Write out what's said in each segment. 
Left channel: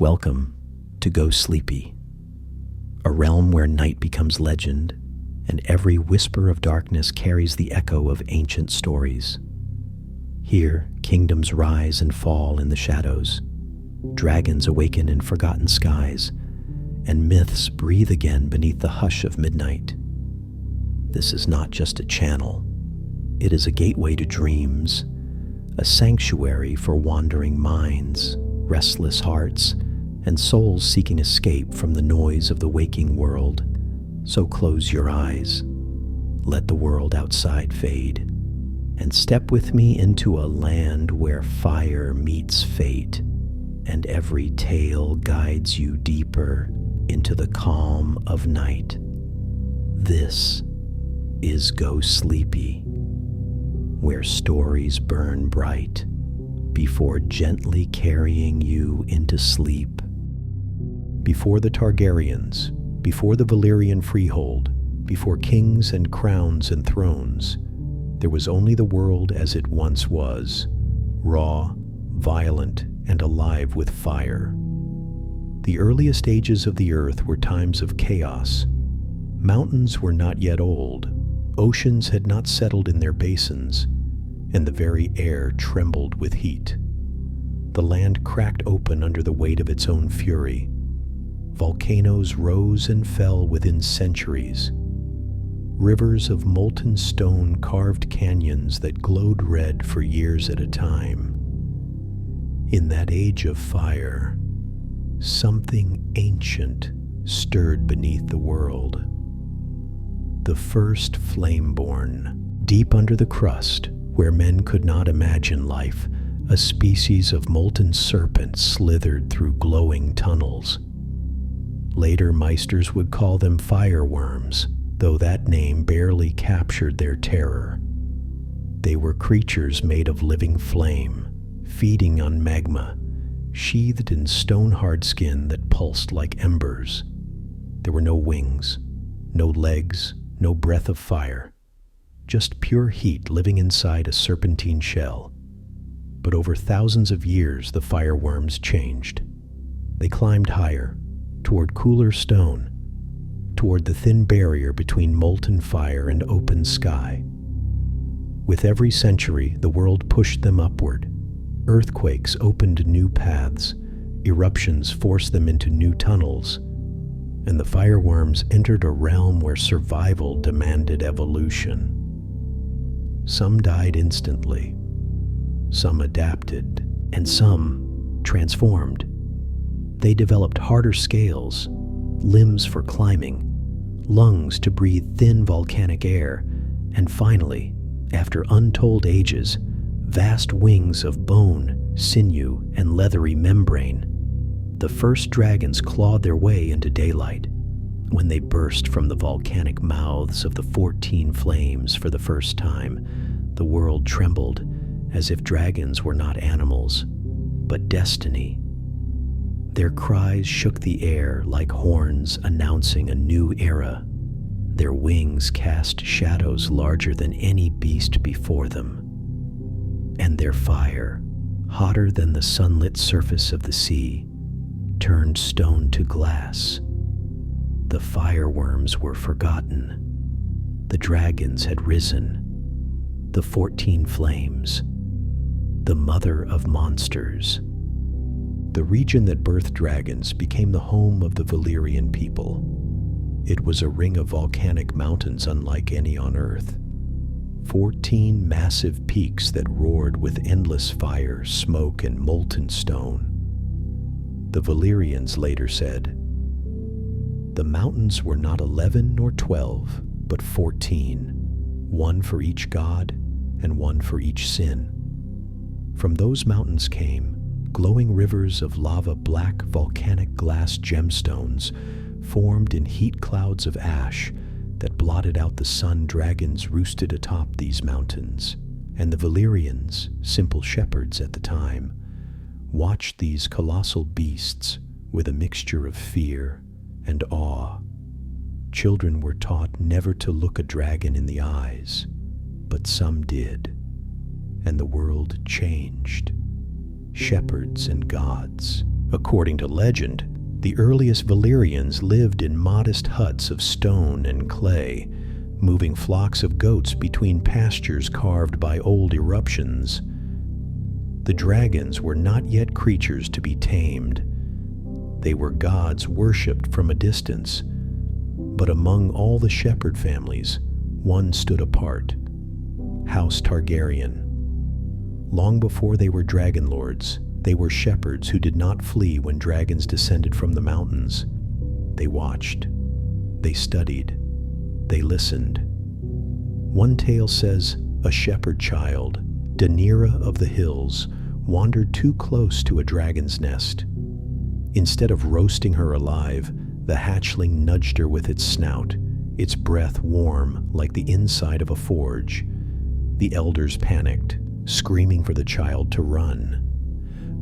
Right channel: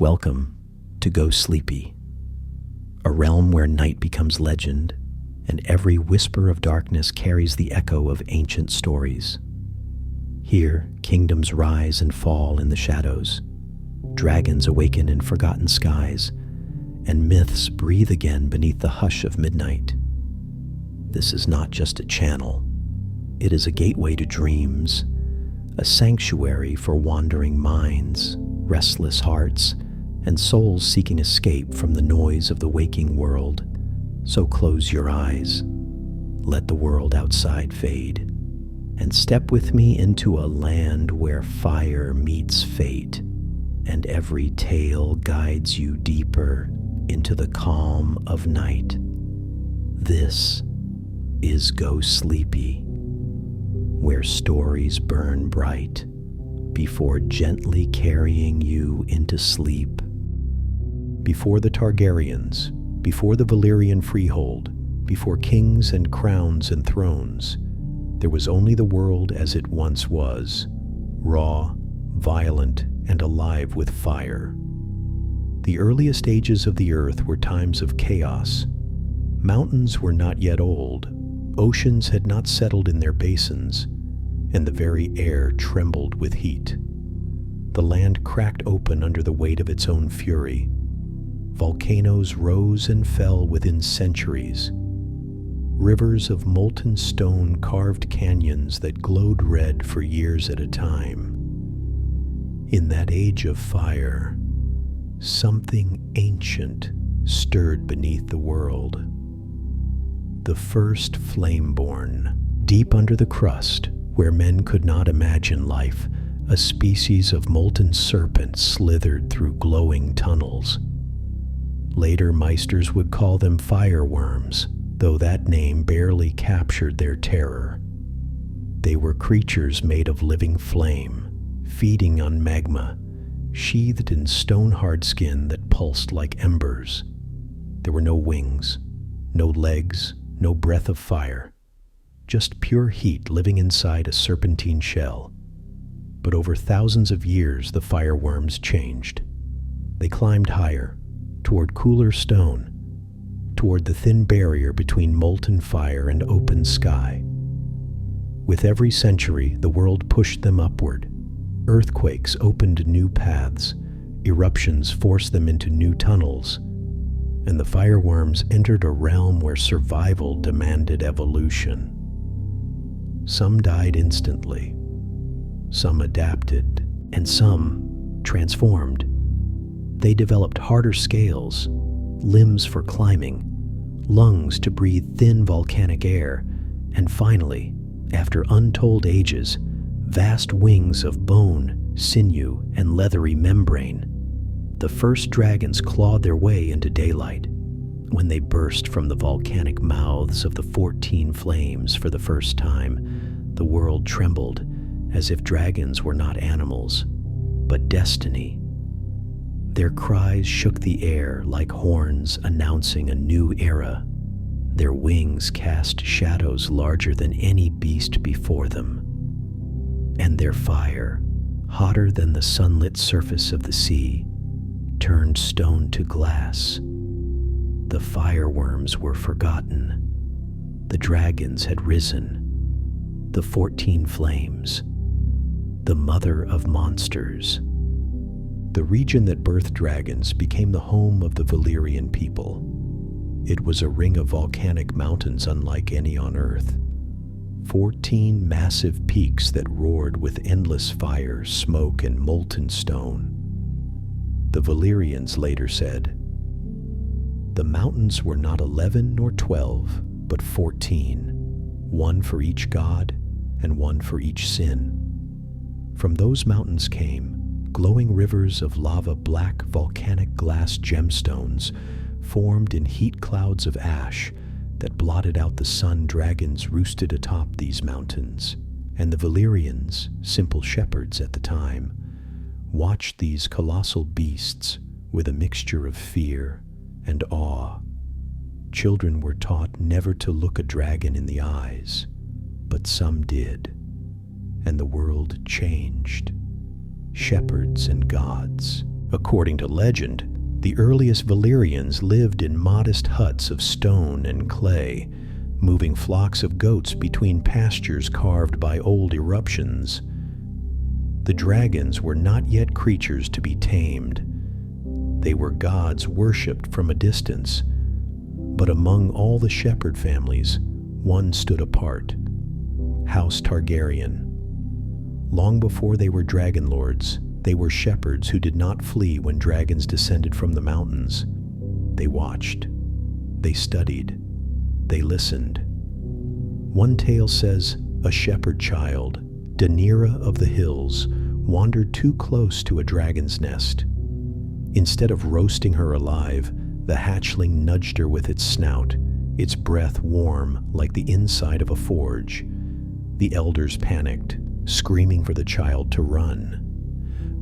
Welcome to Go Sleepy, a realm where night becomes legend, and every whisper of darkness carries the echo of ancient stories. Here, kingdoms rise and fall in the shadows, dragons awaken in forgotten skies, and myths breathe again beneath the hush of midnight. This is not just a channel. It is a gateway to dreams, a sanctuary for wandering minds, restless hearts, and souls seeking escape from the noise of the waking world. So close your eyes, let the world outside fade, and step with me into a land where fire meets fate, and every tale guides you deeper into the calm of night. This is Go Sleepy, where stories burn bright before gently carrying you into sleep. Before the Targaryens, before the Valyrian freehold, before kings and crowns and thrones, there was only the world as it once was, raw, violent, and alive with fire. The earliest ages of the earth were times of chaos. Mountains were not yet old, oceans had not settled in their basins, and the very air trembled with heat. The land cracked open under the weight of its own fury. Volcanoes rose and fell within centuries. Rivers of molten stone carved canyons that glowed red for years at a time. In that age of fire, something ancient stirred beneath the world. The first flameborn, deep under the crust, where men could not imagine life, a species of molten serpent slithered through glowing tunnels. Later Meisters would call them fireworms, though that name barely captured their terror. They were creatures made of living flame, feeding on magma, sheathed in stone-hard skin that pulsed like embers. There were no wings, no legs, no breath of fire, just pure heat living inside a serpentine shell. But over thousands of years, the fireworms changed. They climbed higher, toward cooler stone, toward the thin barrier between molten fire and open sky. With every century, the world pushed them upward. Earthquakes opened new paths, eruptions forced them into new tunnels, and the fireworms entered a realm where survival demanded evolution. Some died instantly, some adapted, and some transformed. They developed harder scales, limbs for climbing, lungs to breathe thin volcanic air, and finally, after untold ages, vast wings of bone, sinew, and leathery membrane. The first dragons clawed their way into daylight. When they burst from the volcanic mouths of the 14 flames for the first time, the world trembled as if dragons were not animals, but destiny. Their cries shook the air like horns announcing a new era. Their wings cast shadows larger than any beast before them. And their fire, hotter than the sunlit surface of the sea, turned stone to glass. The fireworms were forgotten. The dragons had risen. The 14 flames, the mother of monsters. The region that birthed dragons became the home of the Valyrian people. It was a ring of volcanic mountains unlike any on Earth. 14 massive peaks that roared with endless fire, smoke, and molten stone. The Valyrians later said, "The mountains were not 11 nor 12, but 14, one for each god and one for each sin. From those mountains came glowing rivers of lava, black volcanic glass gemstones formed in heat clouds of ash that blotted out the sun. Dragons roosted atop these mountains, and the Valyrians, simple shepherds at the time, watched these colossal beasts with a mixture of fear and awe. Children were taught never to look a dragon in the eyes, but some did, and the world changed. Shepherds and gods, According to legend, the earliest Valyrians lived in modest huts of stone and clay, moving flocks of goats between pastures carved by old eruptions. The dragons were not yet creatures to be tamed. They were gods worshipped from a distance. But among all the shepherd families, one stood apart: House Targaryen. Long before they were dragon lords, they were shepherds who did not flee when dragons descended from the mountains. They watched. They studied. They listened. One tale says a shepherd child, Daenerys of the hills, wandered too close to a dragon's nest. Instead of roasting her alive, the hatchling nudged her with its snout, its breath warm like the inside of a forge. The elders panicked, screaming for the child to run.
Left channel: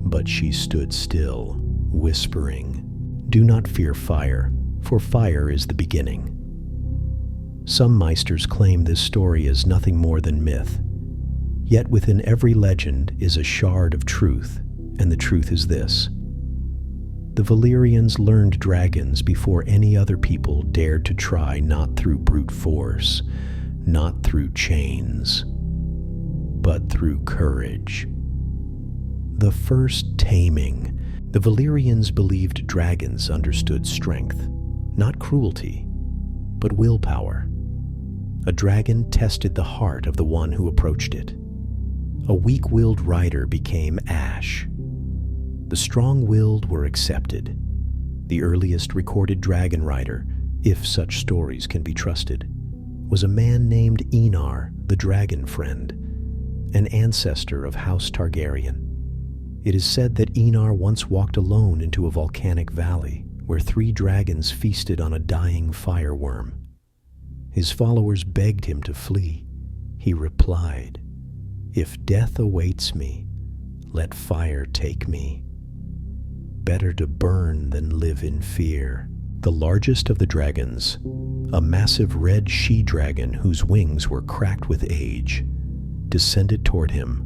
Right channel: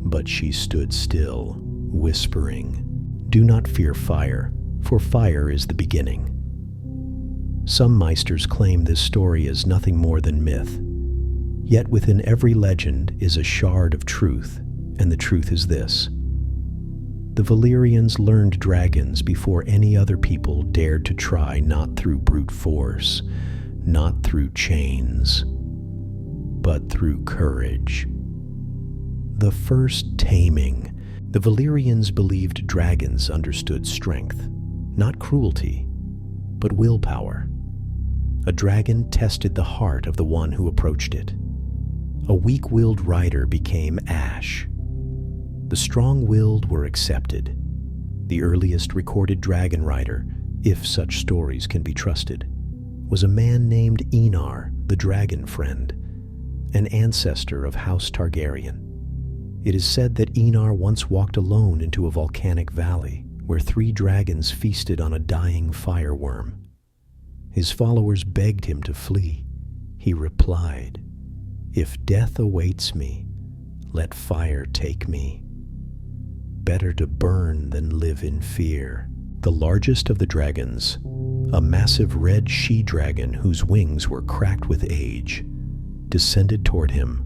But she stood still, whispering, "Do not fear fire, for fire is the beginning." Some Meisters claim this story is nothing more than myth. Yet within every legend is a shard of truth, and the truth is this: the Valyrians learned dragons before any other people dared to try, not through brute force, not through chains, but through courage. The first taming. The Valyrians believed dragons understood strength, not cruelty, but willpower. A dragon tested the heart of the one who approached it. A weak-willed rider became ash. The strong-willed were accepted. The earliest recorded dragon rider, if such stories can be trusted, was a man named Enar, the dragon friend, an ancestor of House Targaryen. It is said that Enar once walked alone into a volcanic valley where 3 dragons feasted on a dying fireworm. His followers begged him to flee. He replied, "If death awaits me, let fire take me. Better to burn than live in fear." The largest of the dragons, a massive red she-dragon whose wings were cracked with age, descended toward him.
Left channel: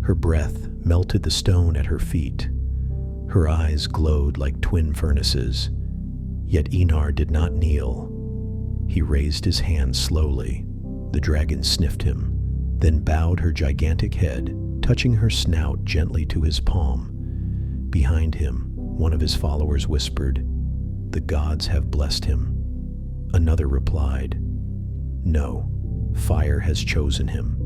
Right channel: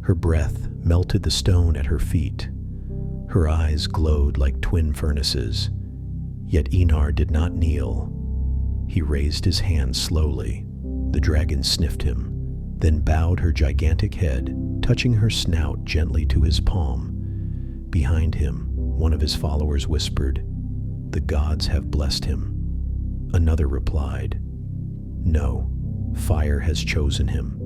Her breath melted the stone at her feet. Her eyes glowed like twin furnaces. Yet Enar did not kneel. He raised his hand slowly. The dragon sniffed him, then bowed her gigantic head, touching her snout gently to his palm. Behind him, one of his followers whispered, "The gods have blessed him." Another replied, "No, fire has chosen him."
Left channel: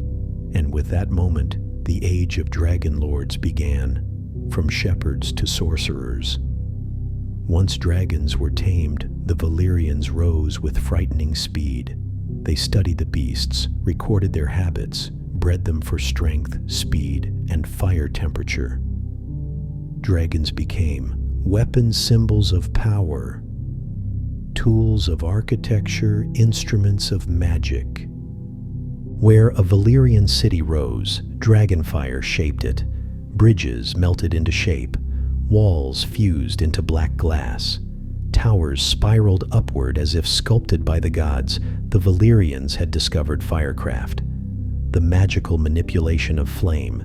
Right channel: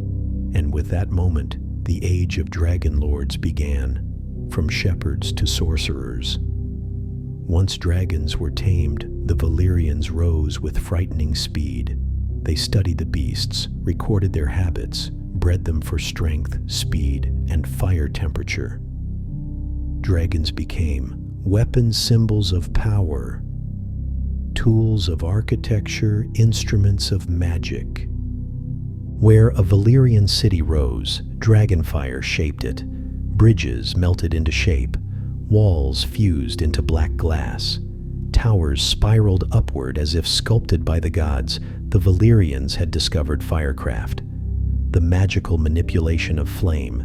And with that moment, the age of dragon lords began, from shepherds to sorcerers. Once dragons were tamed, the Valyrians rose with frightening speed. They studied the beasts, recorded their habits, bred them for strength, speed, and fire temperature. Dragons became weapon symbols of power, tools of architecture, instruments of magic. Where a Valyrian city rose, dragonfire shaped it. Bridges melted into shape. Walls fused into black glass. Towers spiraled upward as if sculpted by the gods. The Valyrians had discovered firecraft, the magical manipulation of flame,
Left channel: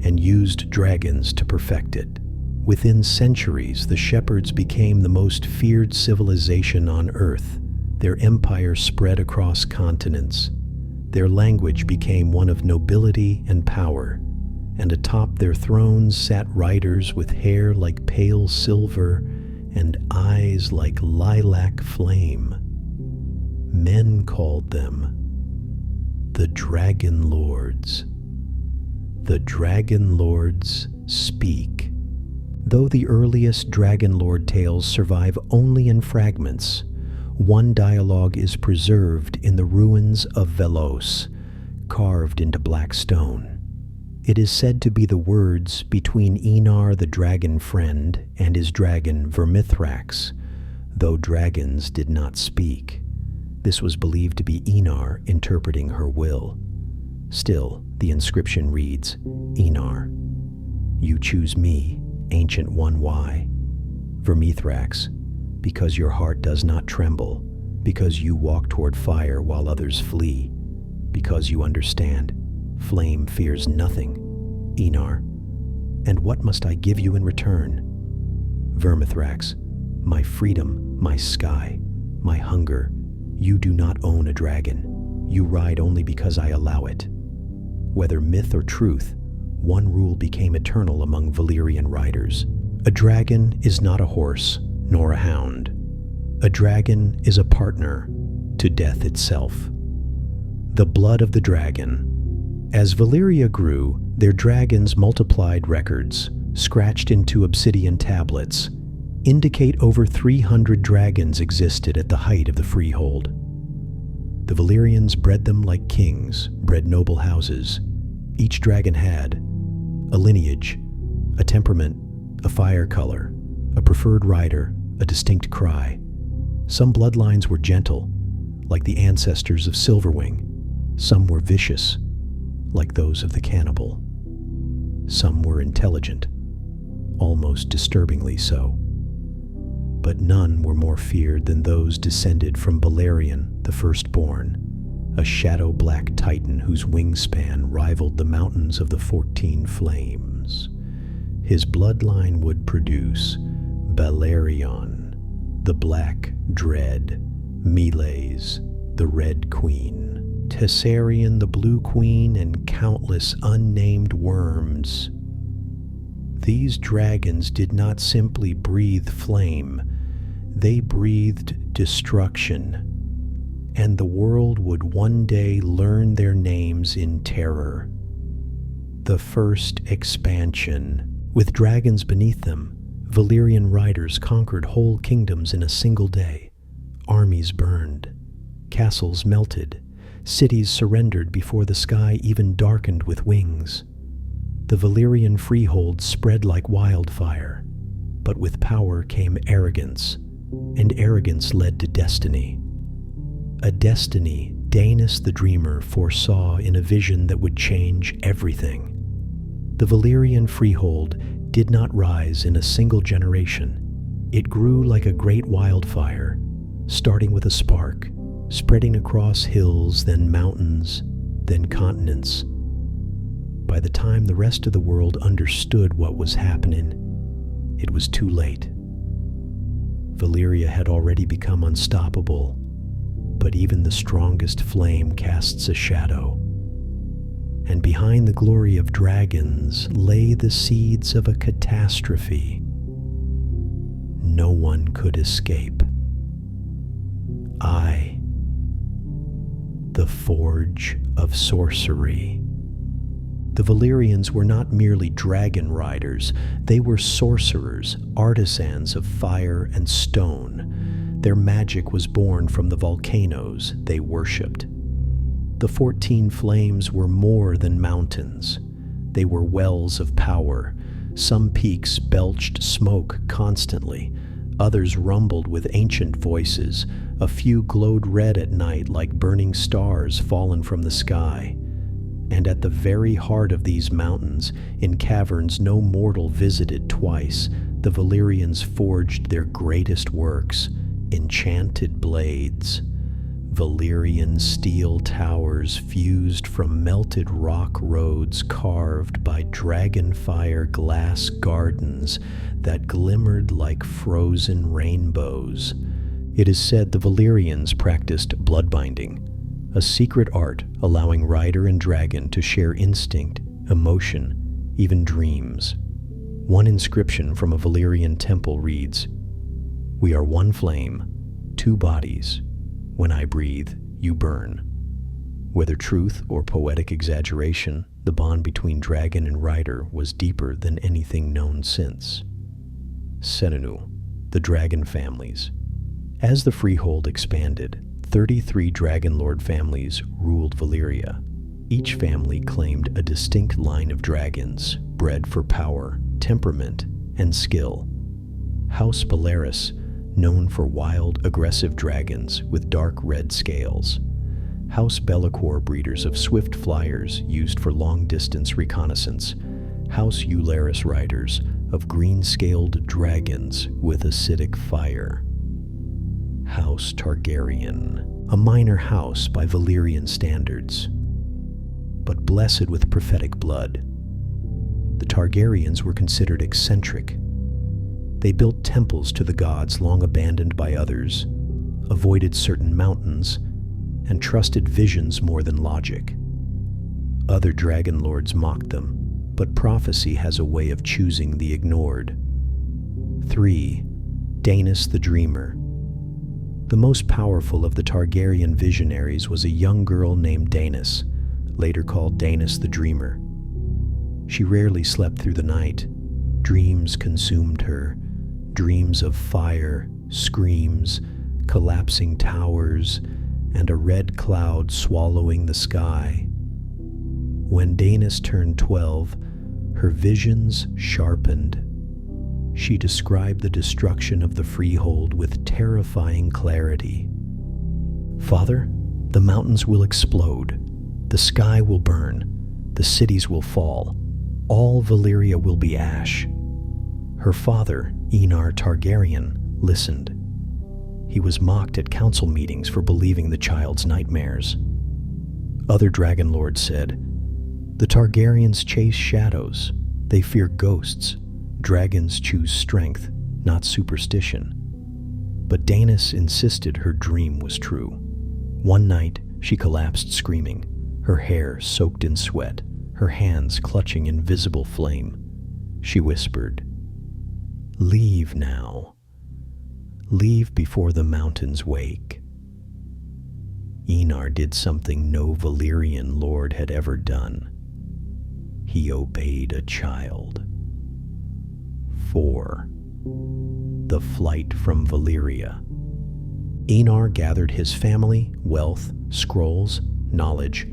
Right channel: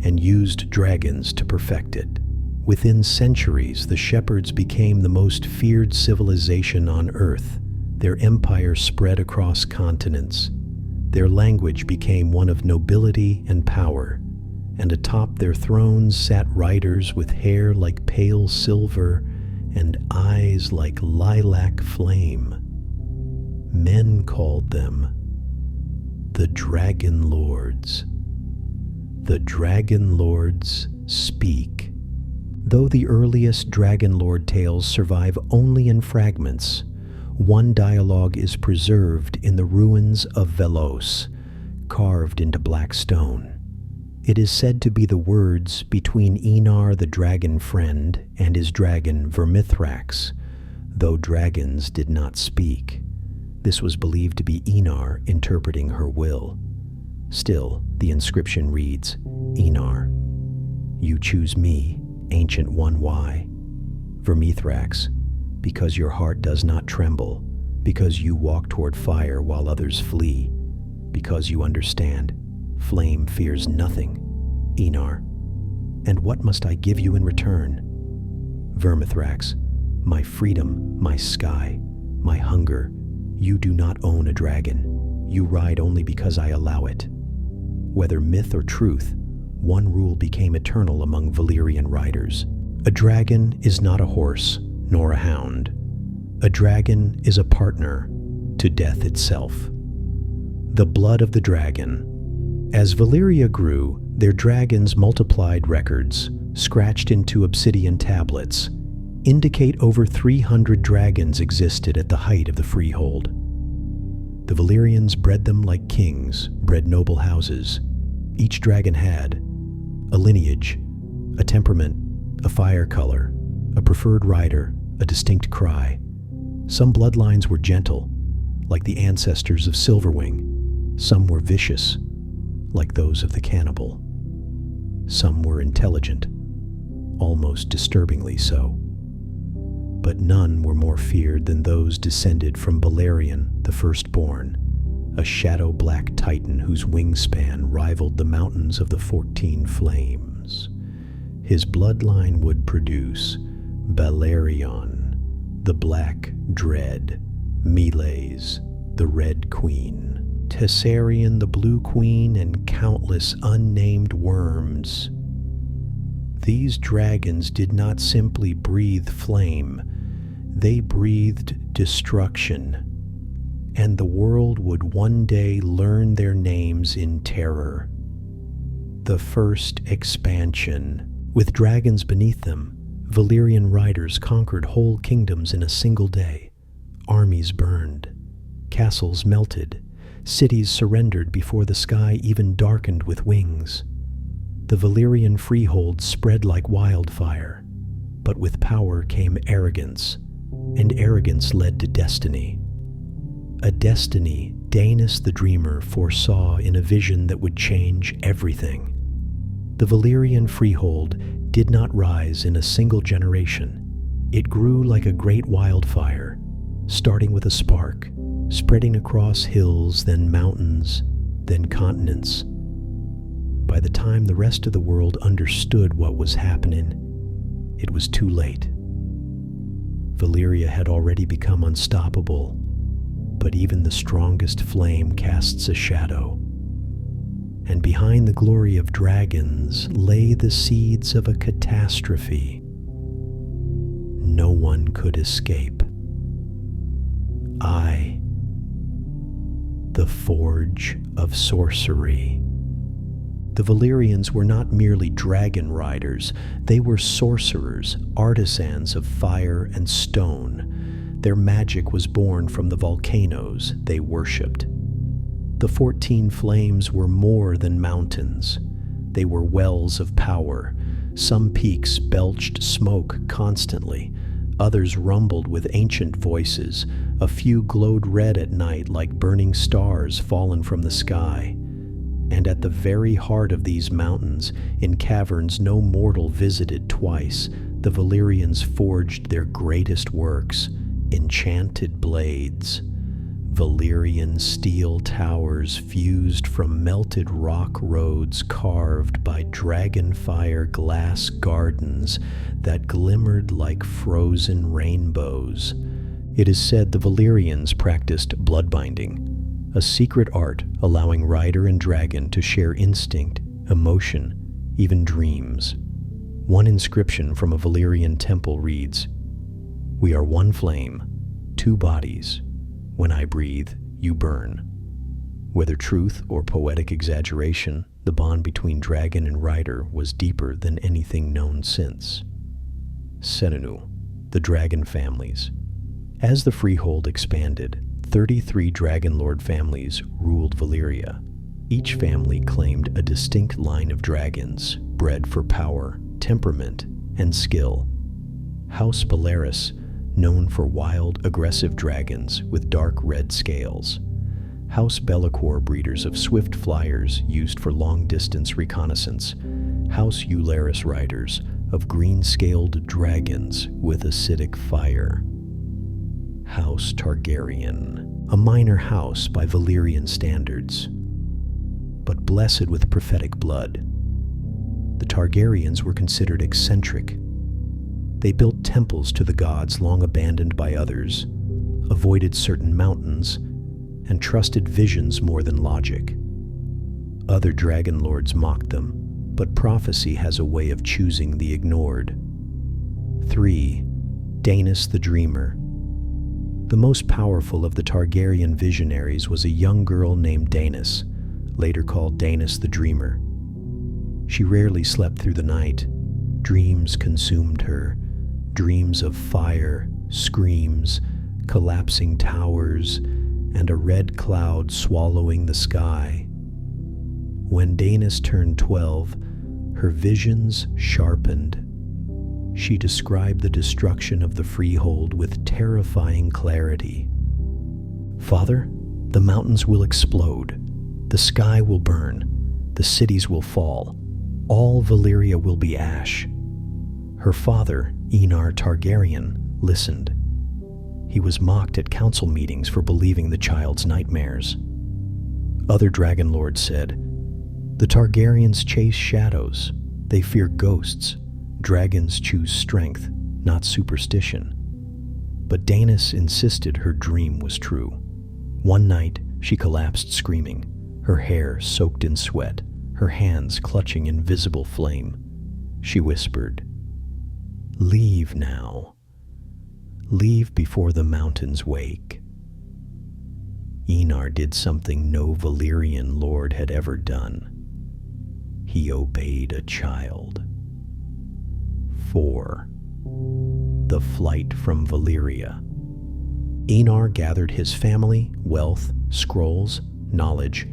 and used dragons to perfect it. Within centuries, the shepherds became the most feared civilization on Earth. Their empire spread across continents. Their language became one of nobility and power, and atop their thrones sat riders with hair like pale silver and eyes like lilac flame. Men called them the Dragon Lords. The Dragon Lords speak. Though the earliest Dragon Lord tales survive only in fragments, one dialogue is preserved in the ruins of Velos, carved into black stone. It is said to be the words between Enar the dragon friend and his dragon Vermithrax, though dragons did not speak. This was believed to be Enar interpreting her will. Still, the inscription reads, "Enar, you choose me, Ancient One. Why? Vermithrax, because your heart does not tremble, because you walk toward fire while others flee, because you understand, flame fears nothing. Enar, and what must I give you in return? Vermithrax, my freedom, my sky, my hunger. You do not own a dragon. You ride only because I allow it. Whether myth or truth, one rule became eternal among Valyrian riders. A dragon is not a horse, nor a hound. A dragon is a partner to death itself. The blood of the dragon. As Valyria grew, their dragons multiplied. Records, scratched into obsidian tablets, indicate over 300 dragons existed at the height of the freehold. The Valyrians bred them like kings bred noble houses. Each dragon had a lineage, a temperament, a fire color, a preferred rider, a distinct cry. Some bloodlines were gentle, like the ancestors of Silverwing. Some were vicious, like those of the cannibal. Some were intelligent, almost disturbingly so. But none were more feared than those descended from Balerion, the firstborn, a shadow-black titan whose wingspan rivaled the mountains of the 14 Flames. His bloodline would produce Balerion, the Black Dread, Meleys, the Red Queen, Tessarion, the Blue Queen, and countless unnamed worms. These dragons did not simply breathe flame, they breathed destruction, and the world would one day learn their names in terror. The first expansion. With dragons beneath them, Valyrian riders conquered whole kingdoms in a single day. Armies burned, castles melted, cities surrendered before the sky even darkened with wings. The Valyrian freehold spread like wildfire, but with power came arrogance, and arrogance led to destiny. A destiny Daenerys the Dreamer foresaw in a vision that would change everything. The Valyrian freehold did not rise in a single generation. It grew like a great wildfire, starting with a spark, spreading across hills, then mountains, then continents. By the time the rest of the world understood what was happening, it was too late. Valyria had already become unstoppable, but even the strongest flame casts a shadow. And behind the glory of dragons lay the seeds of a catastrophe no one could escape. The Forge of Sorcery. The Valyrians were not merely dragon riders, they were sorcerers, artisans of fire and stone. Their magic was born from the volcanoes they worshipped. The 14 Flames were more than mountains. They were wells of power. Some peaks belched smoke constantly. Others rumbled with ancient voices. A few glowed red at night like burning stars fallen from the sky. And at the very heart of these mountains, in caverns no mortal visited twice, the Valyrians forged their greatest works, enchanted blades. Valyrian steel towers fused from melted rock roads carved by dragonfire glass gardens that glimmered like frozen rainbows. It is said the Valyrians practiced bloodbinding, a secret art allowing rider and dragon to share instinct, emotion, even dreams. One inscription from a Valyrian temple reads, "We are one flame, two bodies. When I breathe, you burn." Whether truth or poetic exaggeration, the bond between dragon and rider was deeper than anything known since. Seninu, the dragon families. As the freehold expanded, 33 dragon lord families ruled Valyria. Each family claimed a distinct line of dragons, bred for power, temperament, and skill. House Baleris, known for wild, aggressive dragons with dark red scales. House Be'lakor, breeders of swift flyers used for long-distance reconnaissance. House Eularis, riders of green-scaled dragons with acidic fire. House Targaryen, a minor house by Valyrian standards, but blessed with prophetic blood. The Targaryens were considered eccentric. They built temples to the gods long abandoned by others, avoided certain mountains, and trusted visions more than logic. Other dragon lords mocked them, but prophecy has a way of choosing the ignored. 3. Daenerys the Dreamer. The most powerful of the Targaryen visionaries was a young girl named Daenerys, later called Daenerys the Dreamer. She rarely slept through the night. Dreams consumed her, dreams of fire, screams, collapsing towers, and a red cloud swallowing the sky. When Daenerys turned 12, her visions sharpened. She described the destruction of the Freehold with terrifying clarity. "Father, the mountains will explode, the sky will burn, the cities will fall, all Valyria will be ash." Her father, Aegon Targaryen, listened. He was mocked at council meetings for believing the child's nightmares. Other dragon lords said, "The Targaryens chase shadows. They fear ghosts. Dragons choose strength, not superstition." But Daenerys insisted her dream was true. One night, she collapsed screaming, her hair soaked in sweat, her hands clutching invisible flame. She whispered, "Leave now. Leave before the mountains wake." Aegon did something no Valyrian lord had ever done. He obeyed a child. 4. The Flight from Valyria. Aegon gathered his family, wealth, scrolls, knowledge,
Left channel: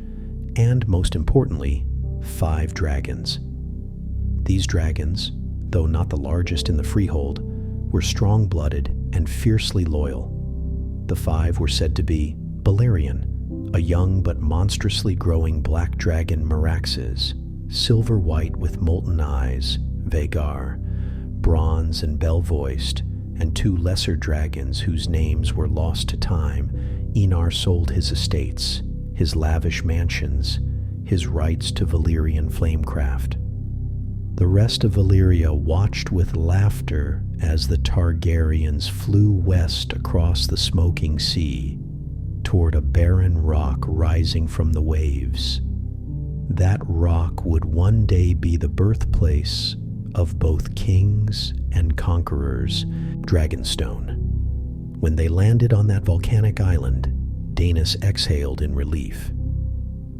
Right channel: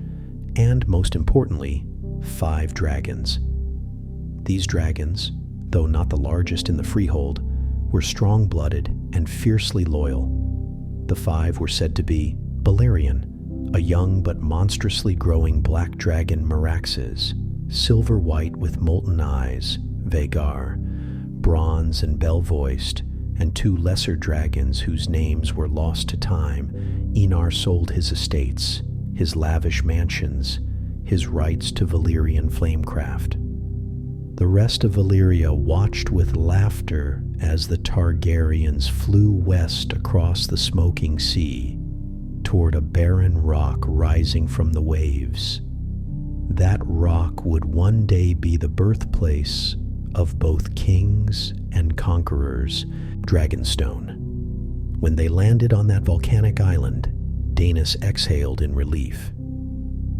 and, most importantly, 5 dragons. These dragons, though not the largest in the Freehold, were strong-blooded and fiercely loyal. The 5 were said to be Balerion, a young but monstrously growing black dragon Meraxes, silver-white with molten eyes, Vhagar, bronze and bell-voiced, and 2 lesser dragons whose names were lost to time. Aegon sold his estates, his lavish mansions, his rights to Valyrian flamecraft. The rest of Valyria watched with laughter as the Targaryens flew west across the smoking sea, toward a barren rock rising from the waves. That rock would one day be the birthplace of both kings and conquerors, Dragonstone. When they landed on that volcanic island, Daenerys exhaled in relief.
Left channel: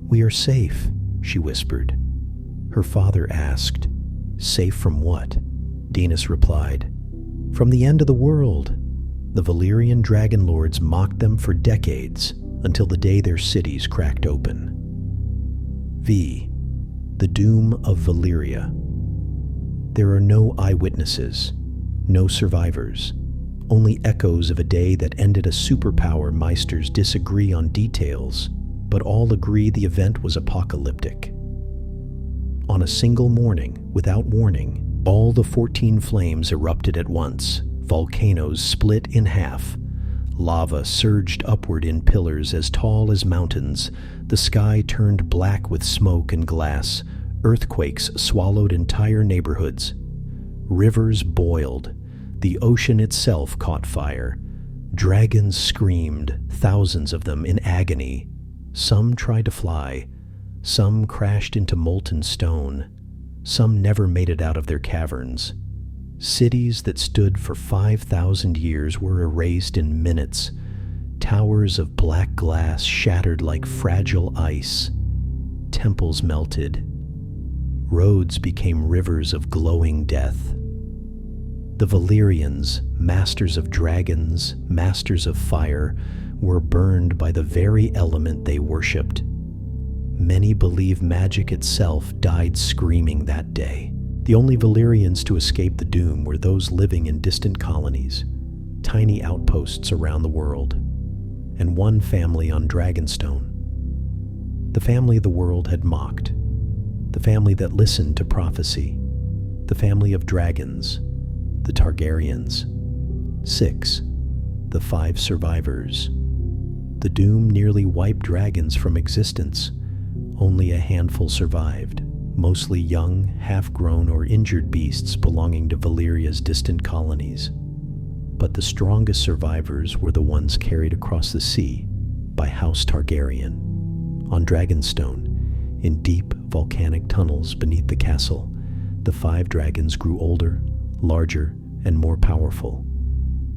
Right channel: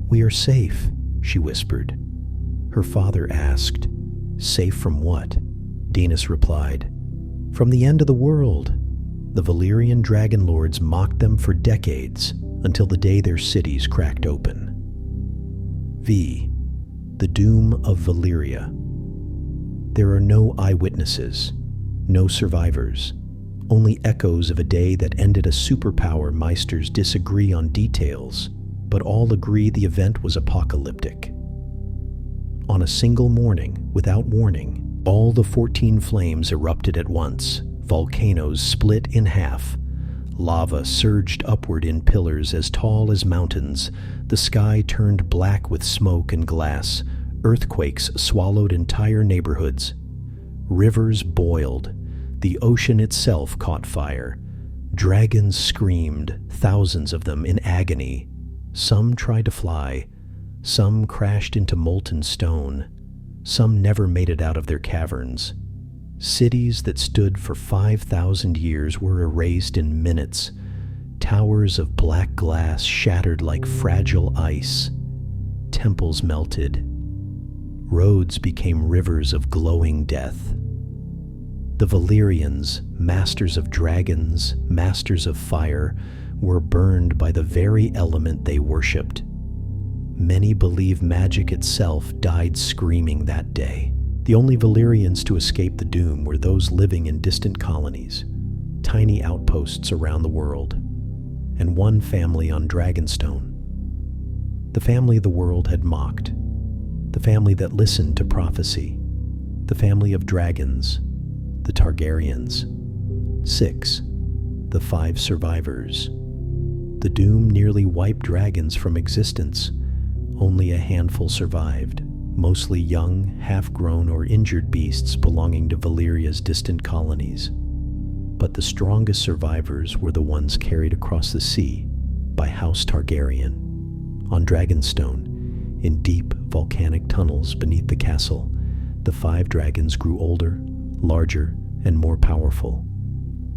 "We are safe," she whispered. Her father asked, "Safe from what?" Daenerys replied, "From the end of the world." The Valyrian dragon lords mocked them for decades, until the day their cities cracked open. V. The Doom of Valyria. There are no eyewitnesses, no survivors, only echoes of a day that ended. A superpower meisters disagree on details, but all agree the event was apocalyptic. On a single morning, without warning, all the 14 flames erupted at once. Volcanoes split in half. Lava surged upward in pillars as tall as mountains. The sky turned black with smoke and glass. Earthquakes swallowed entire neighborhoods. Rivers boiled. The ocean itself caught fire. Dragons screamed, thousands of them in agony. Some tried to fly. Some crashed into molten stone. Some never made it out of their caverns. Cities that stood for 5,000 years were erased in minutes. Towers of black glass shattered like fragile ice. Temples melted. Roads became rivers of glowing death. The Valyrians, masters of dragons, masters of fire, were burned by the very element they worshipped. Many believe magic itself died screaming that day. The only Valyrians to escape the doom were those living in distant colonies, tiny outposts around the world, and one family on Dragonstone. The family the world had mocked, the family that listened to prophecy, the family of dragons, the Targaryens. 6. The 5 survivors. The doom nearly wiped dragons from existence. Only a handful survived, mostly young, half-grown or injured beasts belonging to Valyria's distant colonies. But the strongest survivors were the ones carried across the sea by House Targaryen. On Dragonstone, in deep volcanic tunnels beneath the castle, the 5 dragons grew older, larger, and more powerful.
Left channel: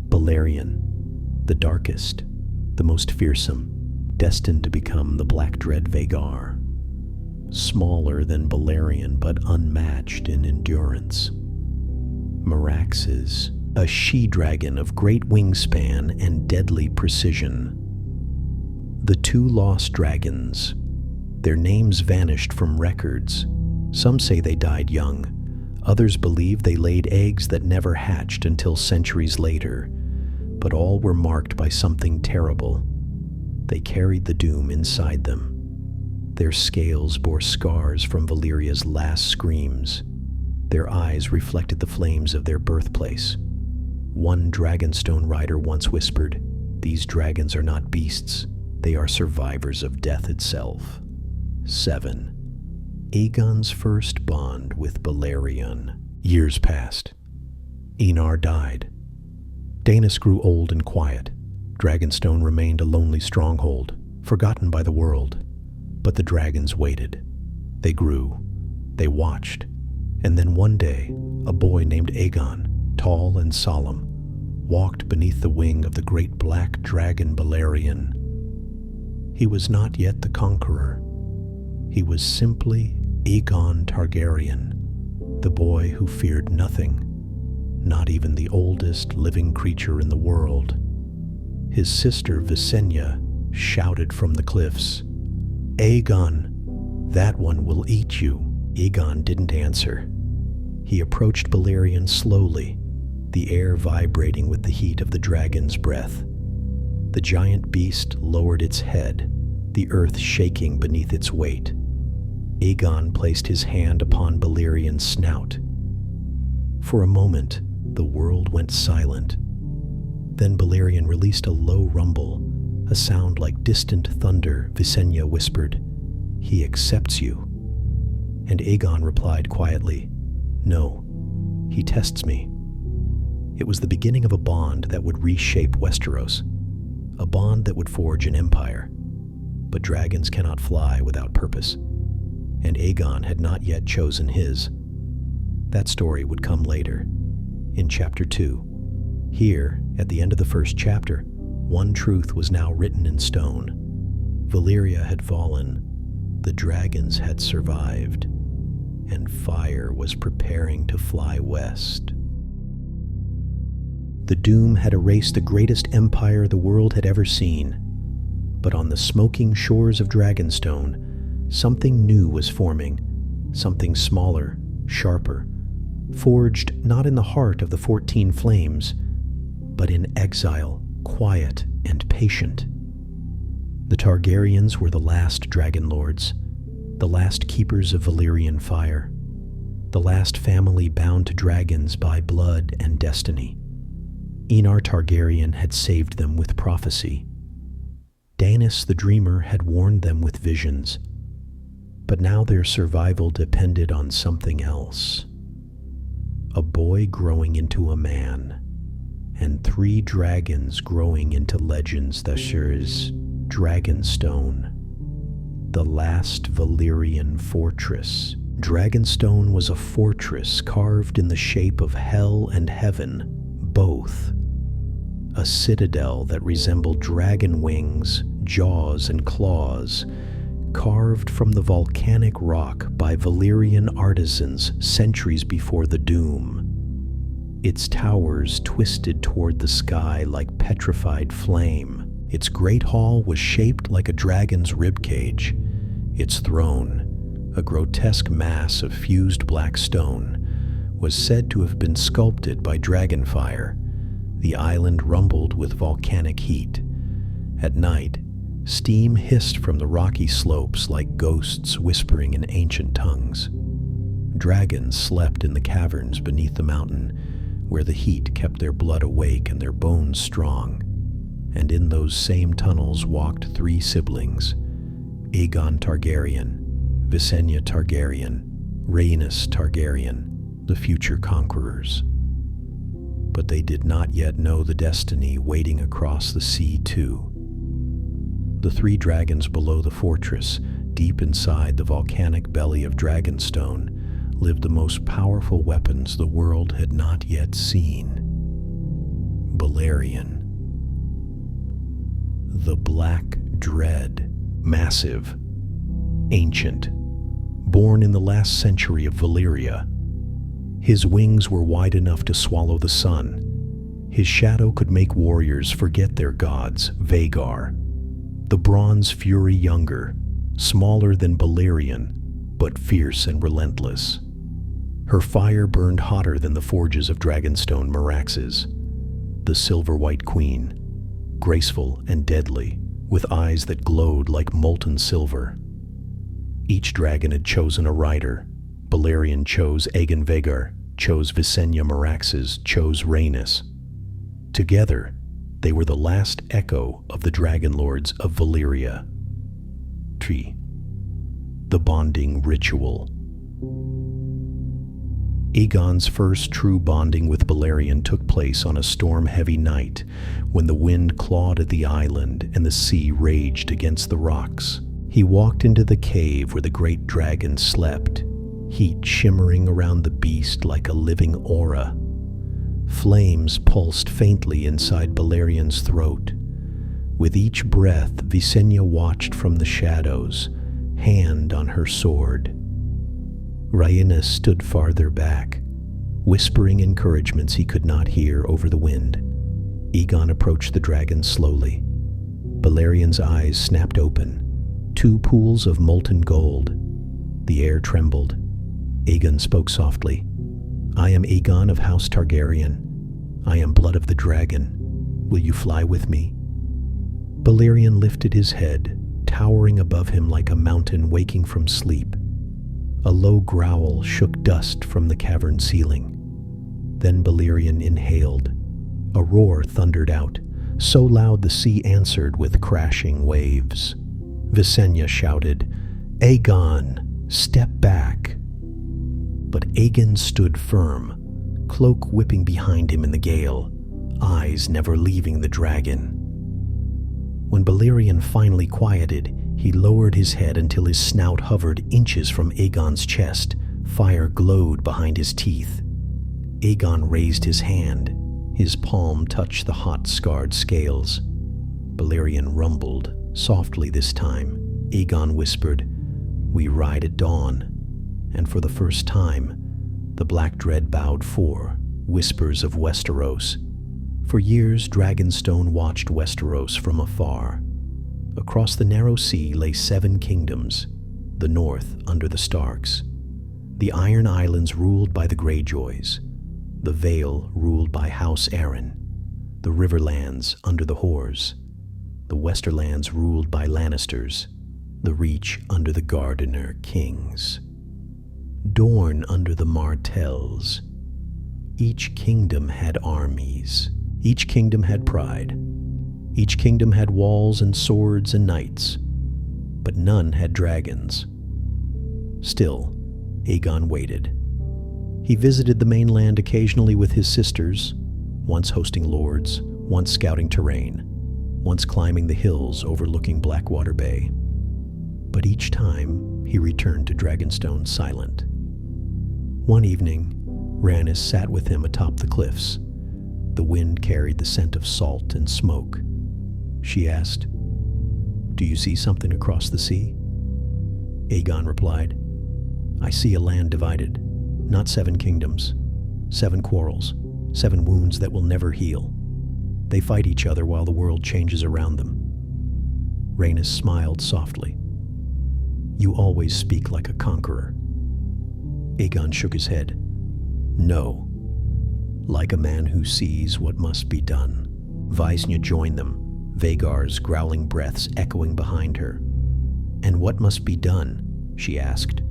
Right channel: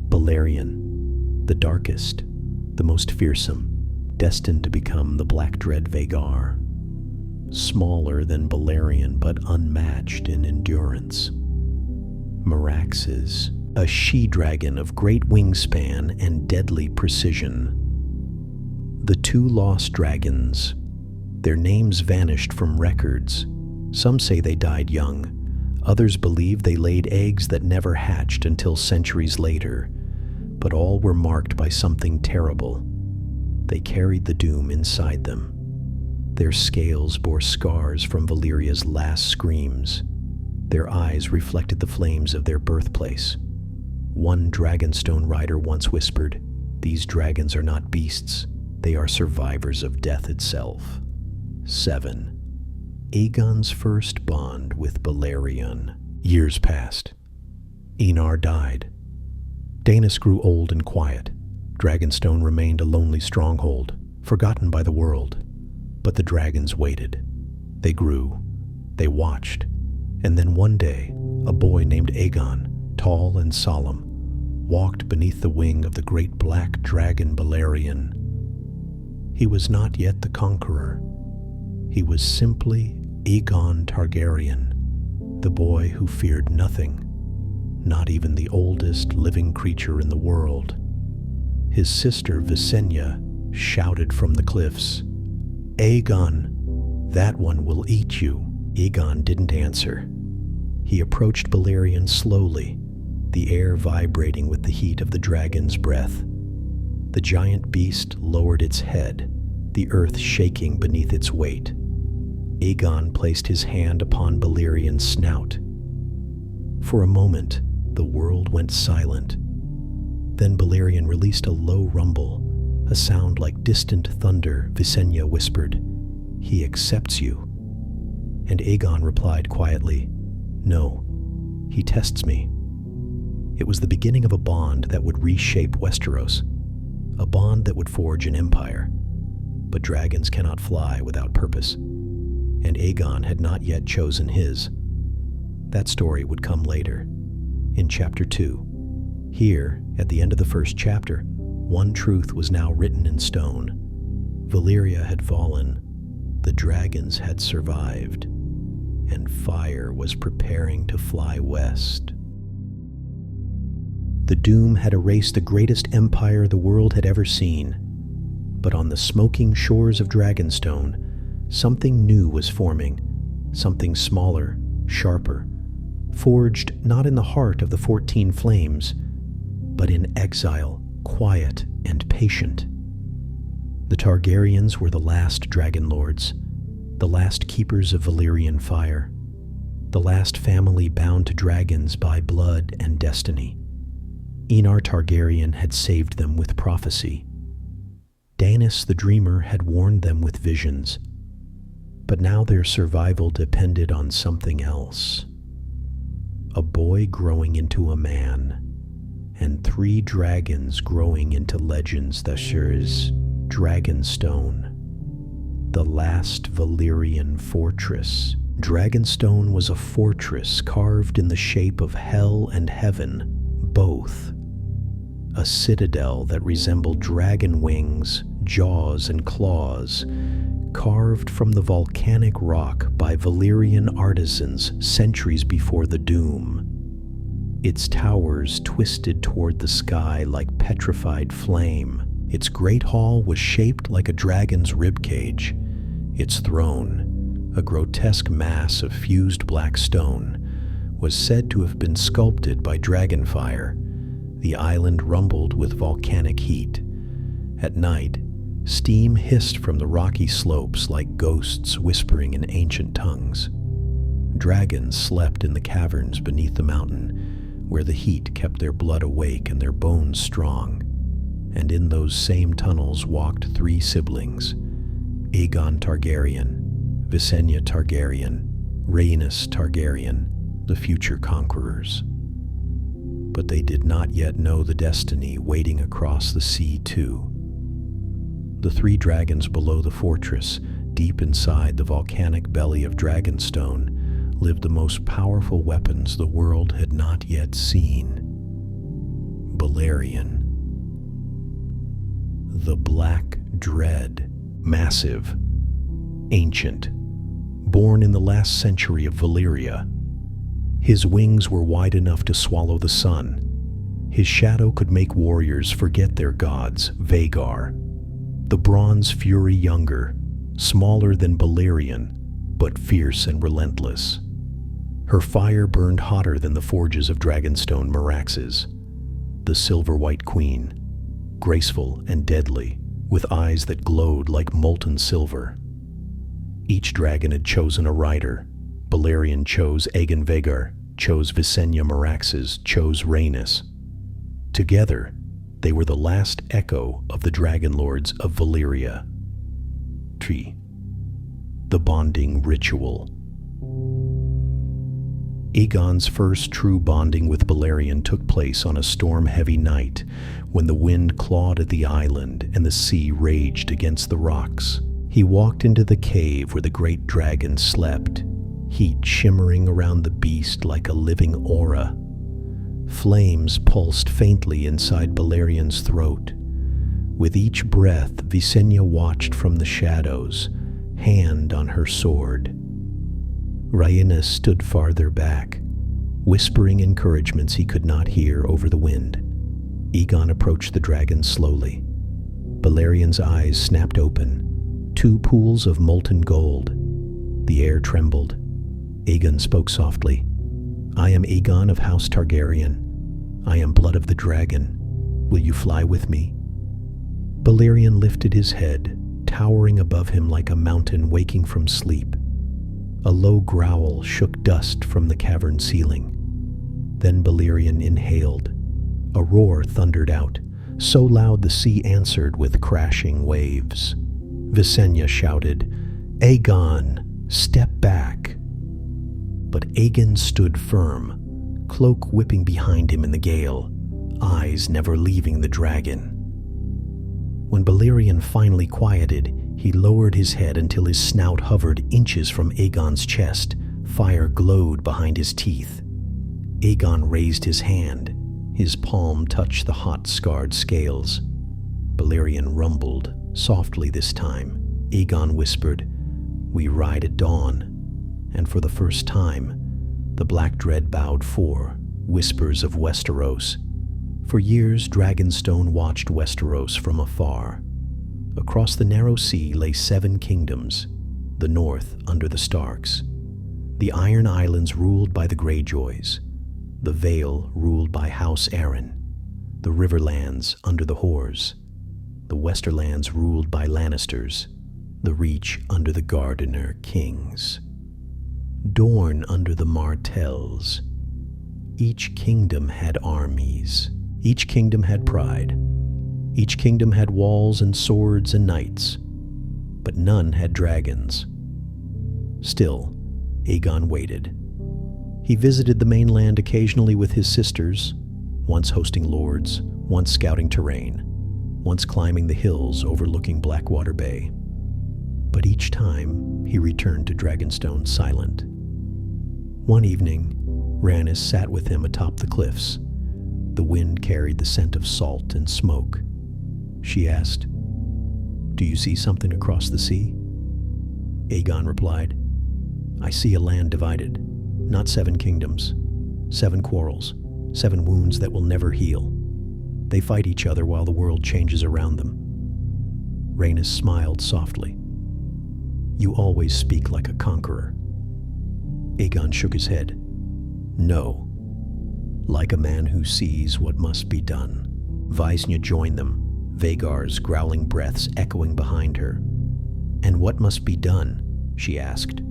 Balerion, the darkest, the most fearsome, destined to become the Black Dread Vhagar. Smaller than Balerion, but unmatched in endurance. Meraxes, a she-dragon of great wingspan and deadly precision. The 2 lost dragons. Their names vanished from records. Some say they died young. Others believe they laid eggs that never hatched until centuries later. But all were marked by something terrible. They carried the doom inside them. Their scales bore scars from Valyria's last screams. Their eyes reflected the flames of their birthplace. One Dragonstone rider once whispered, "These dragons are not beasts. They are survivors of death itself." 7. Aegon's first bond with Balerion. Years passed. Enar died. Daenerys grew old and quiet. Dragonstone remained a lonely stronghold, forgotten by the world. But the dragons waited. They grew. They watched. And then one day, a boy named Aegon, tall and solemn, walked beneath the wing of the great black dragon Balerion. He was not yet the Conqueror. He was simply Aegon Targaryen, the boy who feared nothing, not even the oldest living creature in the world. His sister Visenya shouted from the cliffs, "Aegon, that one will eat you." Aegon didn't answer. He approached Balerion slowly, the air vibrating with the heat of the dragon's breath. The giant beast lowered its head, the earth shaking beneath its weight. Aegon placed his hand upon Balerion's snout. For a moment, the world went silent. Then Balerion released a low rumble, a sound like distant thunder. Visenya whispered, "He accepts you." And Aegon replied quietly, "No, he tests me." It was the beginning of a bond that would reshape Westeros, a bond that would forge an empire. But dragons cannot fly without purpose, and Aegon had not yet chosen his. That story would come later, in Chapter 2. Here, at the end of the first chapter, one truth was now written in stone. Valyria had fallen, the dragons had survived, and fire was preparing to fly west. The doom had erased the greatest empire the world had ever seen. But on the smoking shores of Dragonstone, something new was forming, something smaller, sharper, forged not in the heart of the 14 flames, but in exile, quiet and patient. The Targaryens were the last dragon lords, the last keepers of Valyrian fire, the last family bound to dragons by blood and destiny. Enar Targaryen had saved them with prophecy. Daenerys the Dreamer had warned them with visions. But now their survival depended on something else. A boy growing into a man, and 3 dragons growing into legends such as Dragonstone, the last Valyrian fortress. Dragonstone was a fortress carved in the shape of hell and heaven, both. A citadel that resembled dragon wings, jaws, and claws, carved from the volcanic rock by Valyrian artisans centuries before the doom. Its towers twisted toward the sky like petrified flame. Its great hall was shaped like a dragon's ribcage. Its throne, a grotesque mass of fused black stone, was said to have been sculpted by dragonfire. The island rumbled with volcanic heat. At night, steam hissed from the rocky slopes like ghosts whispering in ancient tongues. Dragons slept in the caverns beneath the mountain, where the heat kept their blood awake and their bones strong. And in those same tunnels walked 3 siblings, Aegon Targaryen, Visenya Targaryen, Rhaenys Targaryen, the future conquerors. But they did not yet know the destiny waiting across the sea too. The three dragons below the fortress, deep inside the volcanic belly of Dragonstone, lived the most powerful weapons the world had not yet seen. Balerion the Black Dread, massive, ancient, born in the last century of Valyria. His wings were wide enough to swallow the sun. His shadow could make warriors forget their gods, Vhagar. The Bronze Fury Younger, smaller than Balerion, but fierce and relentless. Her fire burned hotter than the forges of Dragonstone Meraxes. The Silver-White Queen, graceful and deadly, with eyes that glowed like molten silver. Each dragon had chosen a rider. Balerion chose Aegon Vhagar, chose Viserion Meraxes, chose Rhaenys. Together, they were the last echo of the Dragon Lords of Valyria. 3. The Bonding Ritual. Aegon's first true bonding with Balerion took place on a storm-heavy night when the wind clawed at the island and the sea raged against the rocks. He walked into the cave where the great dragon slept, heat shimmering around the beast like a living aura. Flames pulsed faintly inside Balerion's throat. With each breath, Visenya watched from the shadows, hand on her sword. Rhaenys stood farther back, whispering encouragements he could not hear over the wind. Aegon approached the dragon slowly. Balerion's eyes snapped open, two pools of molten gold. The air trembled. Aegon spoke softly. "I am Aegon of House Targaryen. I am blood of the dragon. Will you fly with me?" Balerion lifted his head, towering above him like a mountain waking from sleep. A low growl shook dust from the cavern ceiling. Then Balerion inhaled. A roar thundered out, so loud the sea answered with crashing waves. Visenya shouted, "Aegon, step back!" But Aegon stood firm, cloak whipping behind him in the gale, eyes never leaving the dragon. When Balerion finally quieted, he lowered his head until his snout hovered inches from Aegon's chest. Fire glowed behind his teeth. Aegon raised his hand. His palm touched the hot, scarred scales. Balerion rumbled, softly this time. Aegon whispered, "We ride at dawn." And for the first time, the Black Dread bowed for whispers of Westeros. For years, Dragonstone watched Westeros from afar. Across the narrow sea lay 7 kingdoms, the north under the Starks, the Iron Islands ruled by the Greyjoys, the Vale ruled by House Arryn, the Riverlands under the Hoars, the Westerlands ruled by Lannisters, the Reach under the Gardener Kings, Dorne under the Martells. Each kingdom had armies. Each kingdom had pride. Each kingdom had walls and swords and knights, but none had dragons. Still, Aegon waited. He visited the mainland occasionally with his sisters, once hosting lords, once scouting terrain, once climbing the hills overlooking Blackwater Bay. But each time, he returned to Dragonstone silent. One evening, Rhaenys sat with him atop the cliffs. The wind carried the scent of salt and smoke. She asked, "Do you see something across the sea?" Aegon replied, "I see a land divided, not 7 kingdoms, 7 quarrels, 7 wounds that will never heal. They fight each other while the world changes around them." Rhaenys smiled softly. "You always speak like a conqueror." Aegon shook his head. "No, like a man who sees what must be done." Visenya joined them, Vhagar's growling breaths echoing behind her. "And what must be done?" she asked.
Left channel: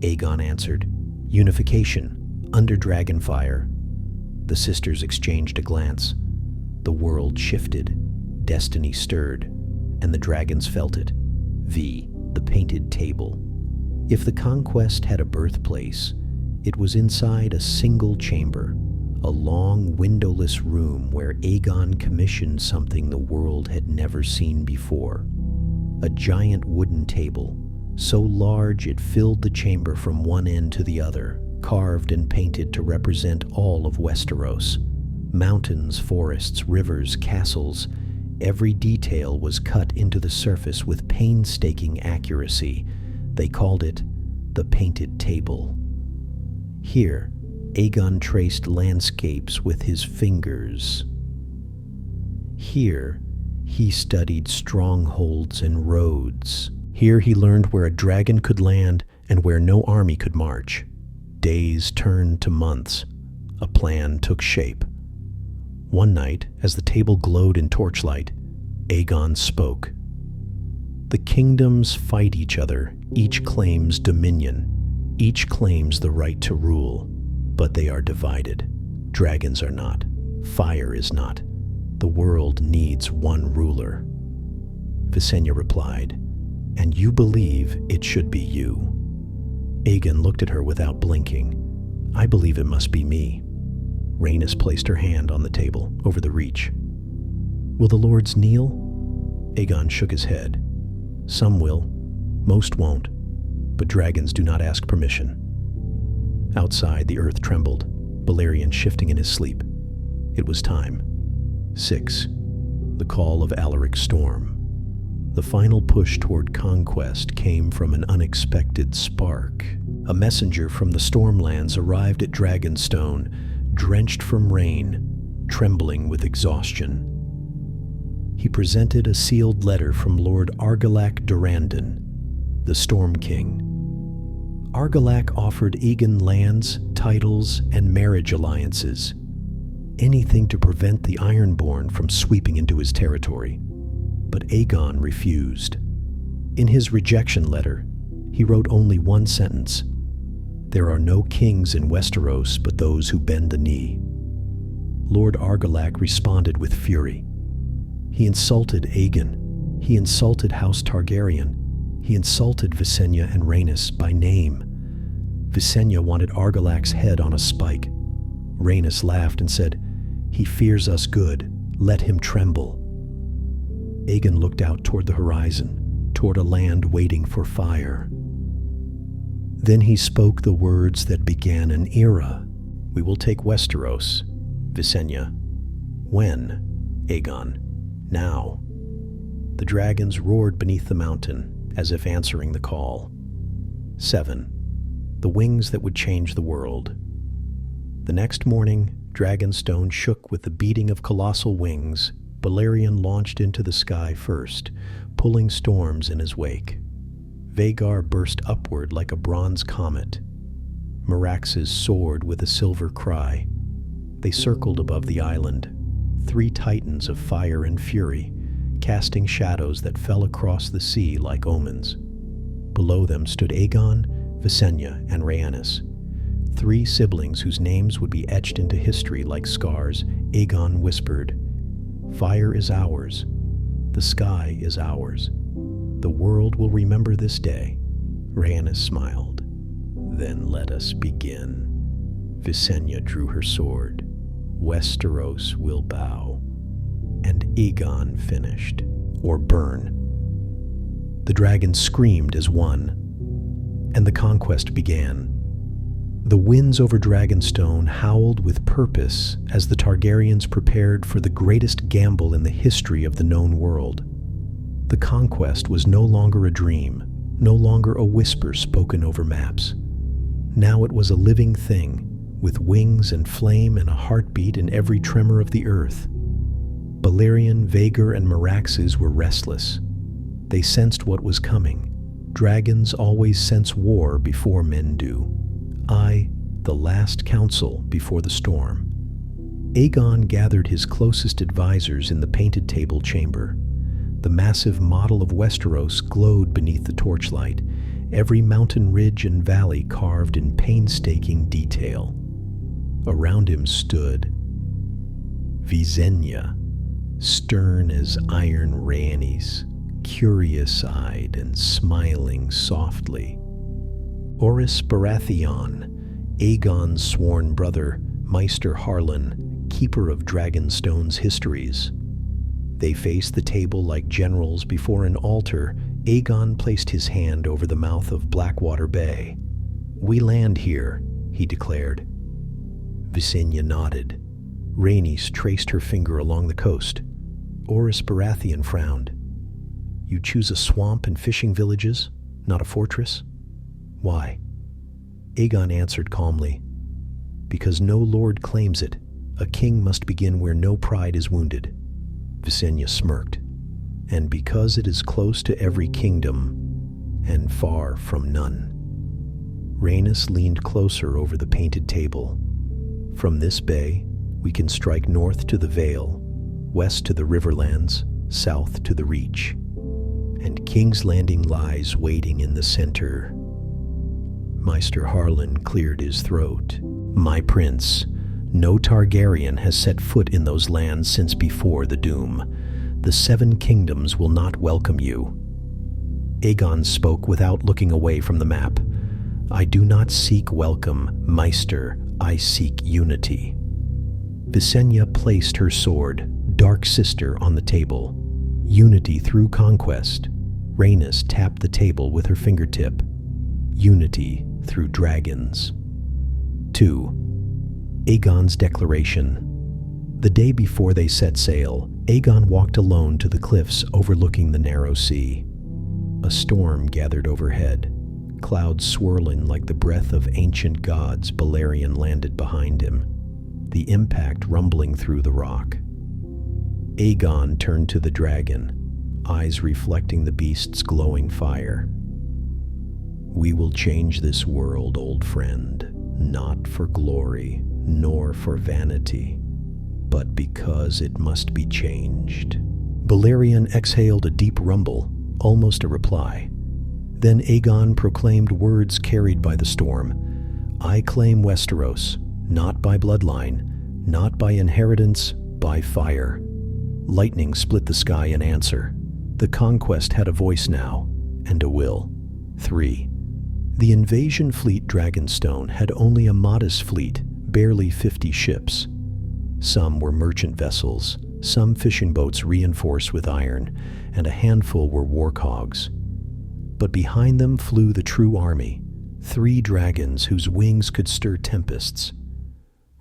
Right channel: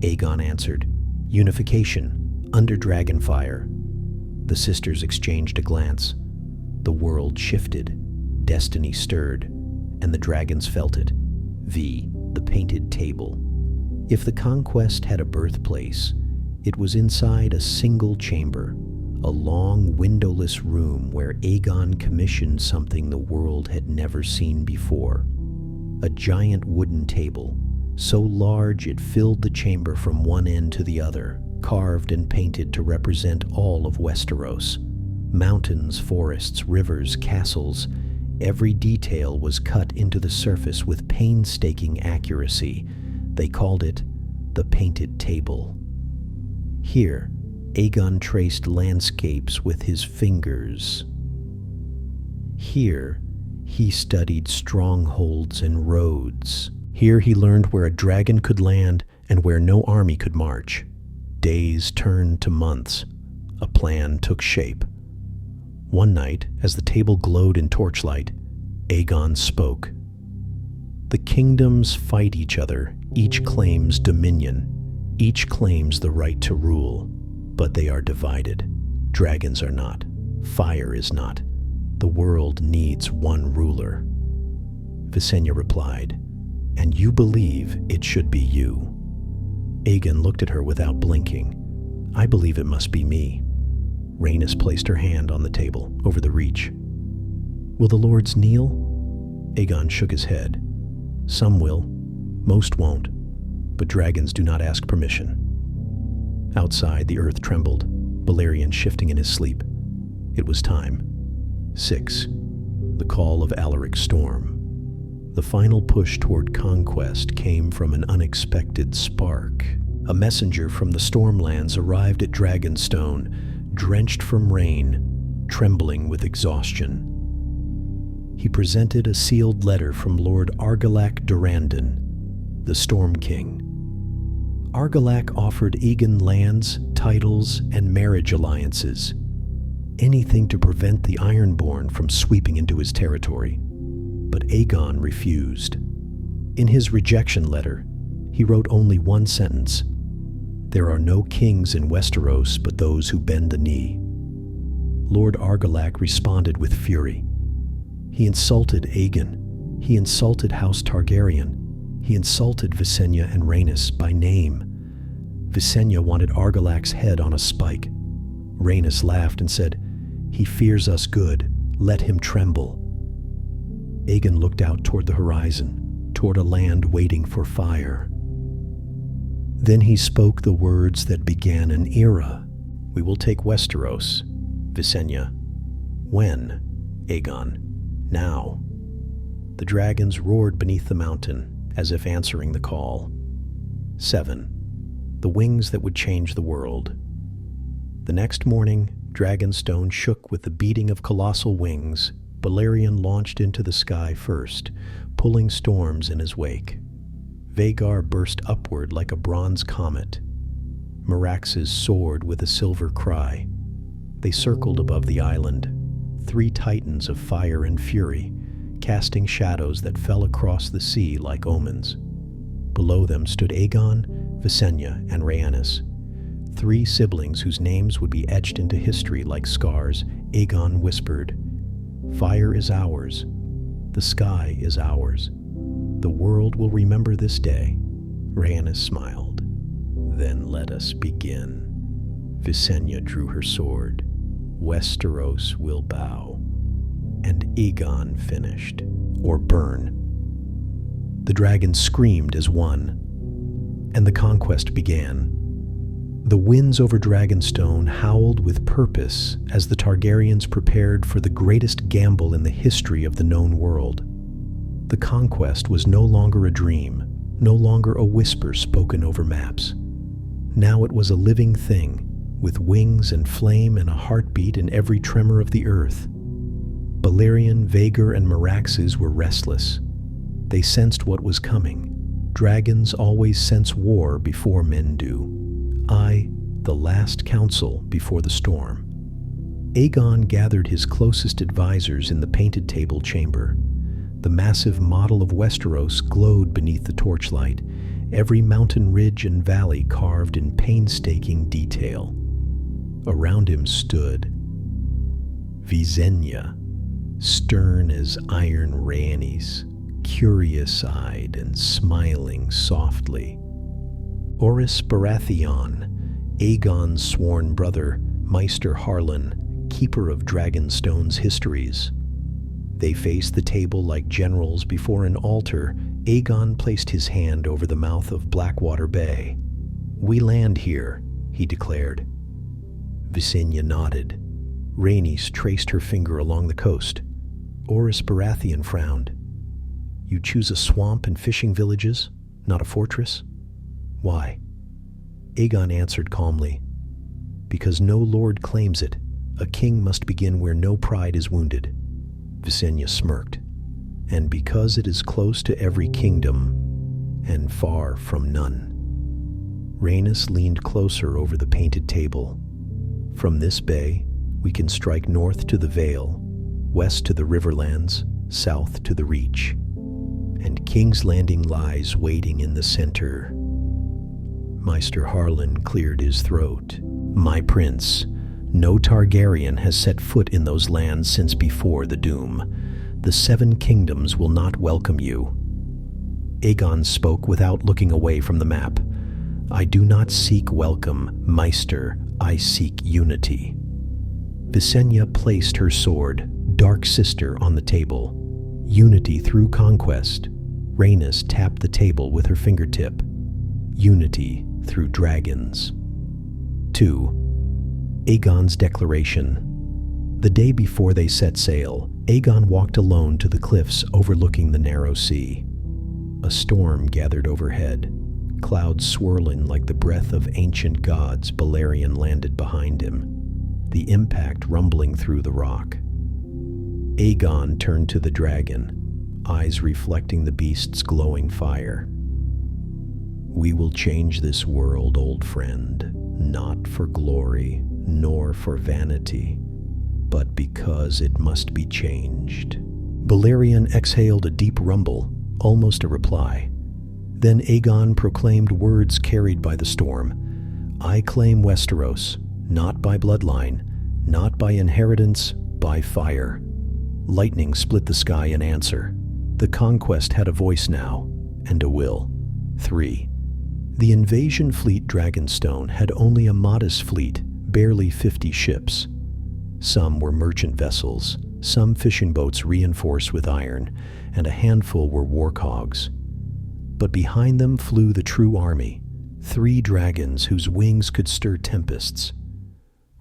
Aegon answered, "Unification, under dragonfire." The sisters exchanged a glance. The world shifted, destiny stirred, and the dragons felt it. The painted table. If the conquest had a birthplace, it was inside a single chamber, a long windowless room where Aegon commissioned something the world had never seen before. A giant wooden table, so large it filled the chamber from one end to the other, carved and painted to represent all of Westeros. Mountains, forests, rivers, castles, every detail was cut into the surface with painstaking accuracy. They called it the Painted Table. Here, Aegon traced landscapes with his fingers. Here, he studied strongholds and roads. Here he learned where a dragon could land and where no army could march. Days turned to months. A plan took shape. One night, as the table glowed in torchlight, Aegon spoke. The kingdoms fight each other. Each claims dominion. Each claims the right to rule. But they are divided. Dragons are not. Fire is not. The world needs one ruler. Visenya replied, "And you believe it should be you." Aegon looked at her without blinking. "I believe it must be me." Rhaenys placed her hand on the table, over the reach. "Will the lords kneel?" Aegon shook his head. "Some will. Most won't. But dragons do not ask permission." Outside, the earth trembled, Balerion shifting in his sleep. It was time. 6. The call of Alaric's storm. The final push toward conquest came from an unexpected spark. A messenger from the Stormlands arrived at Dragonstone, drenched from rain, trembling with exhaustion. He presented a sealed letter from Lord Argilac Durrandon, the Storm King. Argilac offered Aegon lands, titles, and marriage alliances. Anything to prevent the Ironborn from sweeping into his territory. But Aegon refused. In his rejection letter, he wrote only one sentence: "There are no kings in Westeros but those who bend the knee." Lord Argilac responded with fury. He insulted Aegon. He insulted House Targaryen. He insulted Visenya and Rhaenys by name. Visenya wanted Argilac's head on a spike. Rhaenys laughed and said, "He fears us good. Let him tremble." Aegon looked out toward the horizon, toward a land waiting for fire. Then he spoke the words that began an era. "We will take Westeros." Visenya. "When?" Aegon. "Now." The dragons roared beneath the mountain, as if answering the call. 7. The wings that would change the world. The next morning, Dragonstone shook with the beating of colossal wings. Balerion launched into the sky first, pulling storms in his wake. Vhagar burst upward like a bronze comet. Meraxes soared with a silver cry. They circled above the island, 3 titans of fire and fury, casting shadows that fell across the sea like omens. Below them stood Aegon, Visenya, and Rhaenys, 3 siblings whose names would be etched into history like scars. Aegon whispered, "Fire is ours. The sky is ours. The world will remember this day." Rhaenys smiled. "Then let us begin." Visenya drew her sword. "Westeros will bow." And Aegon finished. Or burn. The dragons screamed as one. And the conquest began. The winds over Dragonstone howled with purpose as the Targaryens prepared for the greatest gamble in the history of the known world. The conquest was no longer a dream, no longer a whisper spoken over maps. Now it was a living thing, with wings and flame and a heartbeat in every tremor of the earth. Balerion, Vhagar, and Meraxes were restless. They sensed what was coming. Dragons always sense war before men do. The last council before the storm. Aegon gathered his closest advisors in the painted table chamber. The massive model of Westeros glowed beneath the torchlight, every mountain ridge and valley carved in painstaking detail. Around him stood Visenya, stern as iron Rhaenys, curious-eyed and smiling softly. Orys Baratheon, Aegon's sworn brother, Maester Harlan, keeper of Dragonstone's histories. They faced the table like generals before an altar. Aegon placed his hand over the mouth of Blackwater Bay. "We land here," he declared. Visenya nodded. Rhaenys traced her finger along the coast. Orys Baratheon frowned. "You choose a swamp and fishing villages, not a fortress? Why?" Aegon answered calmly, "Because no lord claims it. A king must begin where no pride is wounded." Visenya smirked. "And because it is close to every kingdom and far from none." Rhaenys leaned closer over the painted table. "From this bay, we can strike north to the Vale, west to the Riverlands, south to the Reach. And King's Landing lies waiting in the center." Maester Harlan cleared his throat. "My prince, no Targaryen has set foot in those lands since before the Doom. The Seven Kingdoms will not welcome you." Aegon spoke without looking away from the map. "I do not seek welcome, Maester. I seek unity." Visenya placed her sword, Dark Sister, on the table. Unity through conquest. Rhaenys tapped the table with her fingertip. Unity through dragons. 2. Aegon's declaration. The day before they set sail, Aegon walked alone to the cliffs overlooking the narrow sea. A storm gathered overhead, clouds swirling like the breath of ancient gods. Balerion landed behind him, the impact rumbling through the rock. Aegon turned to the dragon, eyes reflecting the beast's glowing fire. "We will change this world, old friend, not for glory, nor for vanity, but because it must be changed." Balerion exhaled a deep rumble, almost a reply. Then Aegon proclaimed words carried by the storm. "I claim Westeros, not by bloodline, not by inheritance, by fire." Lightning split the sky in answer. The conquest had a voice now, and a will. 3. The invasion fleet Dragonstone had only a modest fleet, barely 50 ships. Some were merchant vessels, some fishing boats reinforced with iron, and a handful were warcogs. But behind them flew the true army, 3 dragons whose wings could stir tempests.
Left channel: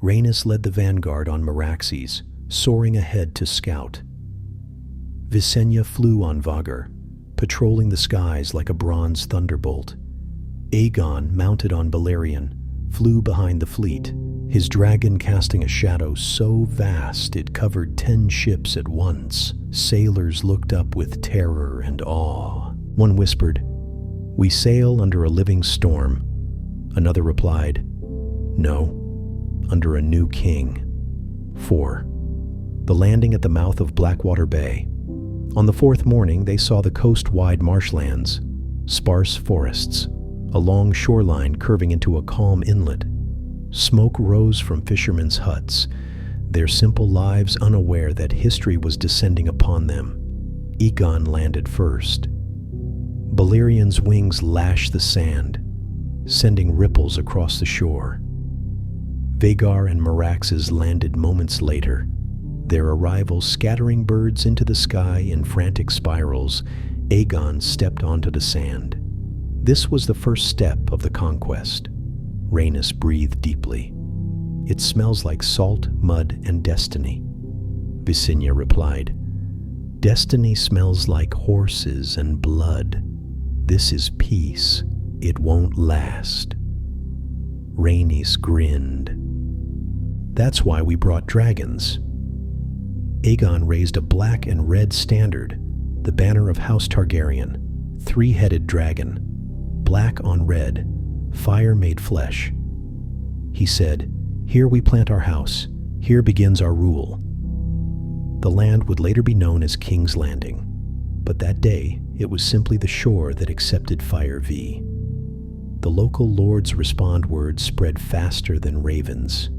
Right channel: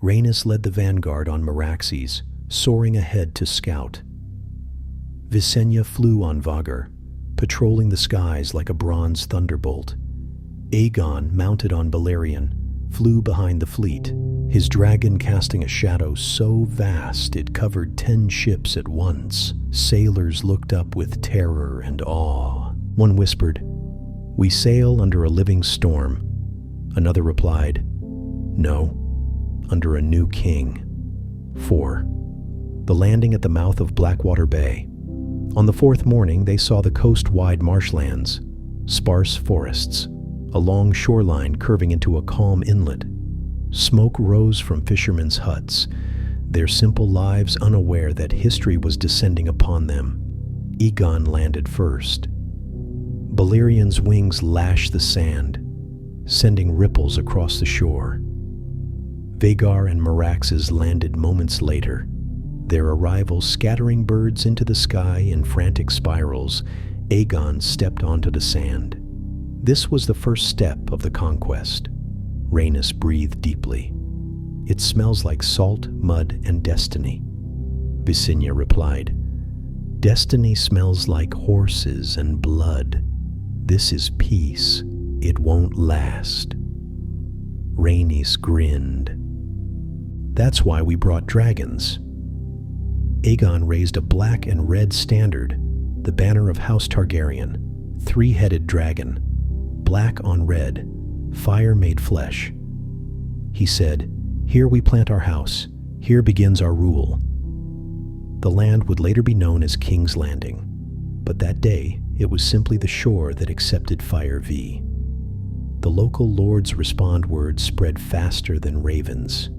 Rhaenys led the vanguard on Meraxes, soaring ahead to scout. Visenya flew on Vhagar, patrolling the skies like a bronze thunderbolt. Aegon, mounted on Balerion, flew behind the fleet, his dragon casting a shadow so vast it covered 10 ships at once. Sailors looked up with terror and awe. One whispered, "We sail under a living storm." Another replied, "No, under a new king." 4. The landing at the mouth of Blackwater Bay. On the 4th morning, they saw the coast-wide marshlands, sparse forests, a long shoreline curving into a calm inlet. Smoke rose from fishermen's huts, their simple lives unaware that history was descending upon them. Aegon landed first. Balerion's wings lashed the sand, sending ripples across the shore. Vhagar and Meraxes landed moments later, their arrival scattering birds into the sky in frantic spirals. Aegon stepped onto the sand. This was the first step of the conquest. Rhaenys breathed deeply. "It smells like salt, mud, and destiny." Visenya replied, "Destiny smells like horses and blood. This is peace. It won't last." Rhaenys grinned. "That's why we brought dragons." Aegon raised a black and red standard, the banner of House Targaryen, 3-headed dragon, black on red, fire made flesh. He said, "Here we plant our house. Here begins our rule." The land would later be known as King's Landing, but that day it was simply the shore that accepted Fire V. The local lords' respond words spread faster than ravens.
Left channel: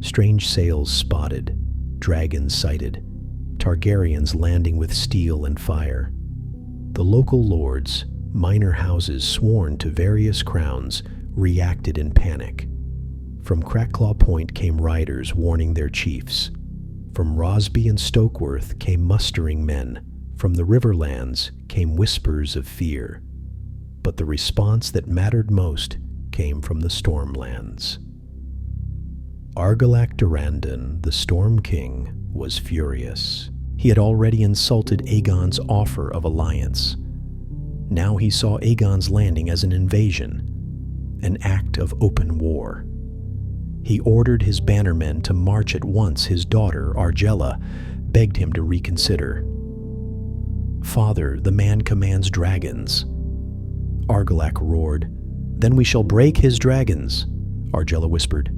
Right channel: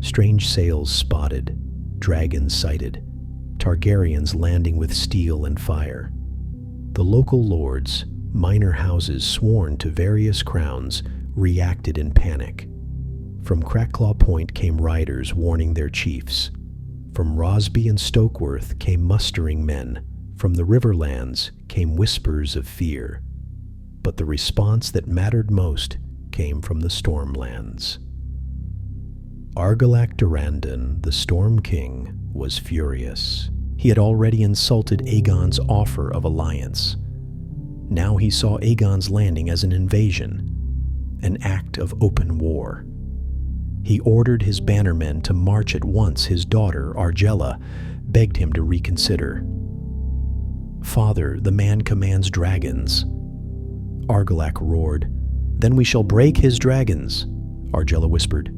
Strange sails spotted, dragons sighted, Targaryens landing with steel and fire. The local lords, minor houses sworn to various crowns reacted in panic. From Crackclaw Point came riders warning their chiefs. From Rosby and Stokeworth came mustering men. From the Riverlands came whispers of fear. But the response that mattered most came from the Stormlands. Argilac Durrandon, the Storm King, was furious. He had already insulted Aegon's offer of alliance. Now he saw Aegon's landing as an invasion, an act of open war. He ordered his bannermen to march at once. His daughter, Argella, begged him to reconsider. "Father, the man commands dragons." Argilac roared. "Then we shall break his dragons," Argella whispered.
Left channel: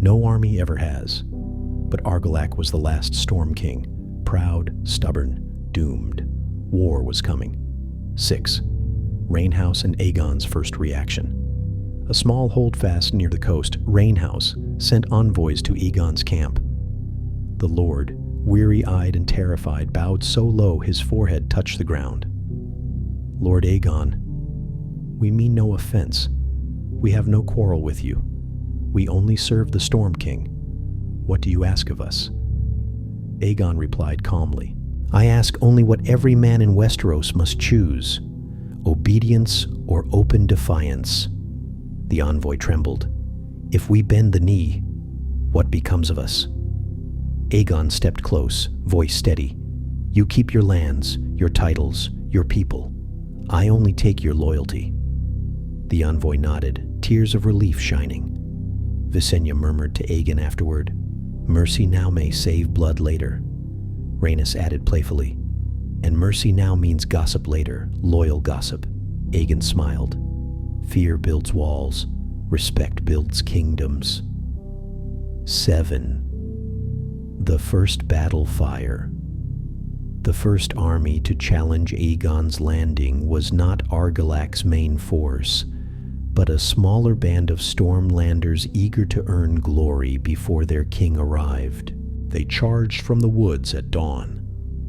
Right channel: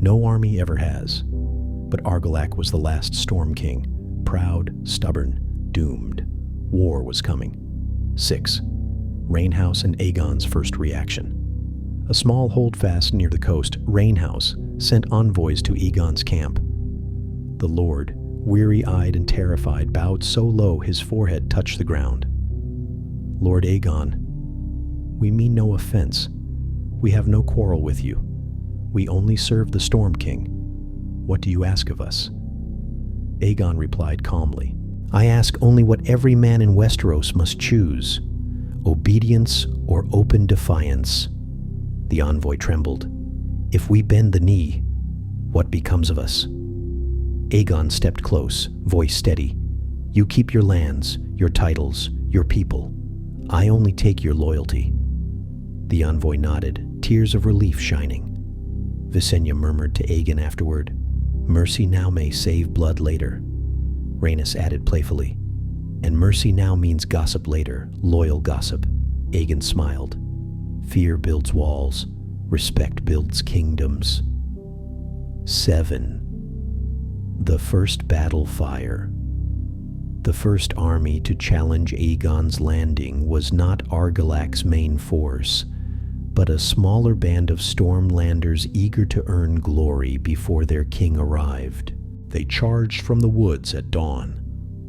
"No army ever has." But Argilac was the last Storm King, proud, stubborn, doomed. War was coming. 6. Rainhouse and Aegon's first reaction. A small holdfast near the coast, Rainhouse, sent envoys to Aegon's camp. The lord, weary-eyed and terrified, bowed so low his forehead touched the ground. "Lord Aegon, we mean no offense. We have no quarrel with you. We only serve the Storm King. What do you ask of us?" Aegon replied calmly, "I ask only what every man in Westeros must choose, obedience or open defiance." The envoy trembled. "If we bend the knee, what becomes of us?" Aegon stepped close, voice steady. "You keep your lands, your titles, your people. I only take your loyalty." The envoy nodded, tears of relief shining. Visenya murmured to Aegon afterward, "Mercy now may save blood later." Rhaenys added playfully, "And mercy now means gossip later, loyal gossip." Aegon smiled. "Fear builds walls, respect builds kingdoms." 7. The First Battle Fire. The first army to challenge Aegon's landing was not Argilac's main force, but a smaller band of Stormlanders eager to earn glory before their king arrived. They charged from the woods at dawn,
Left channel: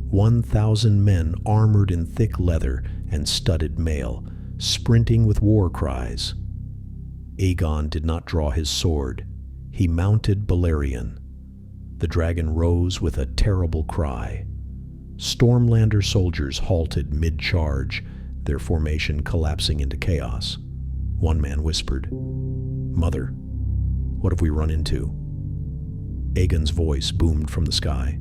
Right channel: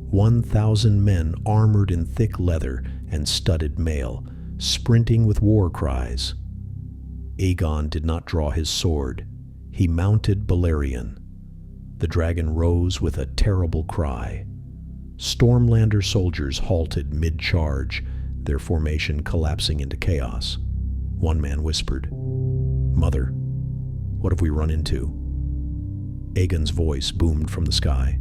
1,000 men armored in thick leather and studded mail, sprinting with war cries. Aegon did not draw his sword. He mounted Balerion. The dragon rose with a terrible cry. Stormlander soldiers halted mid-charge, their formation collapsing into chaos. One man whispered, "Mother, what have we run into?" Aegon's voice boomed from the sky.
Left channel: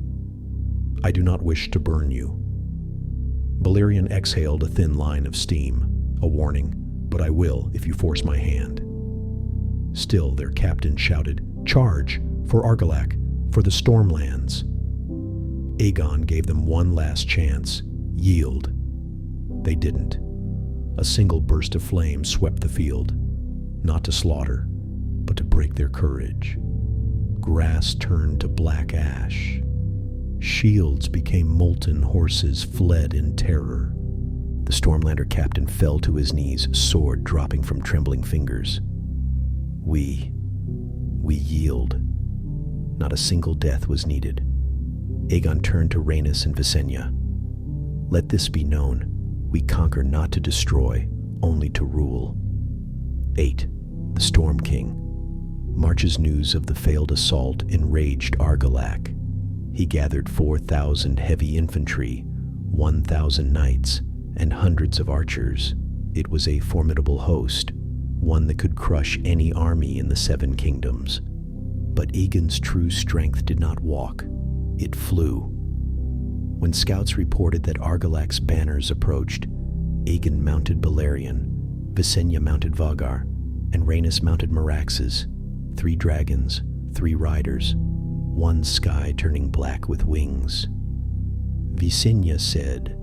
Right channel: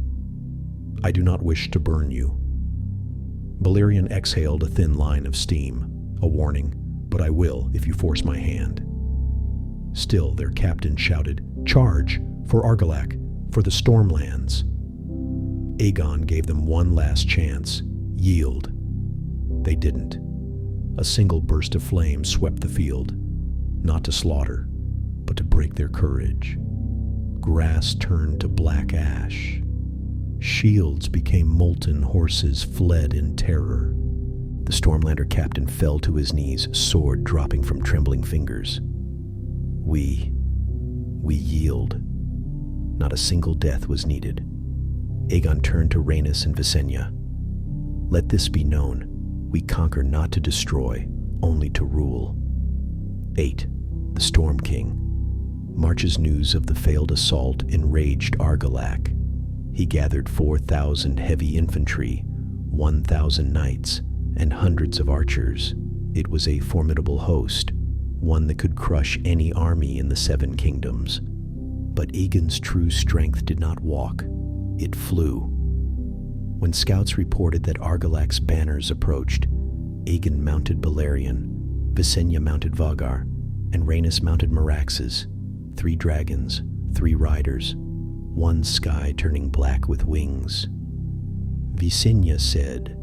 "I do not wish to burn you." Balerion exhaled a thin line of steam, a warning, "But I will if you force my hand." Still their captain shouted, "Charge! For Argilac! For the Stormlands!" Aegon gave them one last chance. Yield. They didn't. A single burst of flame swept the field, not to slaughter, but to break their courage. Grass turned to black ash. Shields became molten, horses fled in terror. The Stormlander captain fell to his knees, sword dropping from trembling fingers. We yield. Not a single death was needed. Aegon turned to Rhaenys and Visenya. "Let this be known. We conquer not to destroy, only to rule." 8. The Storm King. March's news of the failed assault enraged Argilac. He gathered 4,000 heavy infantry, 1,000 knights, and hundreds of archers. It was a formidable host, one that could crush any army in the Seven Kingdoms. But Aegon's true strength did not walk. It flew. When scouts reported that Argilac's banners approached, Aegon mounted Balerion, Visenya mounted Vhagar, and Rhaenys mounted Meraxes, 3 dragons, 3 riders, one sky turning black with wings. Visenya said,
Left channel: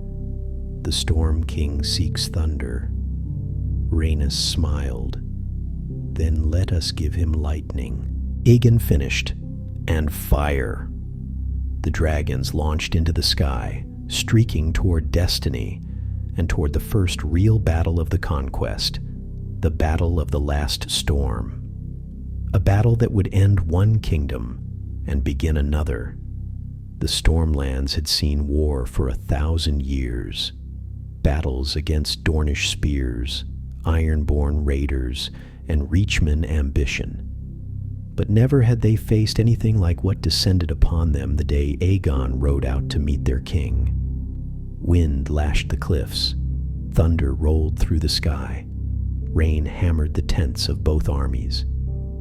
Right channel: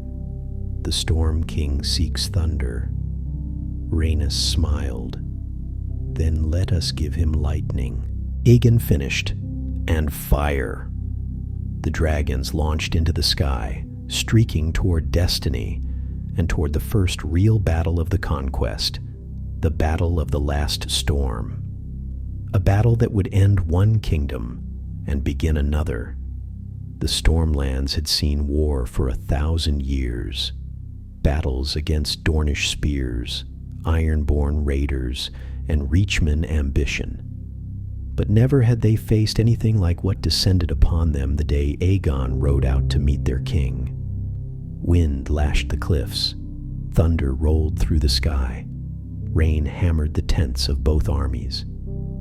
"The Storm King seeks thunder." Rhaenys smiled. "Then let us give him lightning." Aegon finished, and fire. The dragons launched into the sky, streaking toward destiny and toward the first real battle of the conquest, the Battle of the Last Storm. A battle that would end one kingdom and begin another. The Stormlands had seen war for 1,000 years. battles against Dornish spears, Ironborn raiders, and Reachman ambition. But never had they faced anything like what descended upon them the day Aegon rode out to meet their king. Wind lashed the cliffs, thunder rolled through the sky, rain hammered the tents of both armies.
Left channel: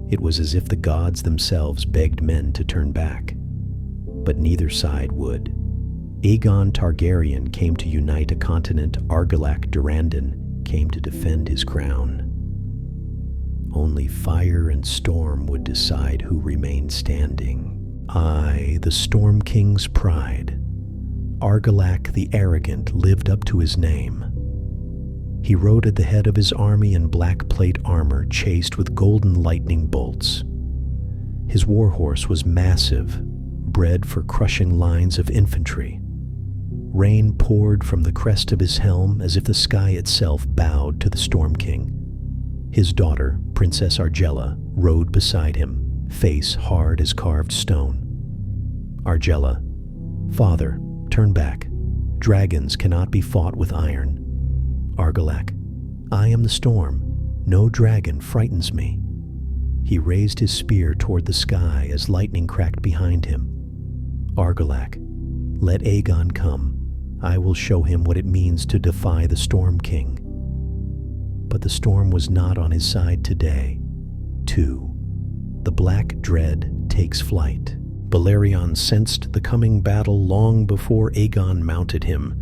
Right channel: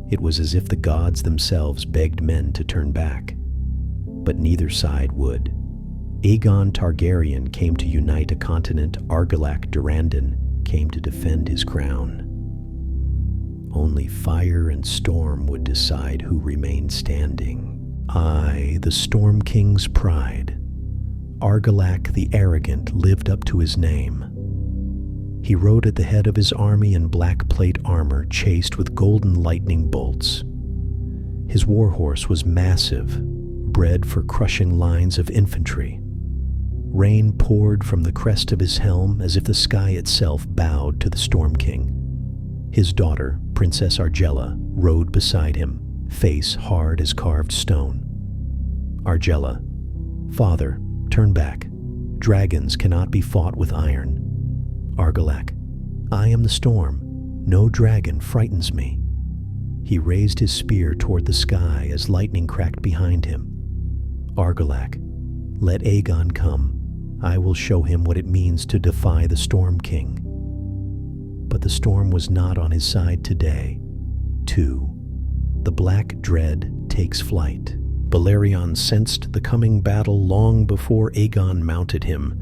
It was as if the gods themselves begged men to turn back. But neither side would. Aegon Targaryen came to unite a continent. Argilac Durrandon came to defend his crown. Only fire and storm would decide who remained standing. I, the Storm King's pride. Argilac the arrogant lived up to his name. He rode at the head of his army in black plate armor chased with golden lightning bolts. His warhorse was massive, bred for crushing lines of infantry. Rain poured from the crest of his helm as if the sky itself bowed to the Storm King. His daughter, Princess Argella, rode beside him, face hard as carved stone. Argella, "Father, turn back. Dragons cannot be fought with iron." Argilac, "I am the storm. No dragon frightens me." He raised his spear toward the sky as lightning cracked behind him. Argilac, "Let Aegon come. I will show him what it means to defy the Storm King." But the storm was not on his side today. 2. The Black Dread takes flight. Balerion sensed the coming battle long before Aegon mounted him.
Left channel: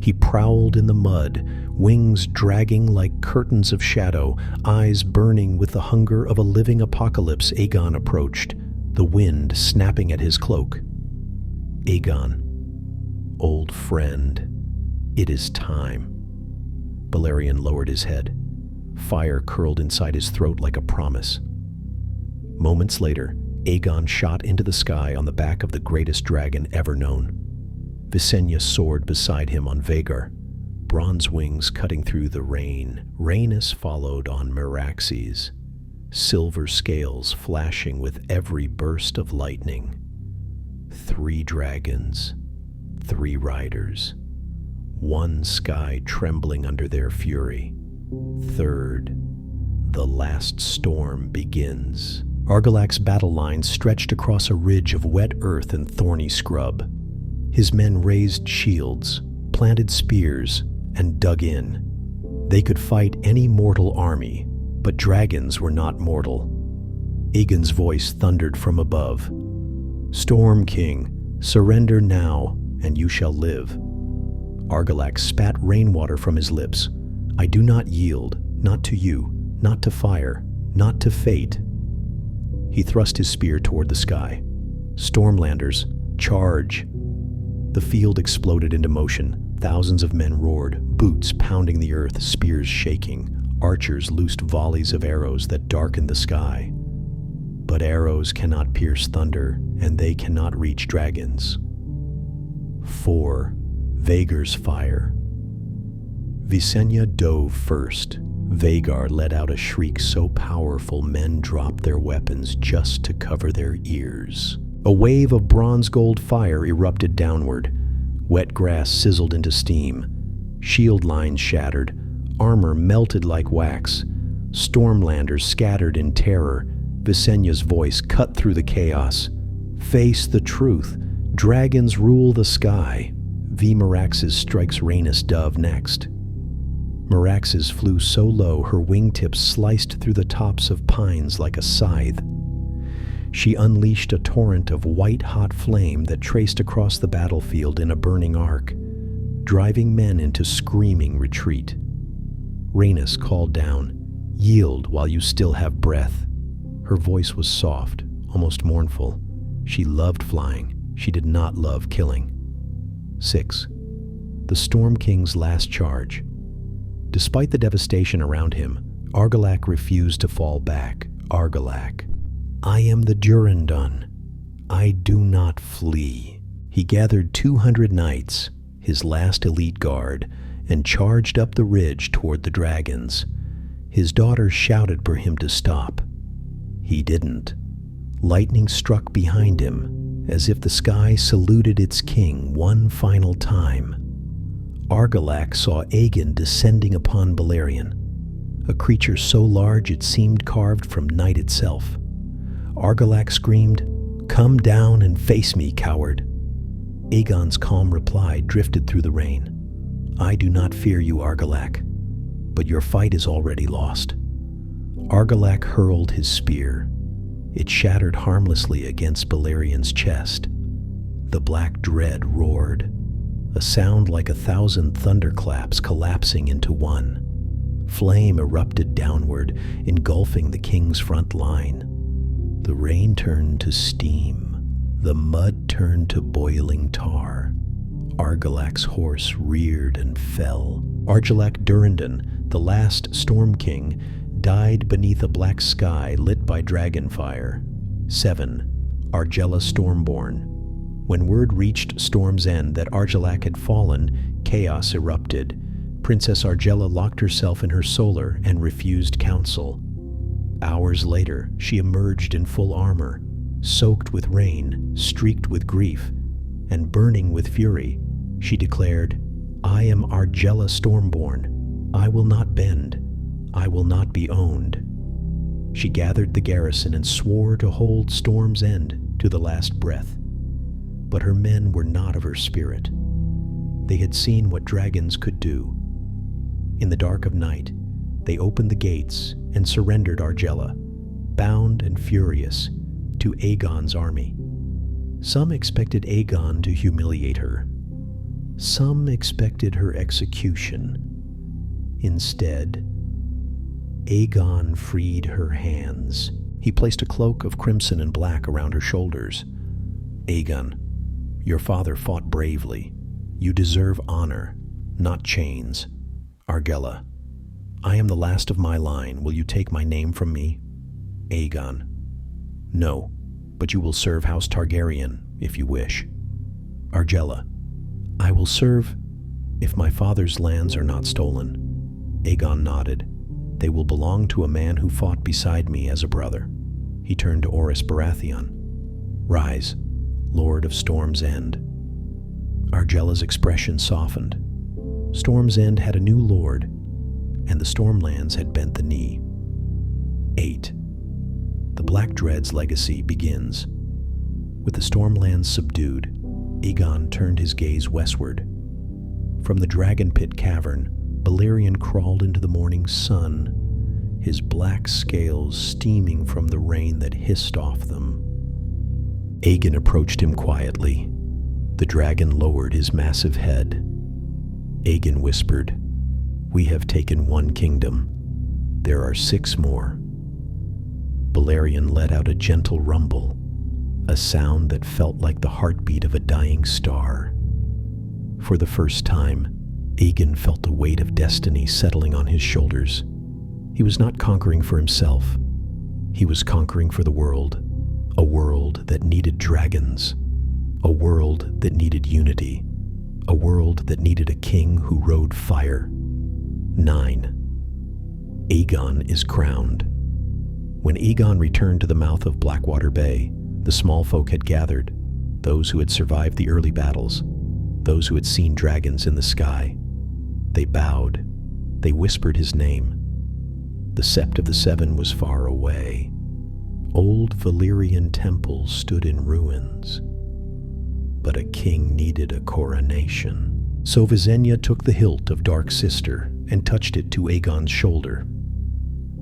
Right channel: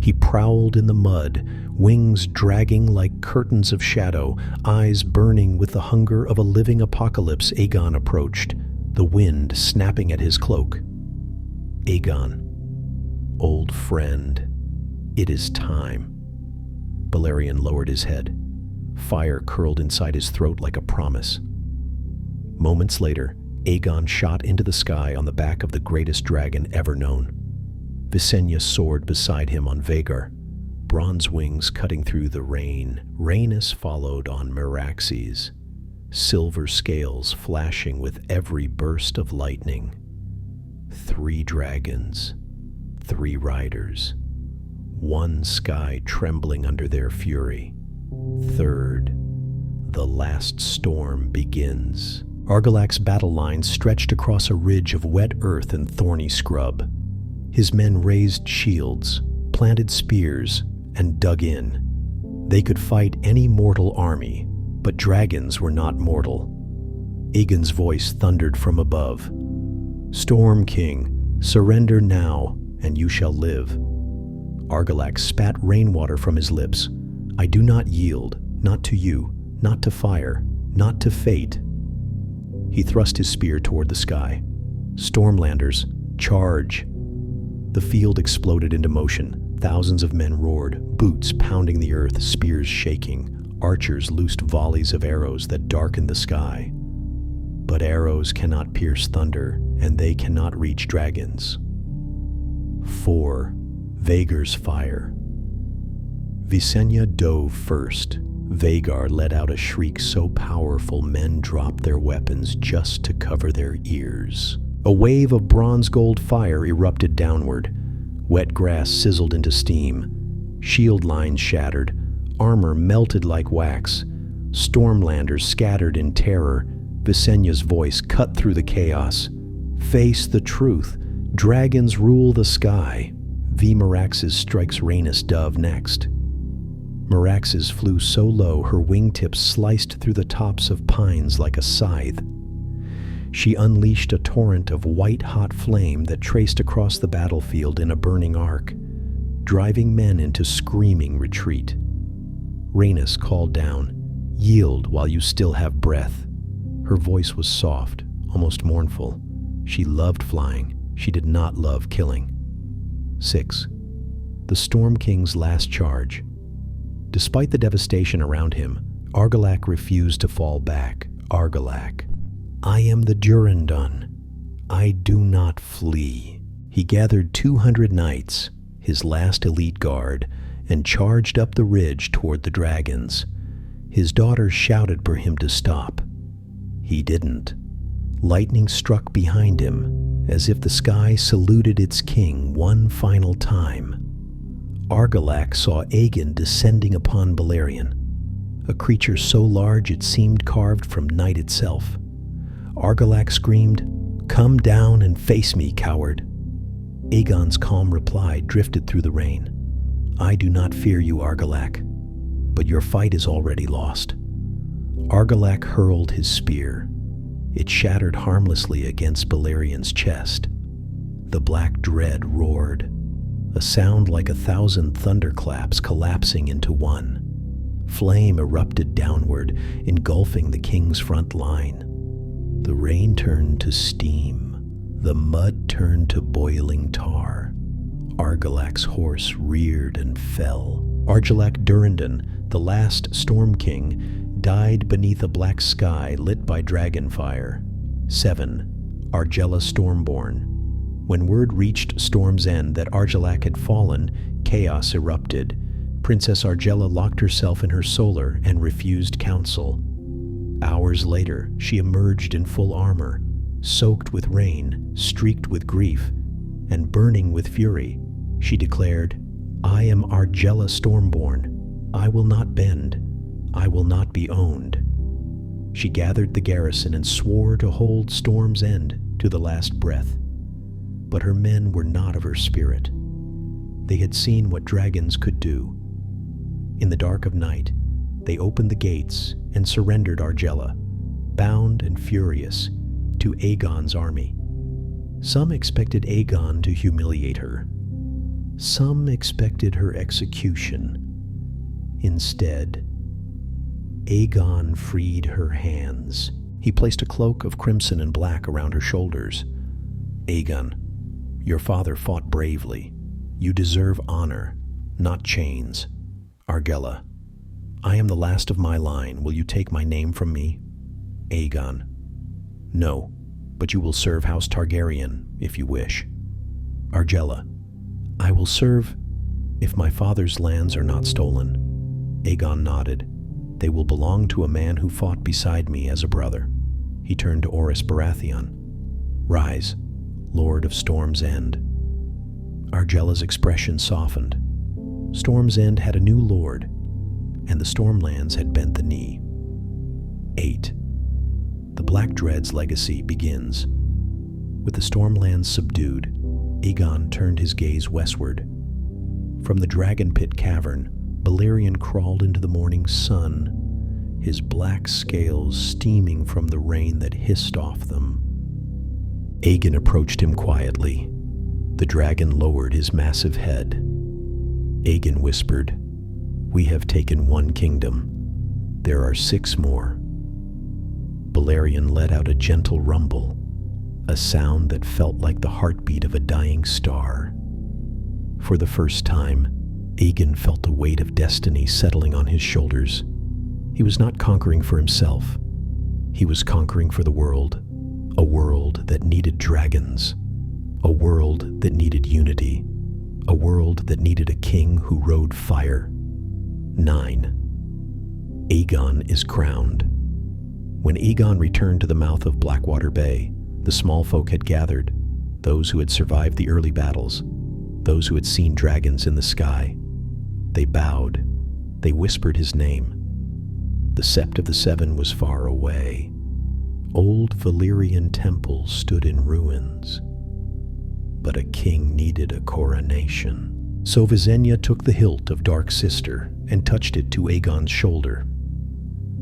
He prowled in the mud, wings dragging like curtains of shadow, eyes burning with the hunger of a living apocalypse. Aegon approached, the wind snapping at his cloak. "Aegon, old friend, it is time." Balerion lowered his head. Fire curled inside his throat like a promise. Moments later, Aegon shot into the sky on the back of the greatest dragon ever known. Visenya soared beside him on Vhagar, bronze wings cutting through the rain. Rhaenys followed on Meraxes, silver scales flashing with every burst of lightning. 3 dragons, 3 riders, 1 sky trembling under their fury. 3rd, the last storm begins. Argilac's battle lines stretched across a ridge of wet earth and thorny scrub. His men raised shields, planted spears, and dug in. They could fight any mortal army, but dragons were not mortal. Aegon's voice thundered from above. "Storm King, surrender now, and you shall live." Argilac spat rainwater from his lips. "I do not yield, not to you, not to fire, not to fate." He thrust his spear toward the sky. "Stormlanders, charge!" The field exploded into motion. Thousands of men roared, boots pounding the earth, spears shaking. Archers loosed volleys of arrows that darkened the sky. But arrows cannot pierce thunder, and they cannot reach dragons. 4. Vhagar's fire. Visenya dove first. Vhagar let out a shriek so powerful men dropped their weapons just to cover their ears. A wave of bronze-gold fire erupted downward. Wet grass sizzled into steam. Shield lines shattered. Armor melted like wax. Stormlanders scattered in terror. Visenya's voice cut through the chaos. "Face the truth. Dragons rule the sky." V. Meraxes strikes Rhaenys dove next. Meraxes flew so low her wingtips sliced through the tops of pines like a scythe. She unleashed a torrent of white-hot flame that traced across the battlefield in a burning arc, driving men into screaming retreat. Rhaenys called down, "Yield while you still have breath." Her voice was soft, almost mournful. She loved flying. She did not love killing. 6. The Storm King's last charge. Despite the devastation around him, Argilac refused to fall back. Argilac, "I am the Durrandon. I do not flee." He gathered 200 knights, his last elite guard, and charged up the ridge toward the dragons. His daughters shouted for him to stop. He didn't. Lightning struck behind him, as if the sky saluted its king one final time. Argilac saw Aegon descending upon Balerion, a creature so large it seemed carved from night itself. Argilac screamed, "Come down and face me, coward." Aegon's calm reply drifted through the rain. "I do not fear you, Argilac, but your fight is already lost." Argilac hurled his spear. It shattered harmlessly against Balerion's chest. The Black Dread roared, a sound like 1,000 thunderclaps collapsing into one. Flame erupted downward, engulfing the king's front line. The rain turned to steam. The mud turned to boiling tar. Argilac's horse reared and fell. Argilac Durrandon, the last Storm King, died beneath a black sky lit by dragon fire. 7. Argella Stormborn. When word reached Storm's End that Argilac had fallen, chaos erupted. Princess Argella locked herself in her solar and refused counsel. Hours later, she emerged in full armor, soaked with rain, streaked with grief, and burning with fury. She declared, "I am Argella Stormborn. I will not bend. I will not be owned." She gathered the garrison and swore to hold Storm's End to the last breath. But her men were not of her spirit. They had seen what dragons could do. In the dark of night, they opened the gates and surrendered Argella, bound and furious, to Aegon's army. Some expected Aegon to humiliate her. Some expected her execution. Instead, Aegon freed her hands. He placed a cloak of crimson and black around her shoulders. "Aegon, your father fought bravely. You deserve honor, not chains. Argella, I am the last of my line. Will you take my name from me?" Aegon, "No, but you will serve House Targaryen if you wish." Argella, "I will serve if my father's lands are not stolen." Aegon nodded. "They will belong to a man who fought beside me as a brother." He turned to Orys Baratheon. "Rise, Lord of Storm's End." Argella's expression softened. Storm's End had a new lord, and the Stormlands had bent the knee. 8. The Black Dread's legacy begins. With the Stormlands subdued, Aegon turned his gaze westward. From the Dragon Pit cavern, Balerion crawled into the morning sun, his black scales steaming from the rain that hissed off them. Aegon approached him quietly. The dragon lowered his massive head. Aegon whispered, "We have taken one kingdom. There are 6 more." Balerion let out a gentle rumble, a sound that felt like the heartbeat of a dying star. For the first time, Aegon felt the weight of destiny settling on his shoulders. He was not conquering for himself. He was conquering for the world, a world that needed dragons, a world that needed unity, a world that needed a king who rode fire. 9. Aegon is crowned. When Aegon returned to the mouth of Blackwater Bay, the small folk had gathered, those who had survived the early battles, those who had seen dragons in the sky. They bowed. They whispered his name. The Sept of the Seven was far away. Old Valyrian temples stood in ruins. But a king needed a coronation. So Visenya took the hilt of Dark Sister and touched it to Aegon's shoulder.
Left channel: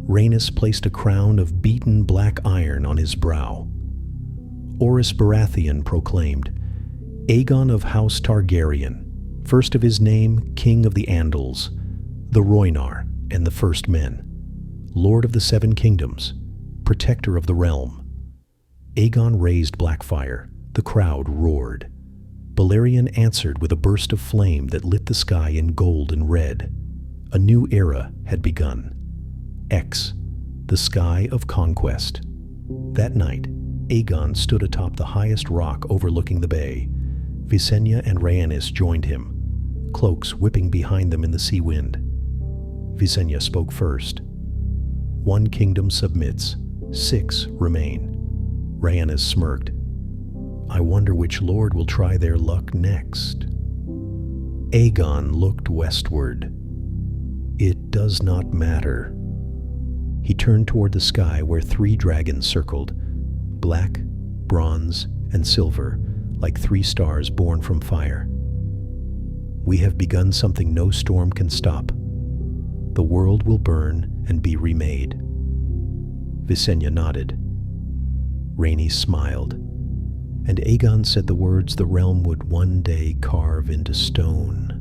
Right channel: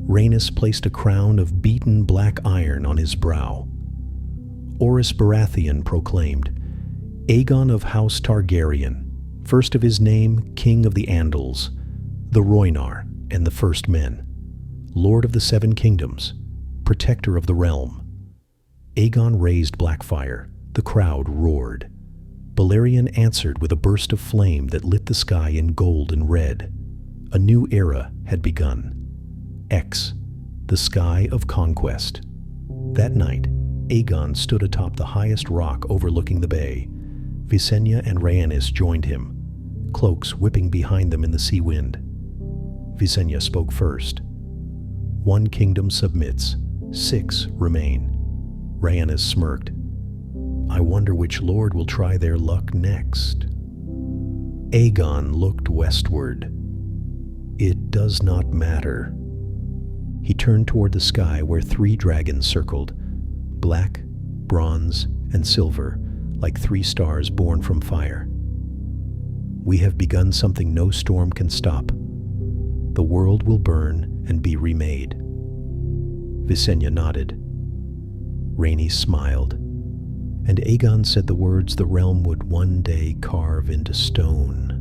Rhaenys placed a crown of beaten black iron on his brow. Orys Baratheon proclaimed, "Aegon of House Targaryen, first of his name, King of the Andals, the Rhoynar and the First Men, Lord of the 7 Kingdoms, Protector of the Realm." Aegon raised Blackfire. The crowd roared. Balerion answered with a burst of flame that lit the sky in gold and red. A new era had begun. X, the sky of conquest. That night, Aegon stood atop the highest rock overlooking the bay. Visenya and Rhaenys joined him, cloaks whipping behind them in the sea wind. Visenya spoke first. "1 kingdom submits, 6 remain." Rhaenys smirked. "I wonder which lord will try their luck next." Aegon looked westward. It does not matter. He turned toward the sky where 3 dragons circled, black, bronze, and silver, like 3 stars born from fire. We have begun something no storm can stop. The world will burn and be remade. Visenya nodded. Rhaenys smiled, and Aegon said the words the realm would one day carve into stone.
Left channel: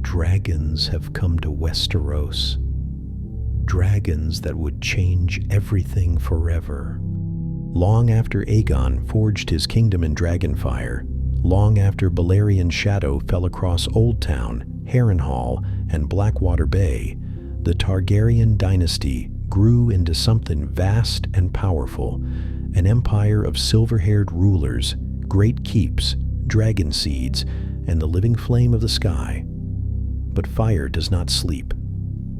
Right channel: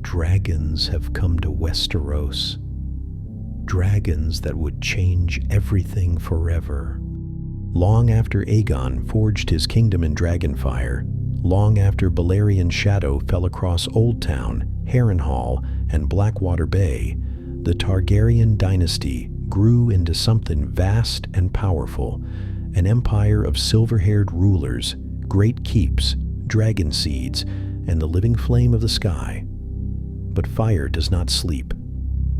Dragons have come to Westeros. Dragons that would change everything forever. Long after Aegon forged his kingdom in dragonfire, long after Balerion's shadow fell across Old Town, Harrenhal, and Blackwater Bay, the Targaryen dynasty grew into something vast and powerful, an empire of silver-haired rulers, great keeps, dragon seeds, and the living flame of the sky. But fire does not sleep.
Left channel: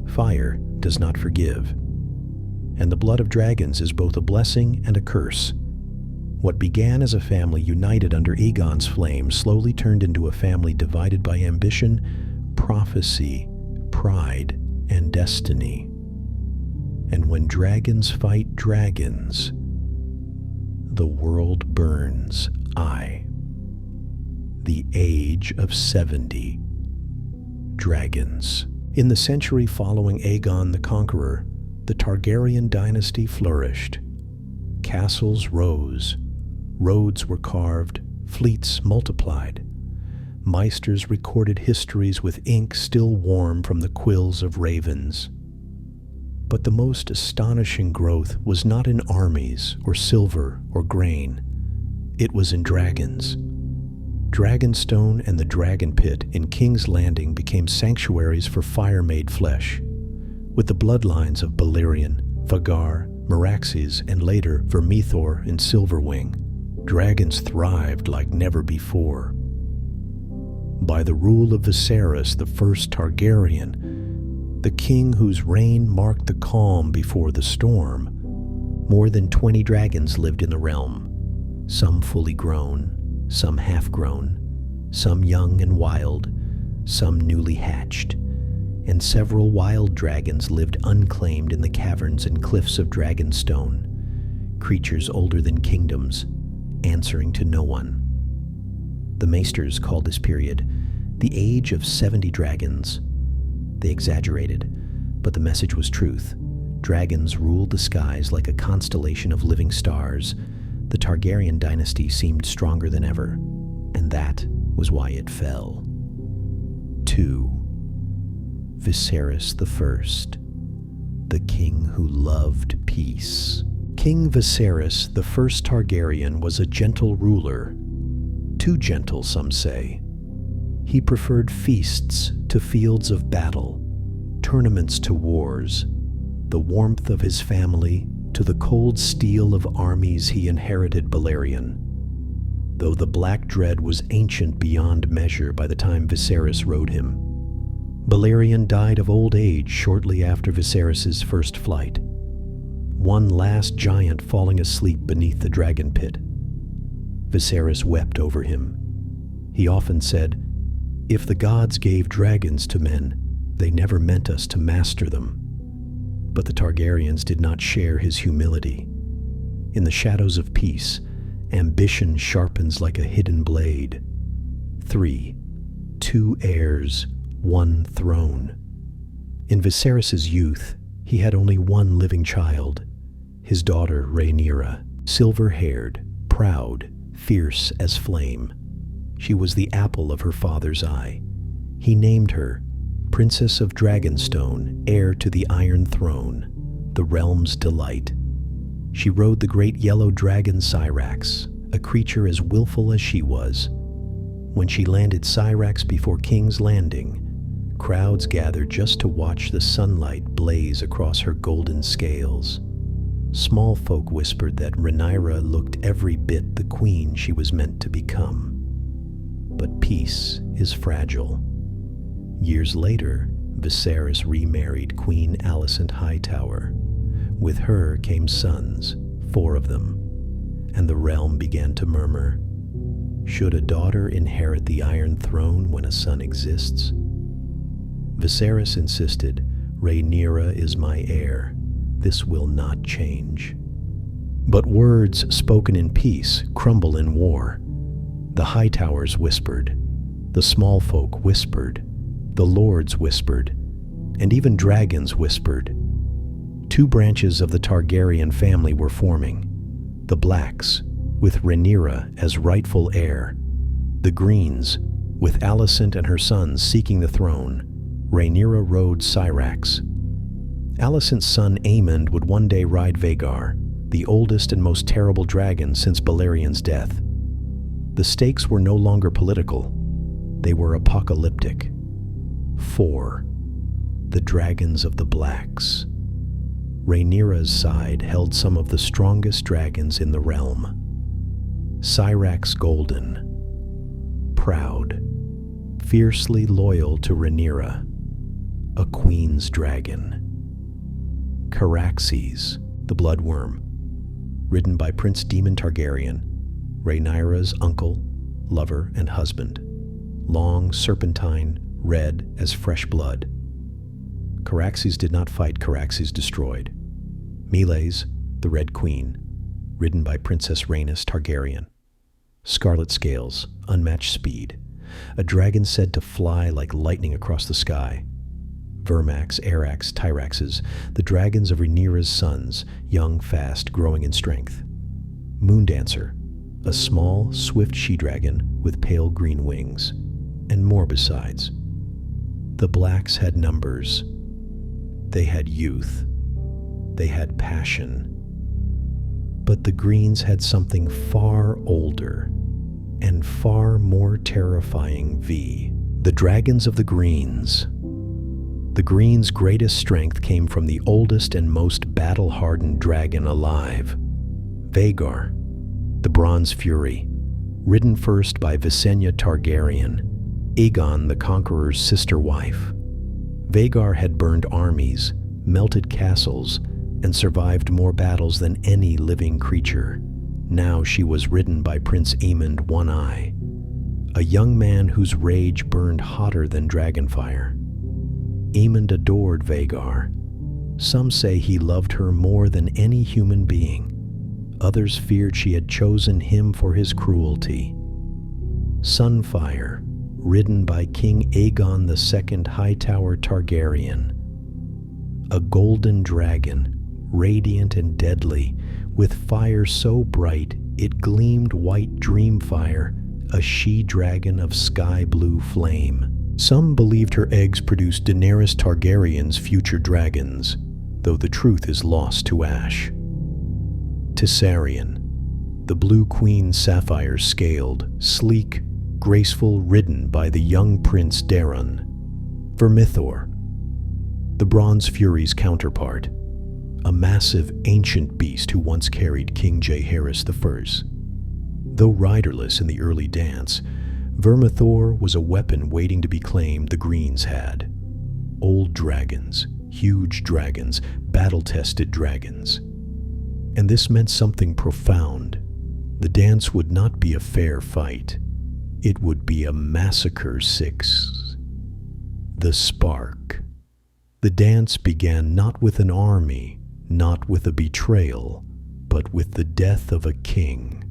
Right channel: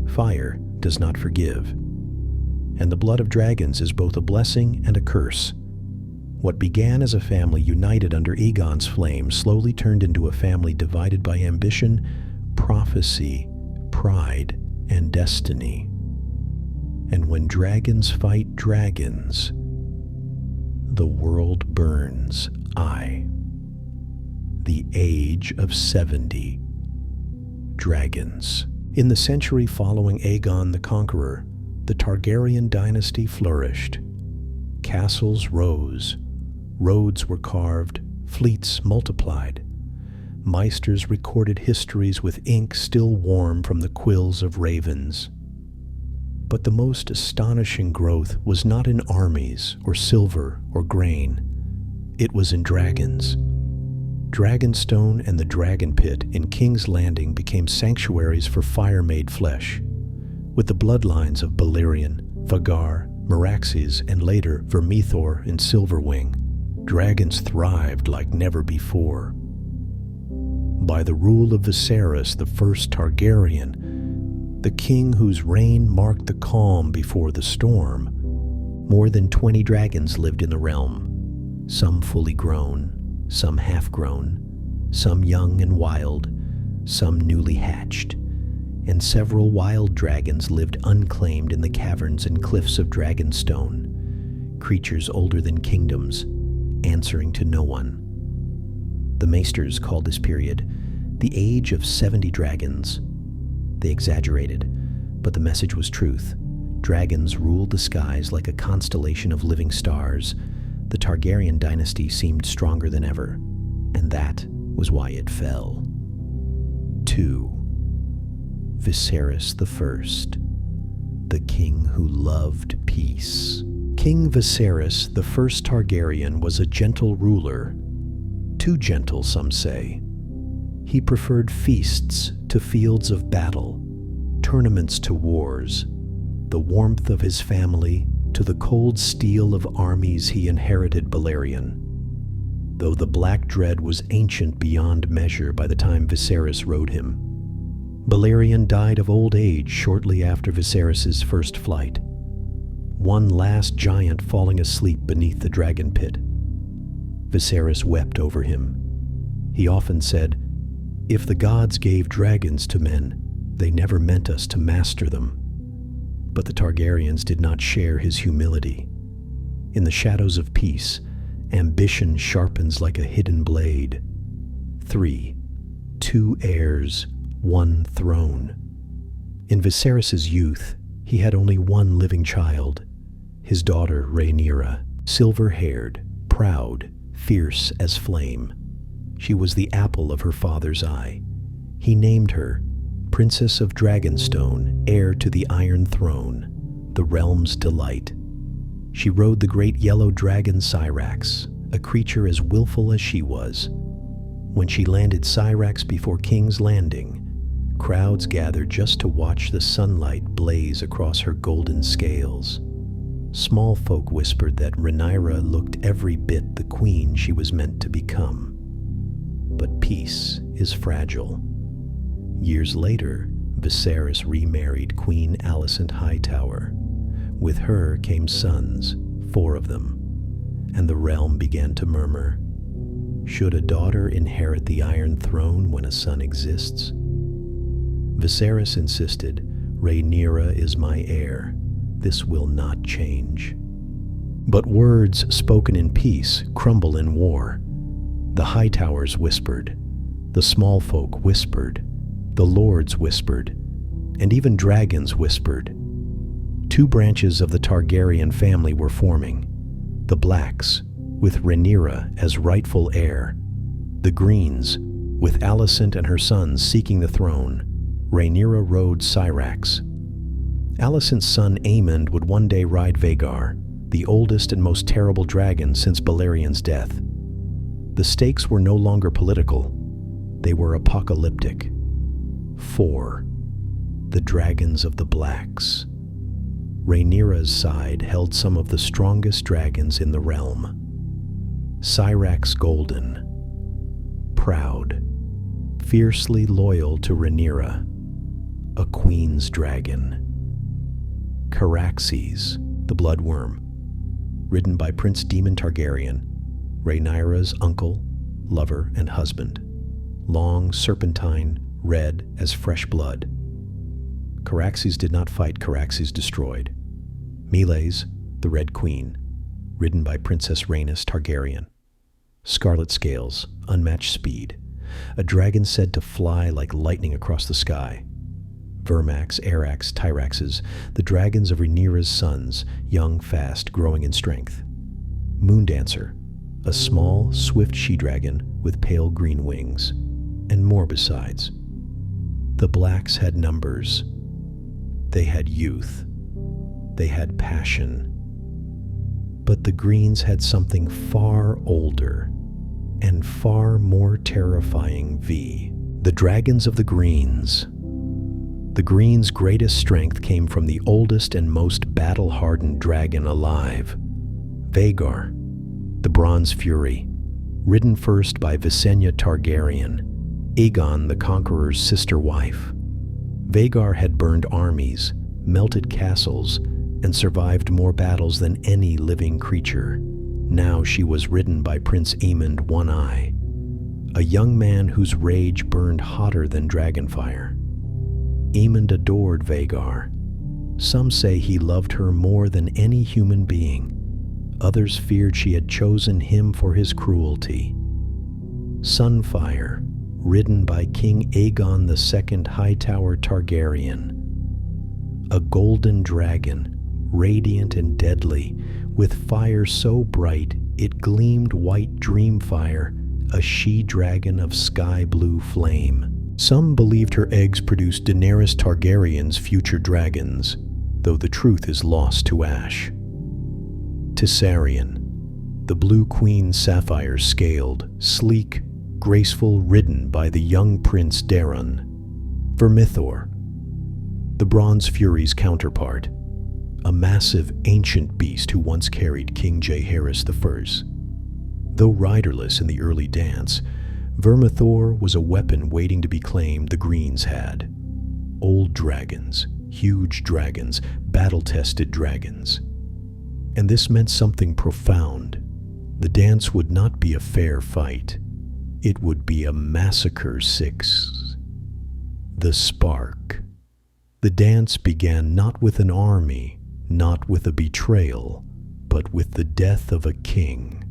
Fire does not forgive. And the blood of dragons is both a blessing and a curse. What began as a family united under Aegon's flame slowly turned into a family divided by ambition, prophecy, pride, and destiny. And when dragons fight dragons, the world burns. The Age of 70 Dragons. In the century following Aegon the Conqueror, the Targaryen dynasty flourished. Castles rose, roads were carved, fleets multiplied. Meisters recorded histories with ink still warm from the quills of ravens. But the most astonishing growth was not in armies or silver or grain. It was in dragons. Dragonstone and the Dragon Pit in King's Landing became sanctuaries for fire-made flesh. With the bloodlines of Balerion, Vhagar, Meraxes, and later Vermithor and Silverwing, dragons thrived like never before. By the rule of Viserys, the first Targaryen, the king whose reign marked the calm before the storm, more than 20 dragons lived in the realm, some fully grown, some half-grown, some young and wild, some newly hatched, and several wild dragons lived unclaimed in the caverns and cliffs of Dragonstone, creatures older than kingdoms, answering to no one. The Maesters called this period the Age of 70 Dragons. They exaggerated, but the message was truth. Dragons ruled the skies like a constellation of living stars. The Targaryen dynasty seemed stronger than ever, and that was why it fell. 2. Viserys I, the king who loved peace. King Viserys, the first Targaryen, was a gentle ruler. Too gentle, some say. He preferred feasts to fields of battle, tournaments to wars, the warmth of his family to the cold steel of armies he inherited Balerion. Though the Black Dread was ancient beyond measure by the time Viserys rode him, Balerion died of old age shortly after Viserys' first flight, one last giant falling asleep beneath the dragon pit. Viserys wept over him. He often said, "If the gods gave dragons to men, they never meant us to master them." But the Targaryens did not share his humility. In the shadows of peace, ambition sharpens like a hidden blade. 3. 2 heirs, 1 throne. In Viserys' youth, he had only one living child, his daughter Rhaenyra, silver-haired, proud, fierce as flame. She was the apple of her father's eye. He named her Princess of Dragonstone, heir to the Iron Throne, the realm's delight. She rode the great yellow dragon Syrax, a creature as willful as she was. When she landed Syrax before King's Landing, crowds gathered just to watch the sunlight blaze across her golden scales. Small folk whispered that Rhaenyra looked every bit the queen she was meant to become. But peace is fragile. Years later, Viserys remarried Queen Alicent Hightower. With her came sons, 4 of them, and the realm began to murmur. Should a daughter inherit the Iron Throne when a son exists? Viserys insisted, "Rhaenyra is my heir. This will not change." But words spoken in peace crumble in war. The Hightowers whispered, the small folk whispered, the lords whispered, and even dragons whispered. Two branches of the Targaryen family were forming: the Blacks, with Rhaenyra as rightful heir; the Greens, with Alicent and her sons seeking the throne. Rhaenyra rode Syrax. Alicent's son Aemond would one day ride Vhagar, the oldest and most terrible dragon since Balerion's death. The stakes were no longer political. They were apocalyptic. 4. The Dragons of the Blacks. Rhaenyra's side held some of the strongest dragons in the realm. Syrax Golden, proud, fiercely loyal to Rhaenyra, a queen's dragon. Caraxes, the Bloodworm, ridden by Prince Daemon Targaryen, Rhaenyra's uncle, lover, and husband. Long, serpentine, red as fresh blood. Caraxes did not fight, Caraxes destroyed. Meleys, the Red Queen, ridden by Princess Rhaenys Targaryen. Scarlet scales, unmatched speed, a dragon said to fly like lightning across the sky. Vermax, Arax, Tyraxes, the dragons of Rhaenyra's sons, young, fast, growing in strength. Moondancer, a small, swift she-dragon with pale green wings, and more besides. The Blacks had numbers. They had youth. They had passion. But the Greens had something far older and far more terrifying. The dragons of the Greens. The Greens' greatest strength came from the oldest and most battle-hardened dragon alive, Vhagar, the Bronze Fury, ridden first by Viserion Targaryen, Aegon the Conqueror's sister wife. Vhagar had burned armies, melted castles, and survived more battles than any living creature. Now she was ridden by Prince Aemond One-Eye, a young man whose rage burned hotter than dragonfire. Aemond adored Vhagar. Some say he loved her more than any human being. Others feared she had chosen him for his cruelty. Sunfire, ridden by King Aegon II Hightower Targaryen. A golden dragon, radiant and deadly, with fire so bright it gleamed white dreamfire, a she-dragon of sky-blue flame. Some believed her eggs produced Daenerys Targaryen's future dragons, though the truth is lost to ash. Viserion, the Blue Queen sapphire scaled, sleek, graceful, ridden by the young Prince Daeron. Vermithor, the Bronze Fury's counterpart, a massive ancient beast who once carried King Jaehaerys I. Though riderless in the early dance, Vermithor was a weapon waiting to be claimed the Greens had. Old dragons, huge dragons, battle-tested dragons. And this meant something profound. The dance would not be a fair fight. It would be a massacre. 6. The Spark. The dance began not with an army, not with a betrayal, but with the death of a king.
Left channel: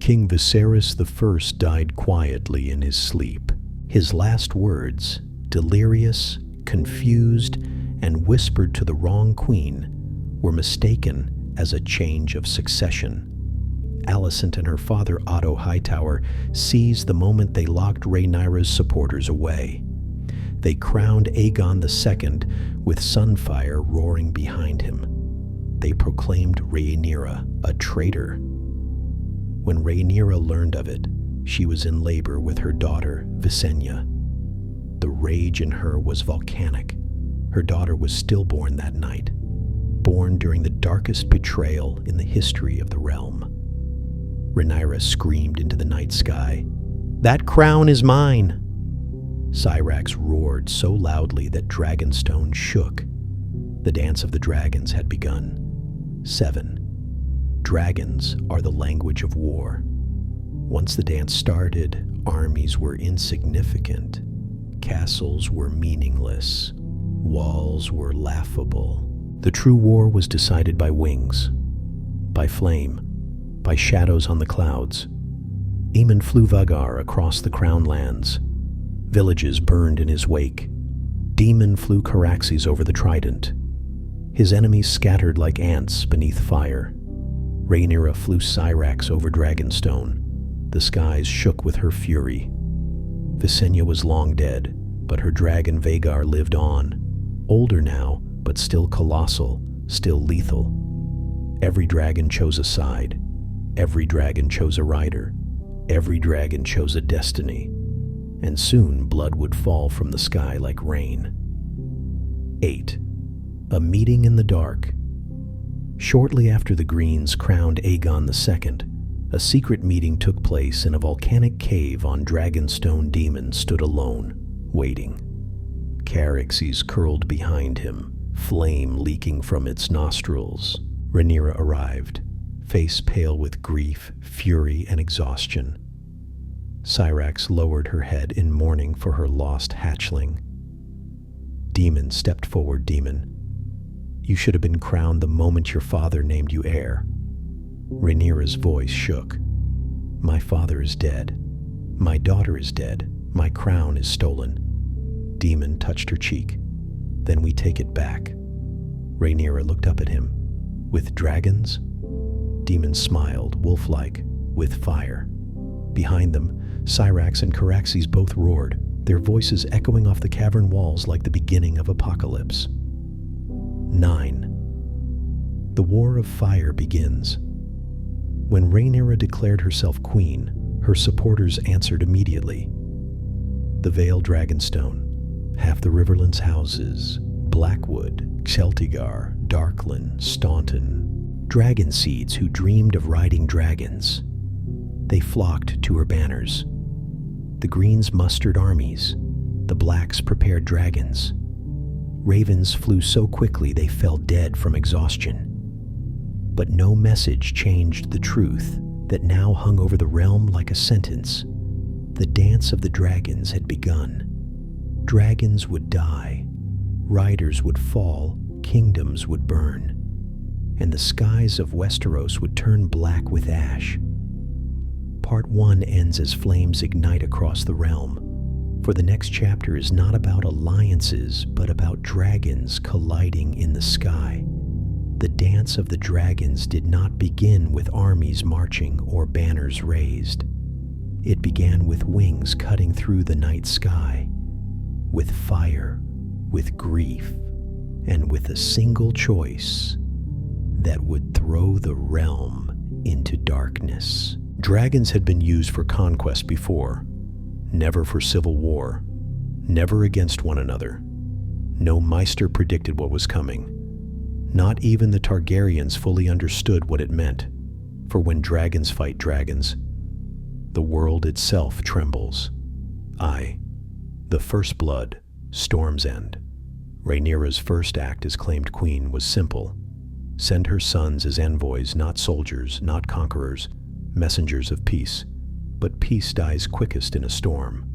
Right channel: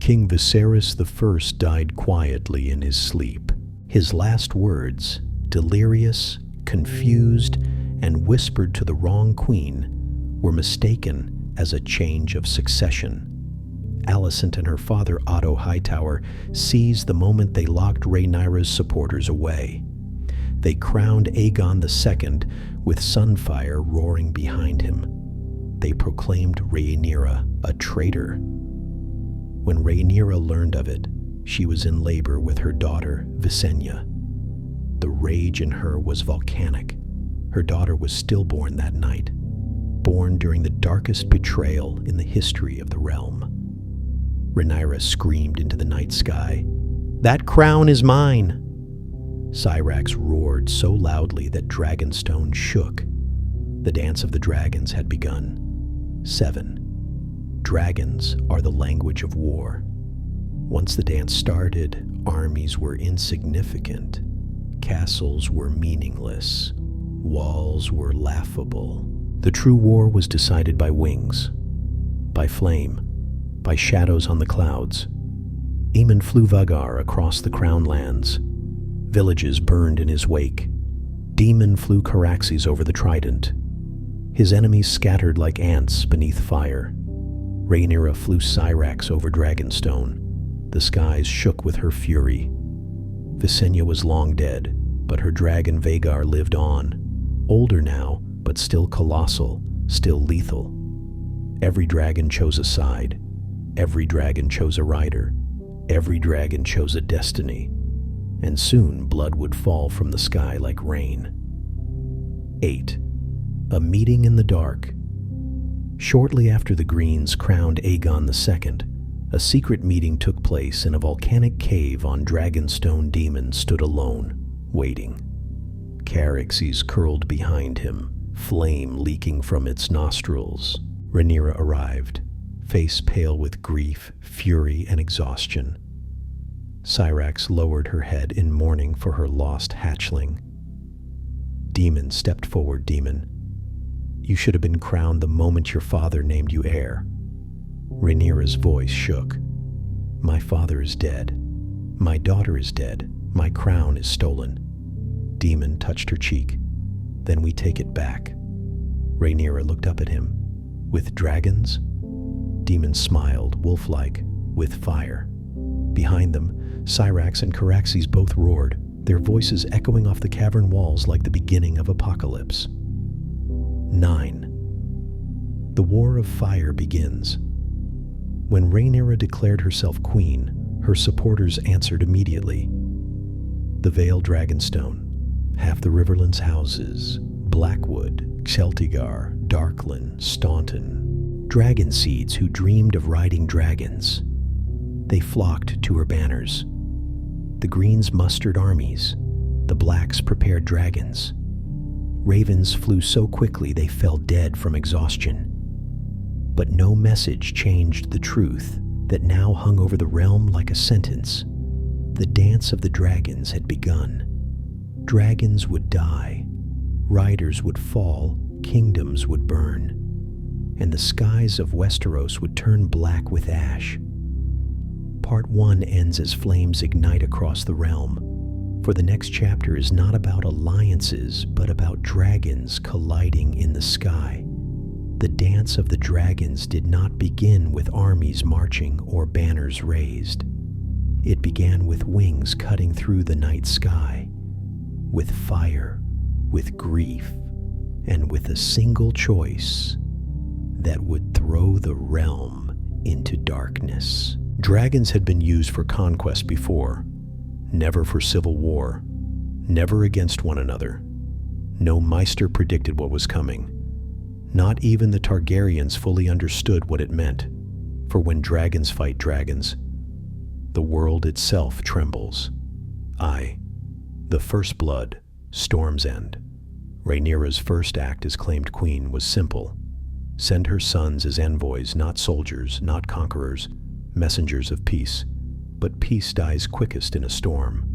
King Viserys I died quietly in his sleep. His last words, delirious, confused, and whispered to the wrong queen, were mistaken as a change of succession. Alicent and her father Otto Hightower seized the moment they locked Rhaenyra's supporters away. They crowned Aegon II with Sunfire roaring behind him. They proclaimed Rhaenyra a traitor. When Rhaenyra learned of it, she was in labor with her daughter, Visenya. The rage in her was volcanic. Her daughter was stillborn that night, born during the darkest betrayal in the history of the realm. Rhaenyra screamed into the night sky, "That crown is mine!" Syrax roared so loudly that Dragonstone shook. The dance of the dragons had begun. 7. Dragons are the language of war. Once the dance started, armies were insignificant. Castles were meaningless. Walls were laughable. The true war was decided by wings, by flame, by shadows on the clouds. Aemon flew Vhagar across the Crown Lands. Villages burned in his wake. Daemon flew Caraxes over the Trident. His enemies scattered like ants beneath fire. Rhaenyra flew Syrax over Dragonstone. The skies shook with her fury. Visenya was long dead, but her dragon Vhagar lived on. Older now, but still colossal, still lethal. Every dragon chose a side. Every dragon chose a rider. Every dragon chose a destiny. And soon blood would fall from the sky like rain. 8. A meeting in the dark. Shortly after the Greens crowned Aegon II, a secret meeting took place in a volcanic cave on Dragonstone. Daemon stood alone, waiting. Caraxes curled behind him, flame leaking from its nostrils. Rhaenyra arrived, face pale with grief, fury, and exhaustion. Syrax lowered her head in mourning for her lost hatchling. Daemon stepped forward. Daemon, you should have been crowned the moment your father named you heir. Rhaenyra's voice shook. My father is dead. My daughter is dead. My crown is stolen. Daemon touched her cheek. Then we take it back. Rhaenyra looked up at him. With dragons? Daemon smiled, wolf-like, with fire. Behind them, Syrax and Caraxes both roared, their voices echoing off the cavern walls like the beginning of apocalypse. 9. The War of Fire begins. When Rhaenyra declared herself queen, her supporters answered immediately. The Vale Dragonstone, half the Riverlands houses, Blackwood, Celtigar, Darkland, Staunton, dragon seeds who dreamed of riding dragons. They flocked to her banners. The Greens mustered armies. The Blacks prepared dragons. Ravens flew so quickly they fell dead from exhaustion. But no message changed the truth that now hung over the realm like a sentence. The dance of the dragons had begun. Dragons would die. Riders would fall, kingdoms would burn, and the skies of Westeros would turn black with ash. Part 1 ends as flames ignite across the realm, for the next chapter is not about alliances, but about dragons colliding in the sky. The dance of the dragons did not begin with armies marching or banners raised. It began with wings cutting through the night sky, with fire, with grief, and with a single choice that would throw the realm into darkness. Dragons had been used for conquest before, never for civil war, never against one another. No Maester predicted what was coming. Not even the Targaryens fully understood what it meant, for when dragons fight dragons, the world itself trembles. The first blood, Storm's End. Rhaenyra's first act as claimed queen was simple. Send her sons as envoys, not soldiers, not conquerors, messengers of peace. But peace dies quickest in a storm.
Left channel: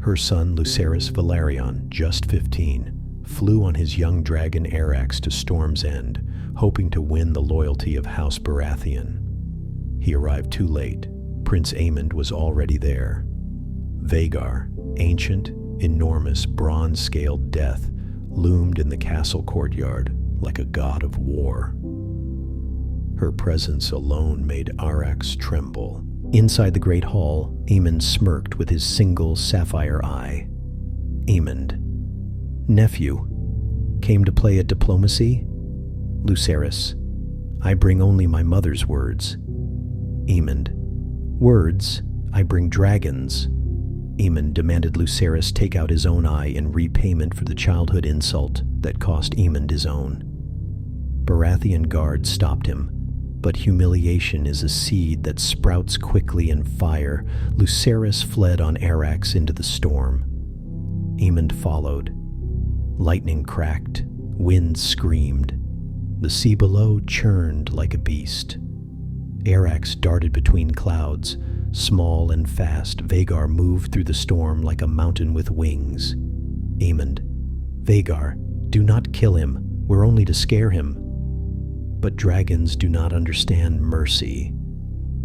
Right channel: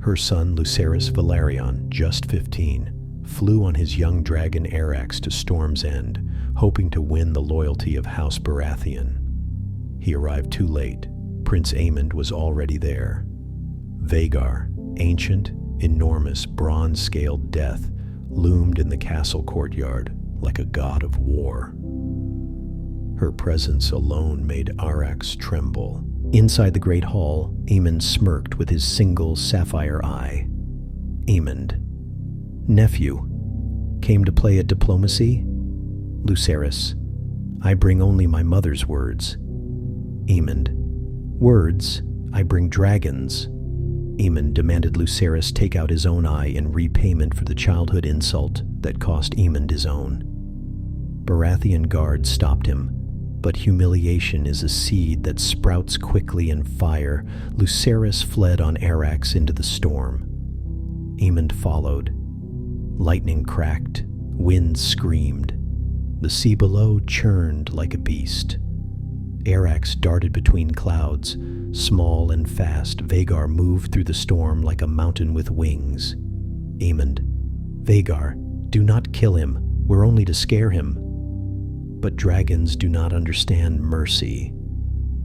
Her son Lucerys Balerion, just 15, flew on his young dragon Arax to Storm's End, hoping to win the loyalty of House Baratheon. He arrived too late. Prince Aemond was already there. Vhagar, ancient, enormous, bronze-scaled death, loomed in the castle courtyard like a god of war. Her presence alone made Arax tremble. Inside the great hall, Aemond smirked with his single sapphire eye. Aemond. Nephew. Came to play at diplomacy? Lucerys. I bring only my mother's words. Aemond. Words? I bring dragons. Aemond demanded Lucerys take out his own eye in repayment for the childhood insult that cost Aemond his own. Baratheon guards stopped him, but humiliation is a seed that sprouts quickly in fire. Lucerys fled on Arax into the storm. Aemond followed. Lightning cracked, wind screamed. The sea below churned like a beast. Arax darted between clouds. Small and fast, Vhagar moved through the storm like a mountain with wings. Aemond, Vhagar, do not kill him. We're only to scare him. But dragons do not understand mercy.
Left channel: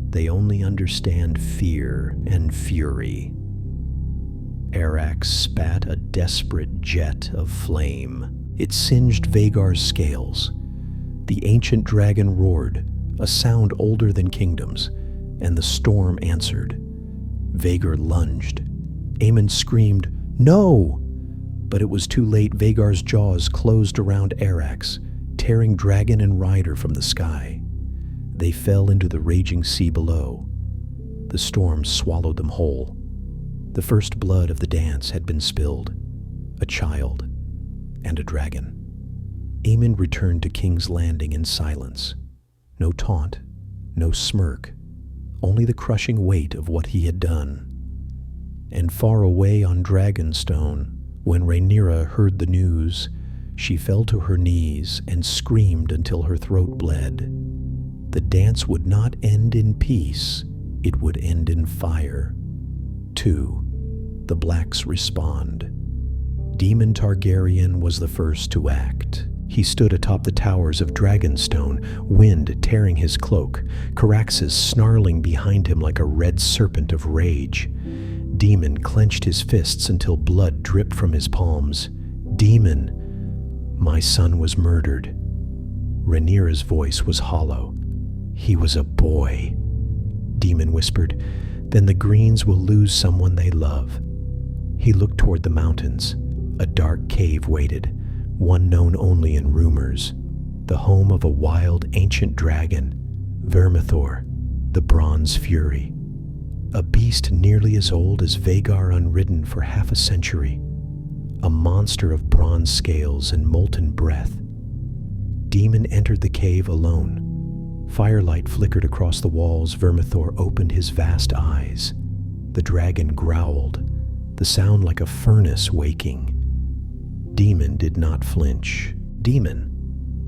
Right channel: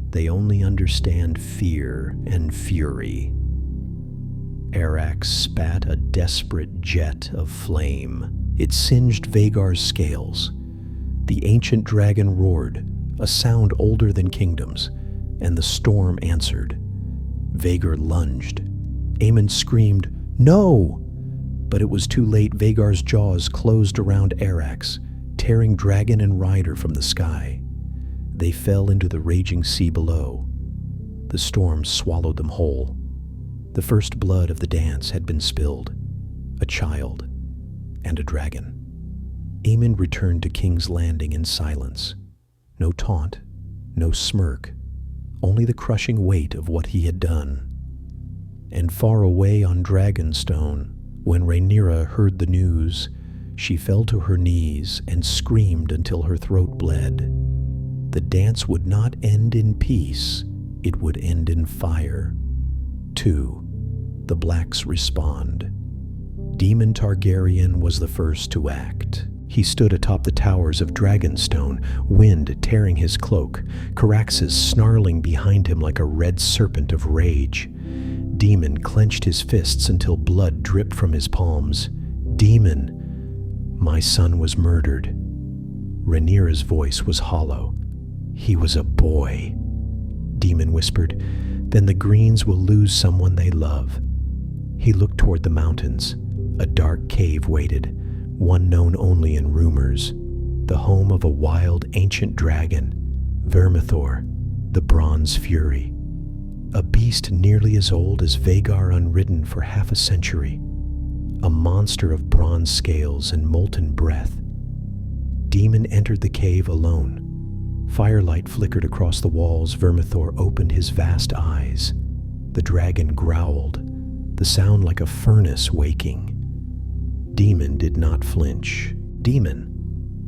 They only understand fear and fury. Arax spat a desperate jet of flame. It singed Vhagar's scales. The ancient dragon roared, a sound older than kingdoms, and the storm answered. Vhagar lunged. Aemond screamed, "No!" But it was too late. Vhagar's jaws closed around Arax, tearing dragon and rider from the sky. They fell into the raging sea below. The storm swallowed them whole. The first blood of the dance had been spilled. A child and a dragon. Aemond returned to King's Landing in silence. No taunt, no smirk, only the crushing weight of what he had done. And far away on Dragonstone, when Rhaenyra heard the news, she fell to her knees and screamed until her throat bled. The dance would not end in peace, it would end in fire. 2. The Blacks respond. Daemon Targaryen was the first to act. He stood atop the towers of Dragonstone, wind tearing his cloak, Caraxes snarling behind him like a red serpent of rage. Daemon clenched his fists until blood dripped from his palms. "Daemon, my son was murdered." Rhaenyra's voice was hollow. "He was a boy." Daemon whispered, "Then the Greens will lose someone they love." He looked toward the mountains. A dark cave waited, one known only in rumors, the home of a wild ancient dragon, Vermithor, the Bronze Fury. A beast nearly as old as Vhagar unridden for half a century, a monster of bronze scales and molten breath. Daemon entered the cave alone. Firelight flickered across the walls. Vermithor opened his vast eyes. The dragon growled, the sound like a furnace waking. Daemon did not flinch. "Daemon,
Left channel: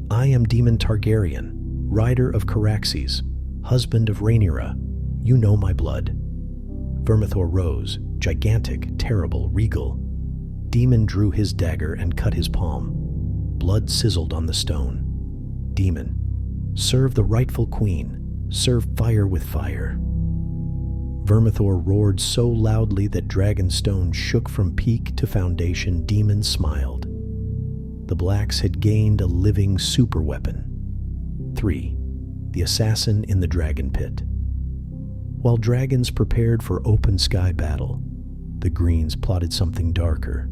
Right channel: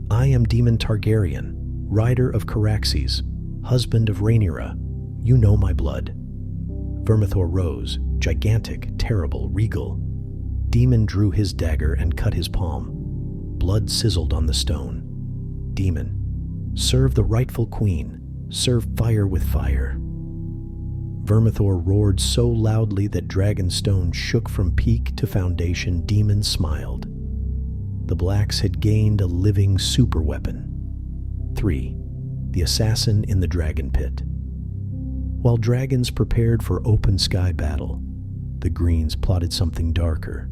I am Daemon Targaryen, rider of Caraxes, husband of Rhaenyra. You know my blood." Vermithor rose, gigantic, terrible, regal. Daemon drew his dagger and cut his palm. Blood sizzled on the stone. "Daemon, serve the rightful queen. Serve fire with fire." Vermithor roared so loudly that Dragonstone shook from peak to foundation. Daemon smiled. The Blacks had gained a living superweapon. 3. The Assassin in the Dragon Pit. While dragons prepared for open sky battle, the Greens plotted something darker.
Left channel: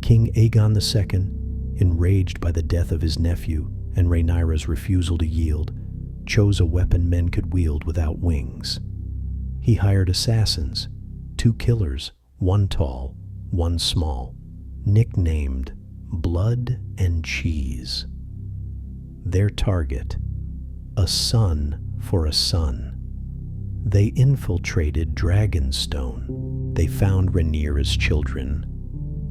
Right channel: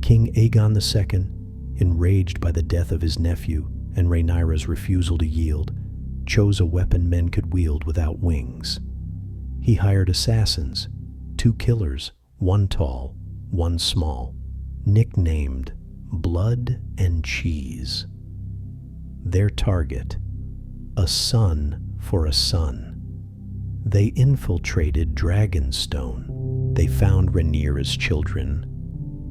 King Aegon II, enraged by the death of his nephew and Rhaenyra's refusal to yield, chose a weapon men could wield without wings. He hired assassins, 2 killers, one tall, one small, nicknamed Blood and Cheese. Their target, a son for a son. They infiltrated Dragonstone. They found Rhaenyra's children,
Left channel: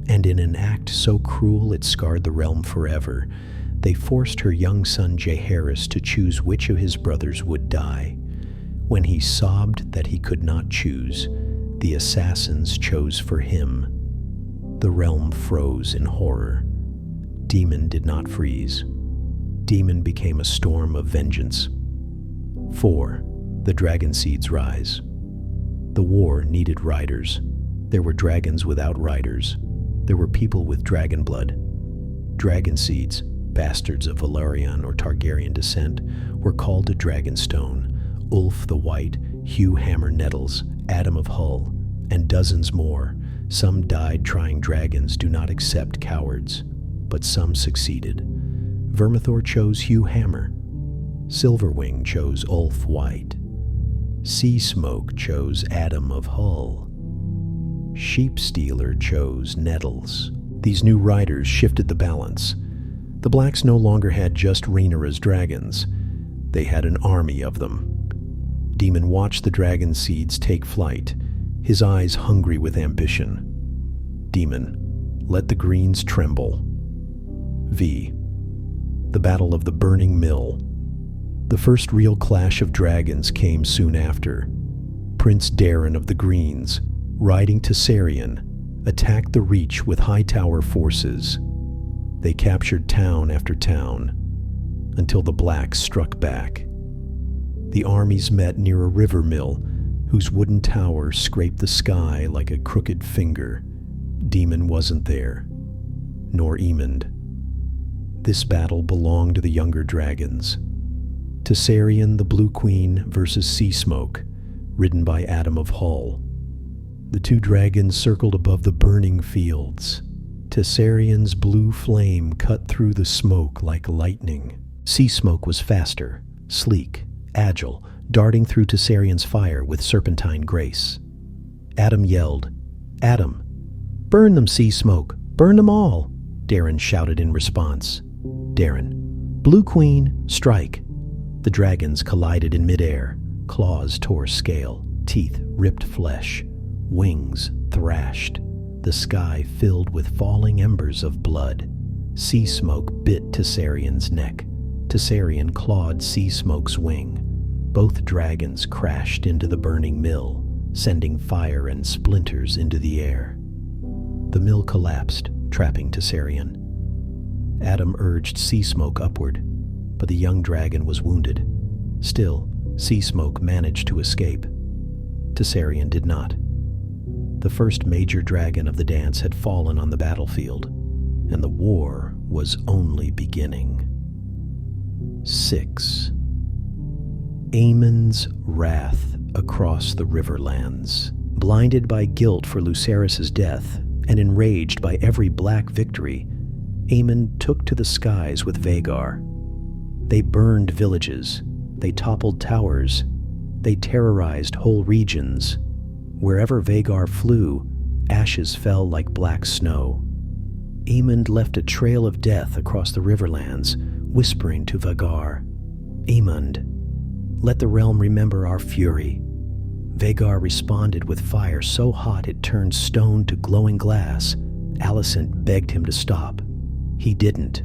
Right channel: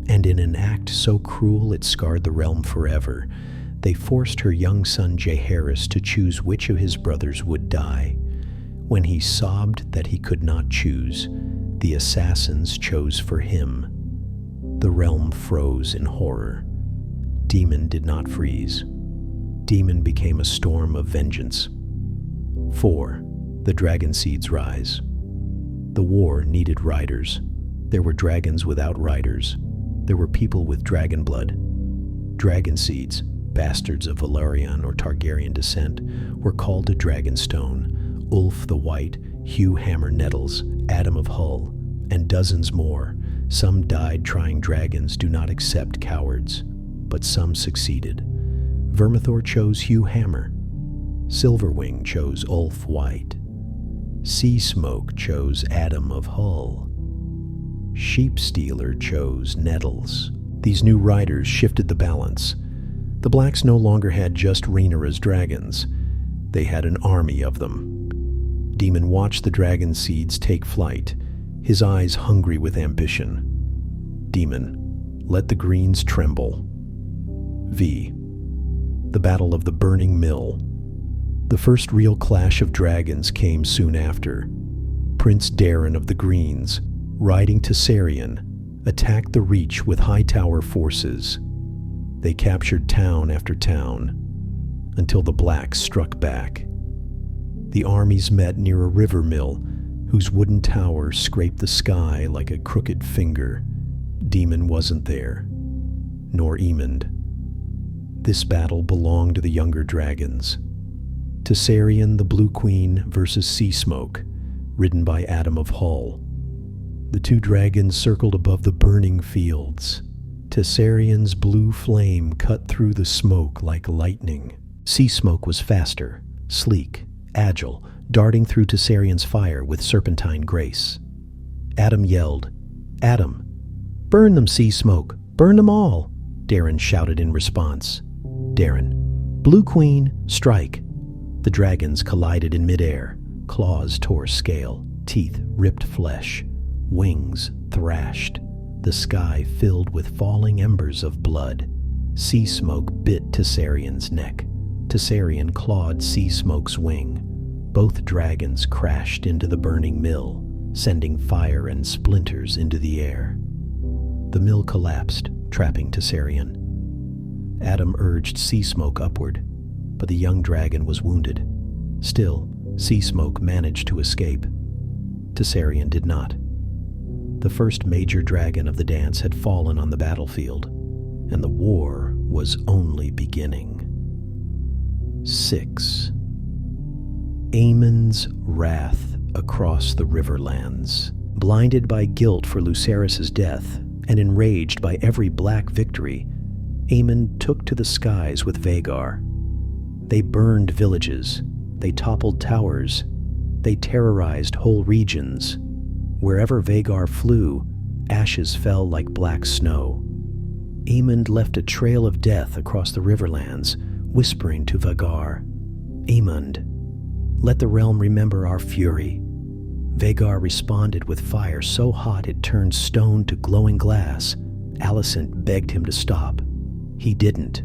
and in an act so cruel it scarred the realm forever, they forced her young son Jaehaerys to choose which of his brothers would die. When he sobbed that he could not choose, the assassins chose for him. The realm froze in horror. Daemon did not freeze. Daemon became a storm of vengeance. 4. The dragon seeds rise. The war needed riders. There were dragons without riders. There were people with dragon blood. Dragon seeds, bastards of Balerion or Targaryen descent, were called to Dragonstone. Ulf the White, Hugh Hammer Nettles, Adam of Hull, and dozens more. Some died trying dragons. Do not accept cowards, but some succeeded. Vermithor chose Hugh Hammer. Silverwing chose Ulf White. Sea Smoke chose Adam of Hull. Sheepstealer chose Nettles. These new riders shifted the balance. The Blacks no longer had just Rhaenyra's dragons. They had an army of them. Daemon watched the dragon seeds take flight, his eyes hungry with ambition. Daemon, let the Greens tremble. V. The Battle of the Burning Mill. The first real clash of dragons came soon after. Prince Daeron of the Greens, riding Viserion, attacked the Reach with Hightower forces. They captured town after town, until the Blacks struck back. The armies met near a river mill, whose wooden tower scraped the sky like a crooked finger. Daemon wasn't there, nor Aemond. This battle belonged to the younger dragons. Viserion the Blue Queen versus Sea Smoke, ridden by Adam of Hull. The two dragons circled above the burning fields. Viserion's blue flame cut through the smoke like lightning. Sea Smoke was faster, sleek, agile, darting through Viserion's fire with serpentine grace. Adam yelled, "Adam! Burn them, Sea Smoke! Burn them all!" Daeron shouted in response. Daeron, "Blue Queen, strike!" The dragons collided in midair. Claws tore scale, teeth ripped flesh, wings thrashed. The sky filled with falling embers of blood. Sea Smoke bit Viserion's neck. Viserion clawed Sea Smoke's wing. Both dragons crashed into the burning mill, sending fire and splinters into the air. The mill collapsed, trapping Viserion. Adam urged Sea Smoke upward, but the young dragon was wounded. Still, Sea Smoke managed to escape. Viserion did not. The first major dragon of the dance had fallen on the battlefield, and the war was only beginning. 6. Aemon's wrath across the Riverlands. Blinded by guilt for Lucerys' death, and enraged by every black victory, Aemon took to the skies with Vhagar. They burned villages, they toppled towers, they terrorized whole regions. Wherever Vhagar flew, ashes fell like black snow. Aemon left a trail of death across the Riverlands, whispering to Vhagar, "Aemond, let the realm remember our fury." Vhagar responded with fire so hot it turned stone to glowing glass. Alicent begged him to stop. He didn't.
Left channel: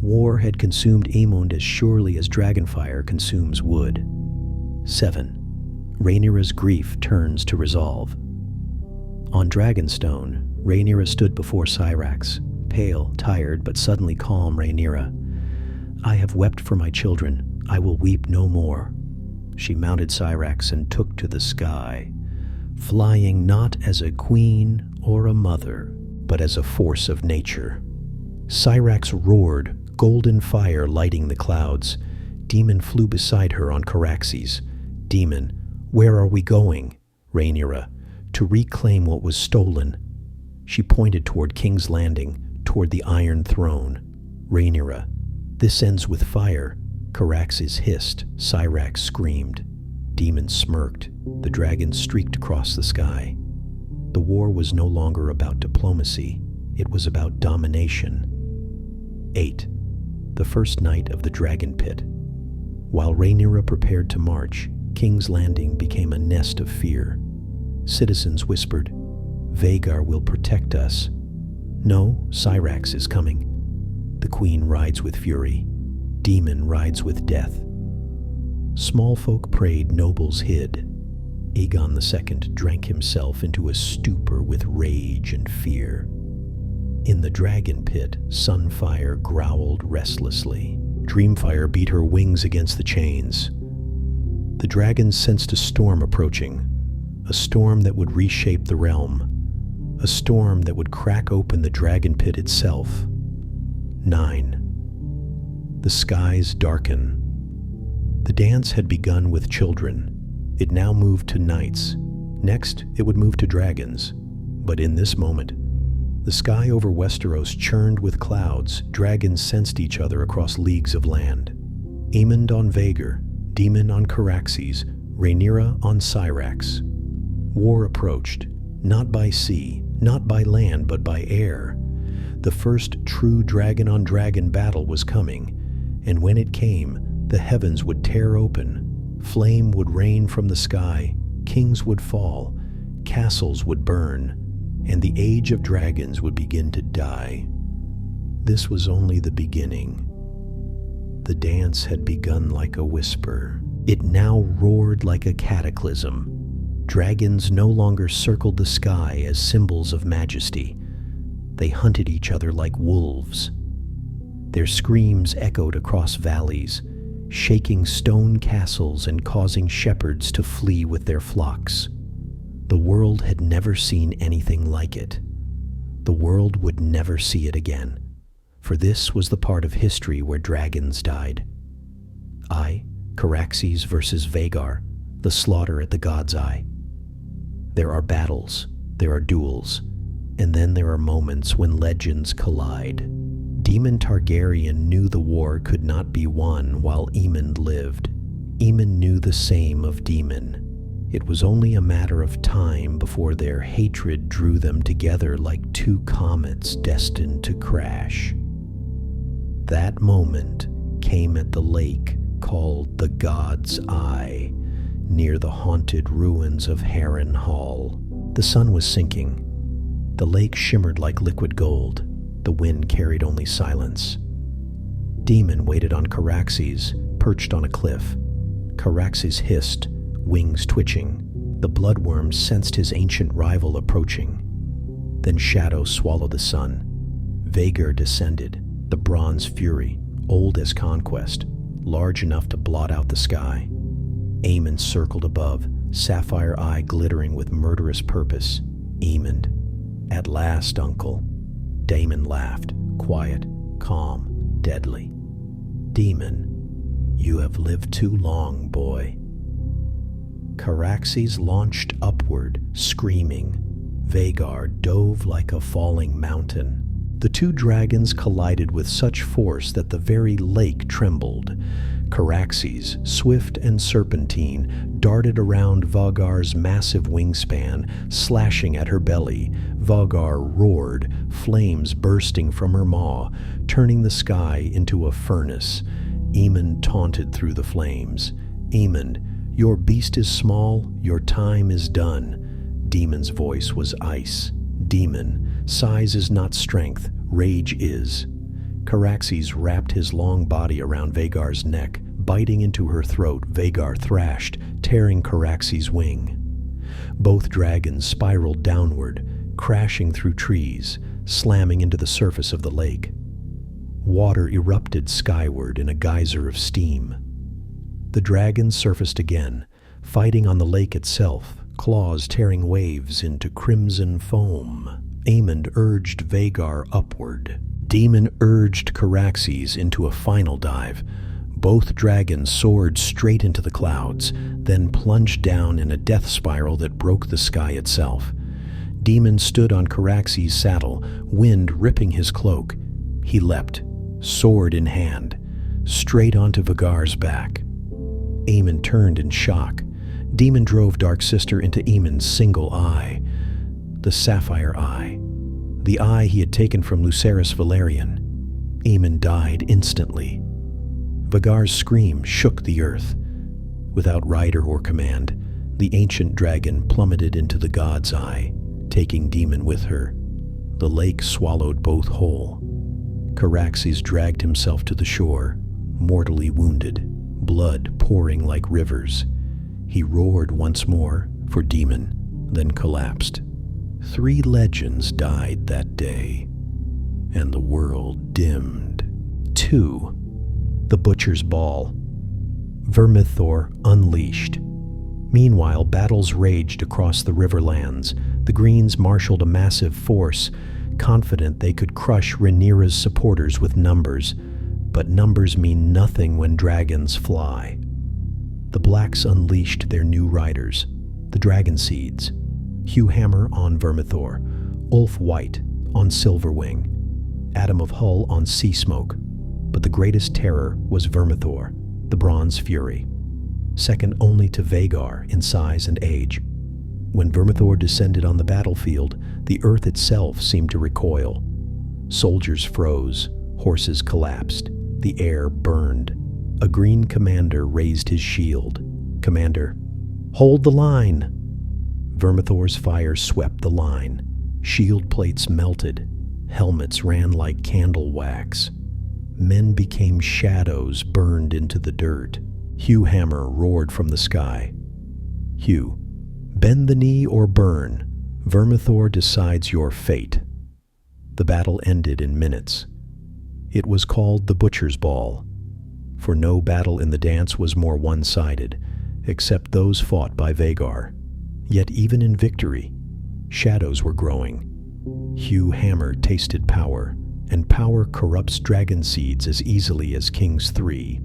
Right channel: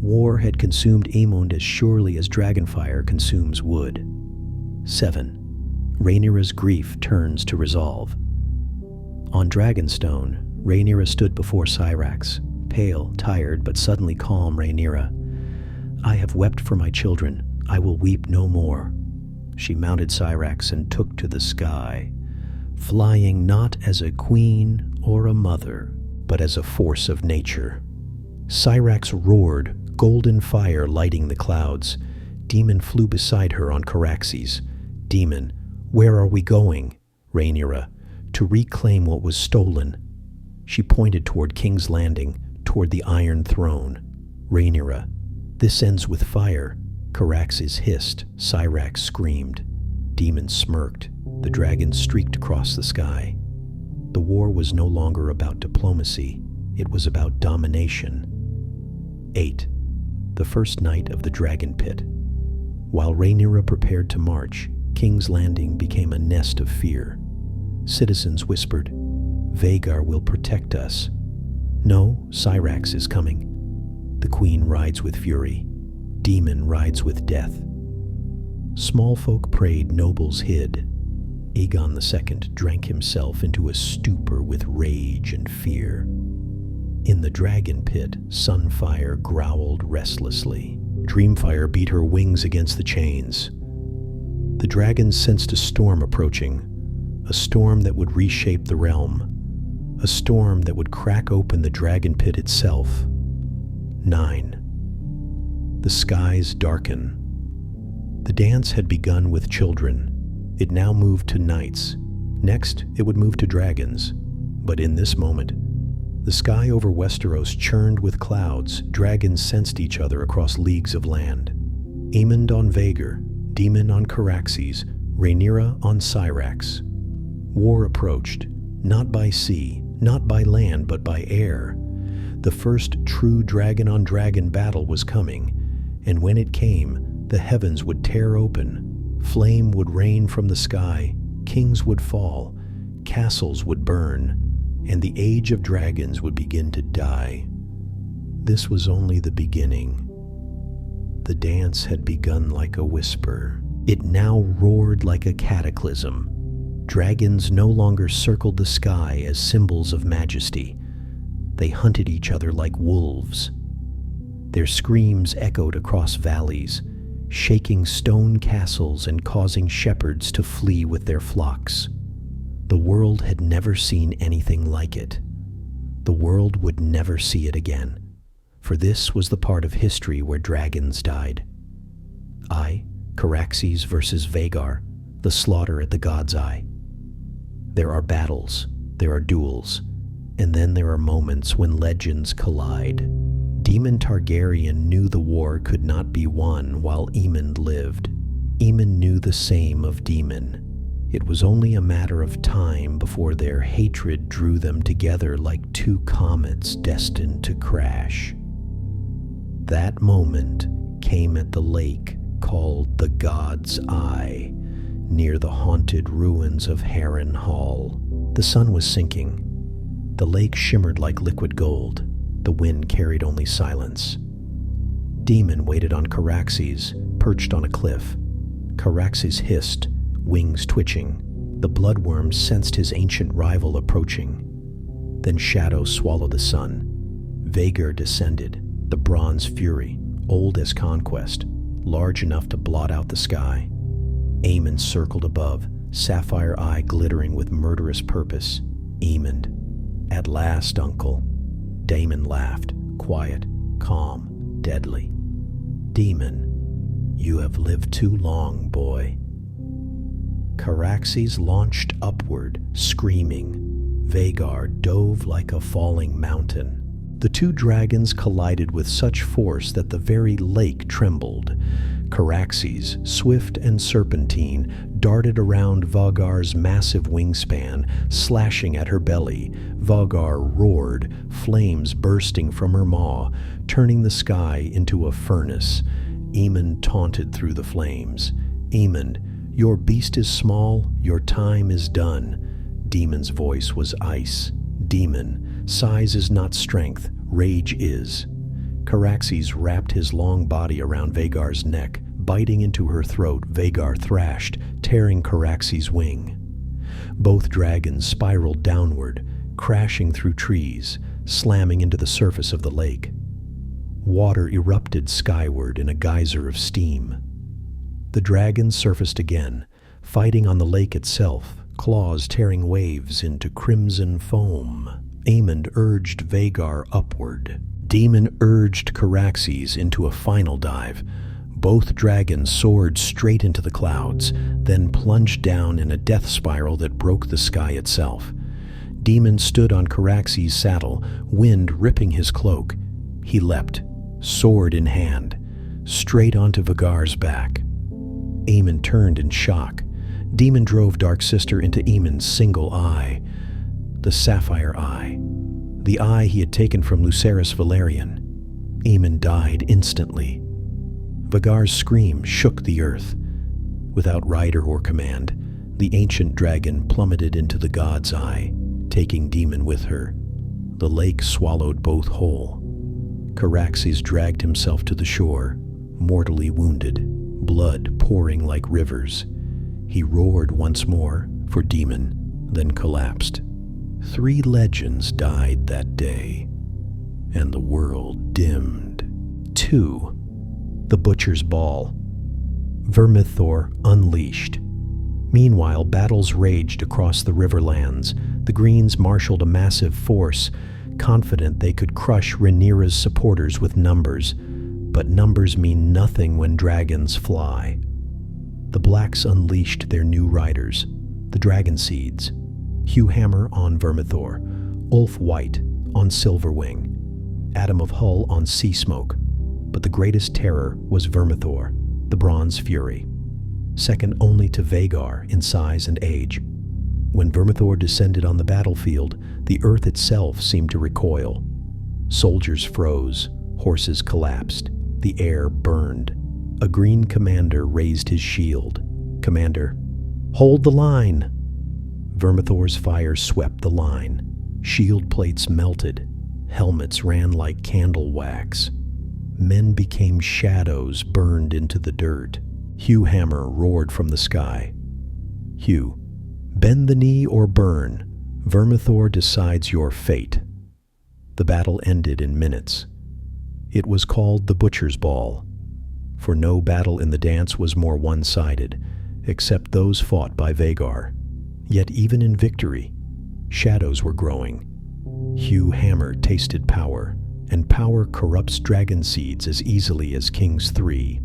War had consumed Aemond as surely as dragonfire consumes wood. 7. Rhaenyra's grief turns to resolve. On Dragonstone, Rhaenyra stood before Syrax, pale, tired, but suddenly calm Rhaenyra. "I have wept for my children. I will weep no more." She mounted Syrax and took to the sky, flying not as a queen or a mother, but as a force of nature. Syrax roared, golden fire lighting the clouds. Daemon flew beside her on Caraxes. "Daemon, where are we going?" Rhaenyra, "To reclaim what was stolen." She pointed toward King's Landing, toward the Iron Throne. Rhaenyra, "This ends with fire." Caraxes hissed. Syrax screamed. Daemon smirked. The dragons streaked across the sky. The war was no longer about diplomacy. It was about domination. 8. The first night of the Dragon Pit. While Rhaenyra prepared to march, King's Landing became a nest of fear. Citizens whispered, "Vhagar will protect us." "No, Syrax is coming." The queen rides with fury. Daemon rides with death. Small folk prayed, nobles hid. Aegon II drank himself into a stupor with rage and fear. In the dragon pit, Sunfire growled restlessly. Dreamfire beat her wings against the chains. The dragons sensed a storm approaching, a storm that would reshape the realm, a storm that would crack open the dragon pit itself. 9. The skies darken. The dance had begun with children. It now moved to knights. Next, it would move to dragons. But in this moment, the sky over Westeros churned with clouds. Dragons sensed each other across leagues of land. Aemond on Vhagar, Daemon on Caraxes, Rhaenyra on Syrax. War approached, not by sea, not by land, but by air. The first true dragon-on-dragon battle was coming, and when it came, the heavens would tear open, flame would rain from the sky, kings would fall, castles would burn, and the age of dragons would begin to die. This was only the beginning. The dance had begun like a whisper. It now roared like a cataclysm. Dragons no longer circled the sky as symbols of majesty. They hunted each other like wolves. Their screams echoed across valleys, shaking stone castles and causing shepherds to flee with their flocks. The world had never seen anything like it. The world would never see it again, for this was the part of history where dragons died. Caraxes versus Vhagar, the slaughter at the God's Eye. There are battles, there are duels, and then there are moments when legends collide. Daemon Targaryen knew the war could not be won while Aemon lived. Aemon knew the same of Daemon. It was only a matter of time before their hatred drew them together like two comets destined to crash. That moment came at the lake called the God's Eye, near the haunted ruins of Harrenhal. The sun was sinking. The lake shimmered like liquid gold. The wind carried only silence. Daemon waited on Caraxes, perched on a cliff. Caraxes hissed, wings twitching. The bloodworm sensed his ancient rival approaching. Then shadow swallowed the sun. Vhagar descended, the Bronze Fury, old as conquest, large enough to blot out the sky. Aemon circled above, sapphire eye glittering with murderous purpose. Aemon. At last, uncle. Daemon laughed, quiet, calm, deadly. Daemon, you have lived too long, boy. Caraxes launched upward, screaming. Vhagar dove like a falling mountain. The two dragons collided with such force that the very lake trembled. Caraxes, swift and serpentine, darted around Vhagar's massive wingspan, slashing at her belly. Vhagar roared, flames bursting from her maw, turning the sky into a furnace. Aemon taunted through the flames. Aemon, your beast is small, your time is done. Daemon's voice was ice. Daemon, size is not strength, rage is. Caraxes wrapped his long body around Vhagar's neck, biting into her throat. Vhagar thrashed, tearing Caraxes' wing. Both dragons spiraled downward, crashing through trees, slamming into the surface of the lake. Water erupted skyward in a geyser of steam. The dragons surfaced again, fighting on the lake itself, claws tearing waves into crimson foam. Aemon urged Vhagar upward. Daemon urged Caraxes into a final dive. Both dragons soared straight into the clouds, then plunged down in a death spiral that broke the sky itself. Daemon stood on Caraxes' saddle, wind ripping his cloak. He leapt, sword in hand, straight onto Vhagar's back. Aemon turned in shock. Daemon drove Dark Sister into Aemon's single eye, the sapphire eye, the eye he had taken from Lucerys Valerian. Aemon died instantly. Vhagar's scream shook the earth. Without rider or command, the ancient dragon plummeted into the God's Eye, taking Daemon with her. The lake swallowed both whole. Caraxes dragged himself to the shore, mortally wounded, blood pouring like rivers. He roared once more for Daemon, then collapsed. 3 legends died that day, and the world dimmed. 2. The Butcher's Ball. Vermithor unleashed. Meanwhile, battles raged across the Riverlands. The Greens marshaled a massive force, confident they could crush Rhaenyra's supporters with numbers. But numbers mean nothing when dragons fly. The Blacks unleashed their new riders, the Dragon Seeds. Hugh Hammer on Vermithor, Ulf White on Silverwing, Adam of Hull on Sea Smoke. But the greatest terror was Vermithor, the Bronze Fury, second only to Vhagar in size and age. When Vermithor descended on the battlefield, the earth itself seemed to recoil. Soldiers froze, horses collapsed, the air burned. A green commander raised his shield. Commander, hold the line! Vermithor's fire swept the line. Shield plates melted. Helmets ran like candle wax. Men became shadows burned into the dirt. Hugh Hammer roared from the sky. Hugh, bend the knee or burn. Vermithor decides your fate. The battle ended in minutes. It was called the Butcher's Ball, for no battle in the dance was more one-sided, except those fought by Vhagar. Yet even in victory, shadows were growing. Hugh Hammer tasted power, and power corrupts dragon seeds as easily as King's 3.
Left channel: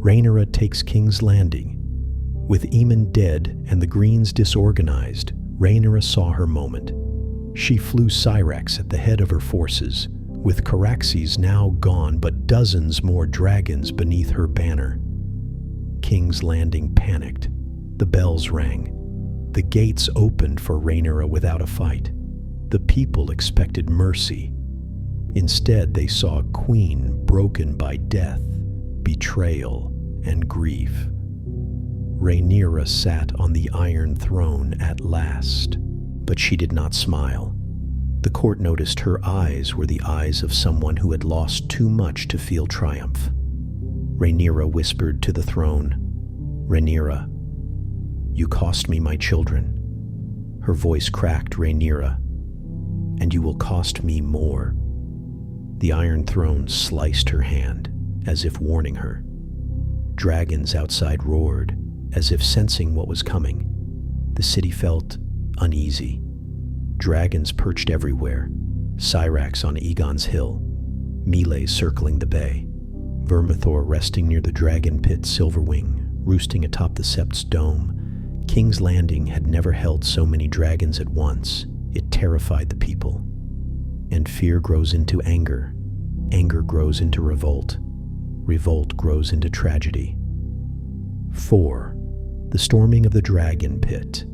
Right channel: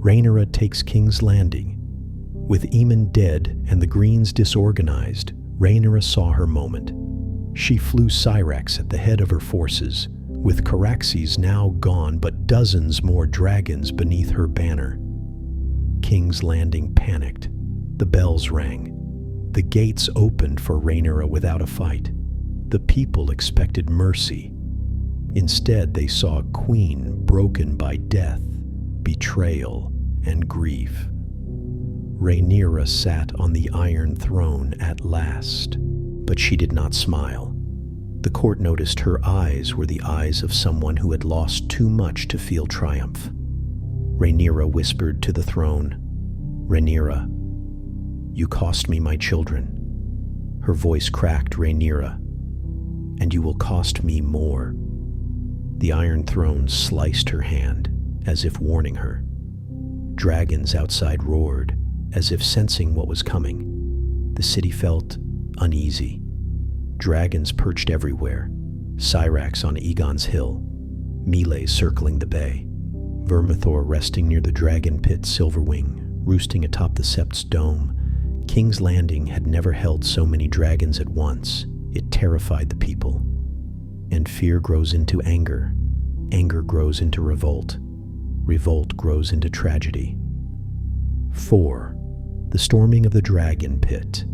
Rhaenyra takes King's Landing. With Aemon dead and the Greens disorganized, Rhaenyra saw her moment. She flew Syrax at the head of her forces, with Caraxes now gone but dozens more dragons beneath her banner. King's Landing panicked. The bells rang. The gates opened for Rhaenyra without a fight. The people expected mercy. Instead, they saw a queen broken by death, betrayal, and grief. Rhaenyra sat on the Iron Throne at last, but she did not smile. The court noticed her eyes were the eyes of someone who had lost too much to feel triumph. Rhaenyra whispered to the throne, "Rhaenyra, you cost me my children." Her voice cracked, "Rhaenyra, and you will cost me more." The Iron Throne sliced her hand, as if warning her. Dragons outside roared, as if sensing what was coming. The city felt uneasy. Dragons perched everywhere, Syrax on Aegon's hill, Melees circling the bay, Vermithor resting near the dragon pit Silverwing, roosting atop the Sept's dome. King's Landing had never held so many dragons at once. It terrified the people. And fear grows into anger. Anger grows into revolt. Revolt grows into tragedy. 4. The storming of the dragon pit.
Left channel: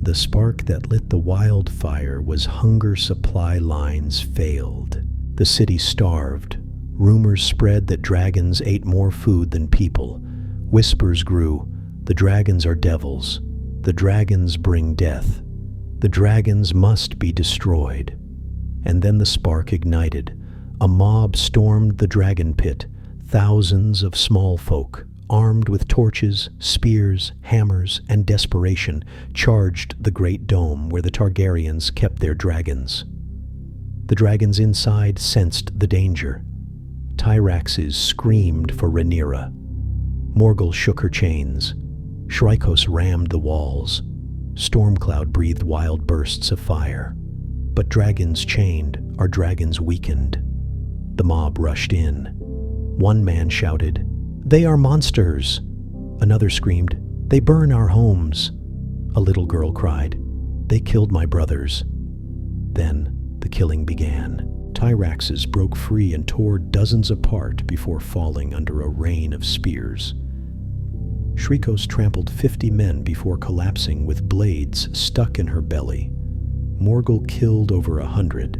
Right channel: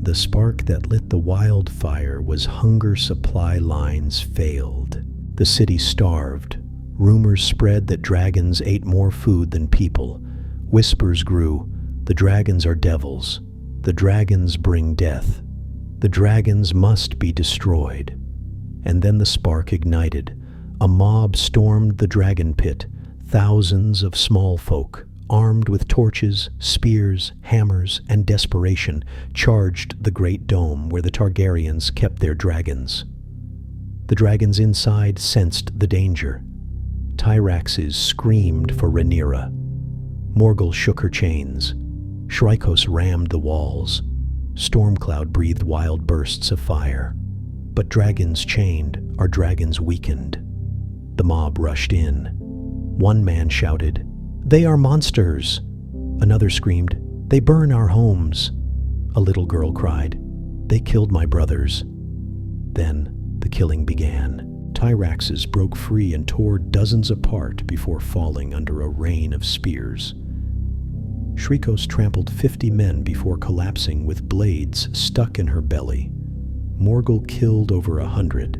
The spark that lit the wildfire was hunger supply lines failed. The city starved. Rumors spread that dragons ate more food than people. Whispers grew, "The dragons are devils. The dragons bring death. The dragons must be destroyed." And then the spark ignited. A mob stormed the dragon pit. Thousands of small folk, armed with torches, spears, hammers, and desperation, charged the great dome where the Targaryens kept their dragons. The dragons inside sensed the danger. Tyraxes screamed for Rhaenyra. Morgul shook her chains. Shrykos rammed the walls. Stormcloud breathed wild bursts of fire. But dragons chained are dragons weakened. The mob rushed in. One man shouted, "They are monsters!" Another screamed, "They burn our homes!" A little girl cried, "They killed my brothers." Then the killing began. Tyraxes broke free and tore dozens apart before falling under a rain of spears. Shrykos trampled 50 men before collapsing with blades stuck in her belly. Morgul killed over 100,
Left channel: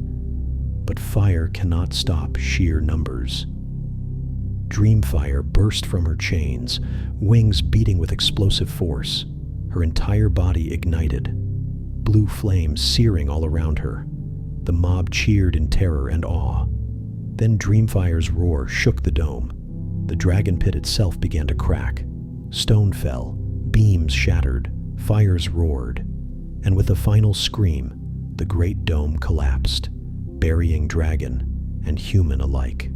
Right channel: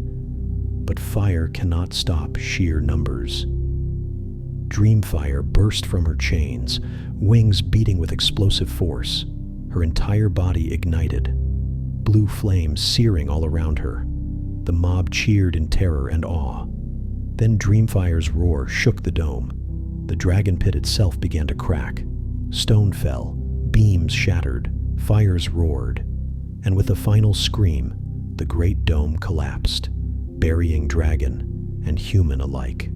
but fire cannot stop sheer numbers. Dreamfire burst from her chains, wings beating with explosive force. Her entire body ignited, blue flames searing all around her. The mob cheered in terror and awe. Then Dreamfire's roar shook the dome. The dragon pit itself began to crack. Stone fell, beams shattered, fires roared, and with a final scream, the great dome collapsed, burying dragon and human alike.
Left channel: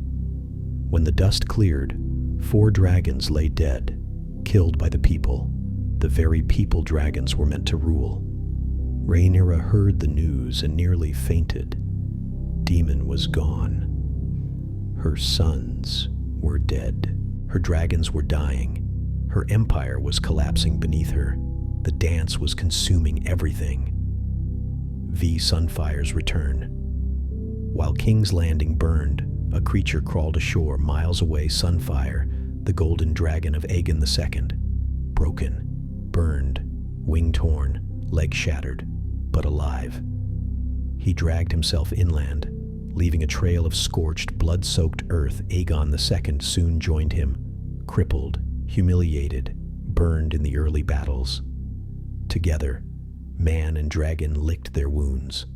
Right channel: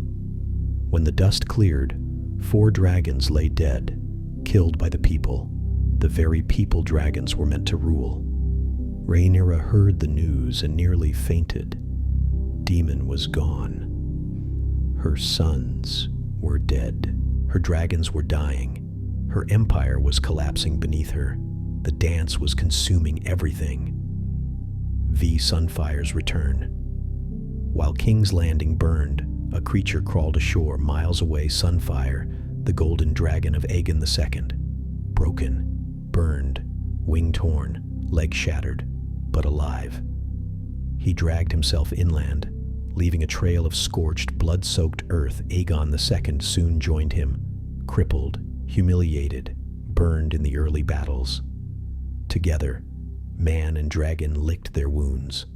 When the dust cleared, 4 dragons lay dead, killed by the people, the very people dragons were meant to rule. Rhaenyra heard the news and nearly fainted. Daemon was gone. Her sons were dead. Her dragons were dying. Her empire was collapsing beneath her. The dance was consuming everything. Sunfire's return. While King's Landing burned, a creature crawled ashore miles away. Sunfire, the golden dragon of Aegon II. Broken, burned, wing torn, leg shattered, but alive. He dragged himself inland, leaving a trail of scorched, blood-soaked earth. Aegon II soon joined him, crippled, humiliated, burned in the early battles. Together, man and dragon licked their wounds.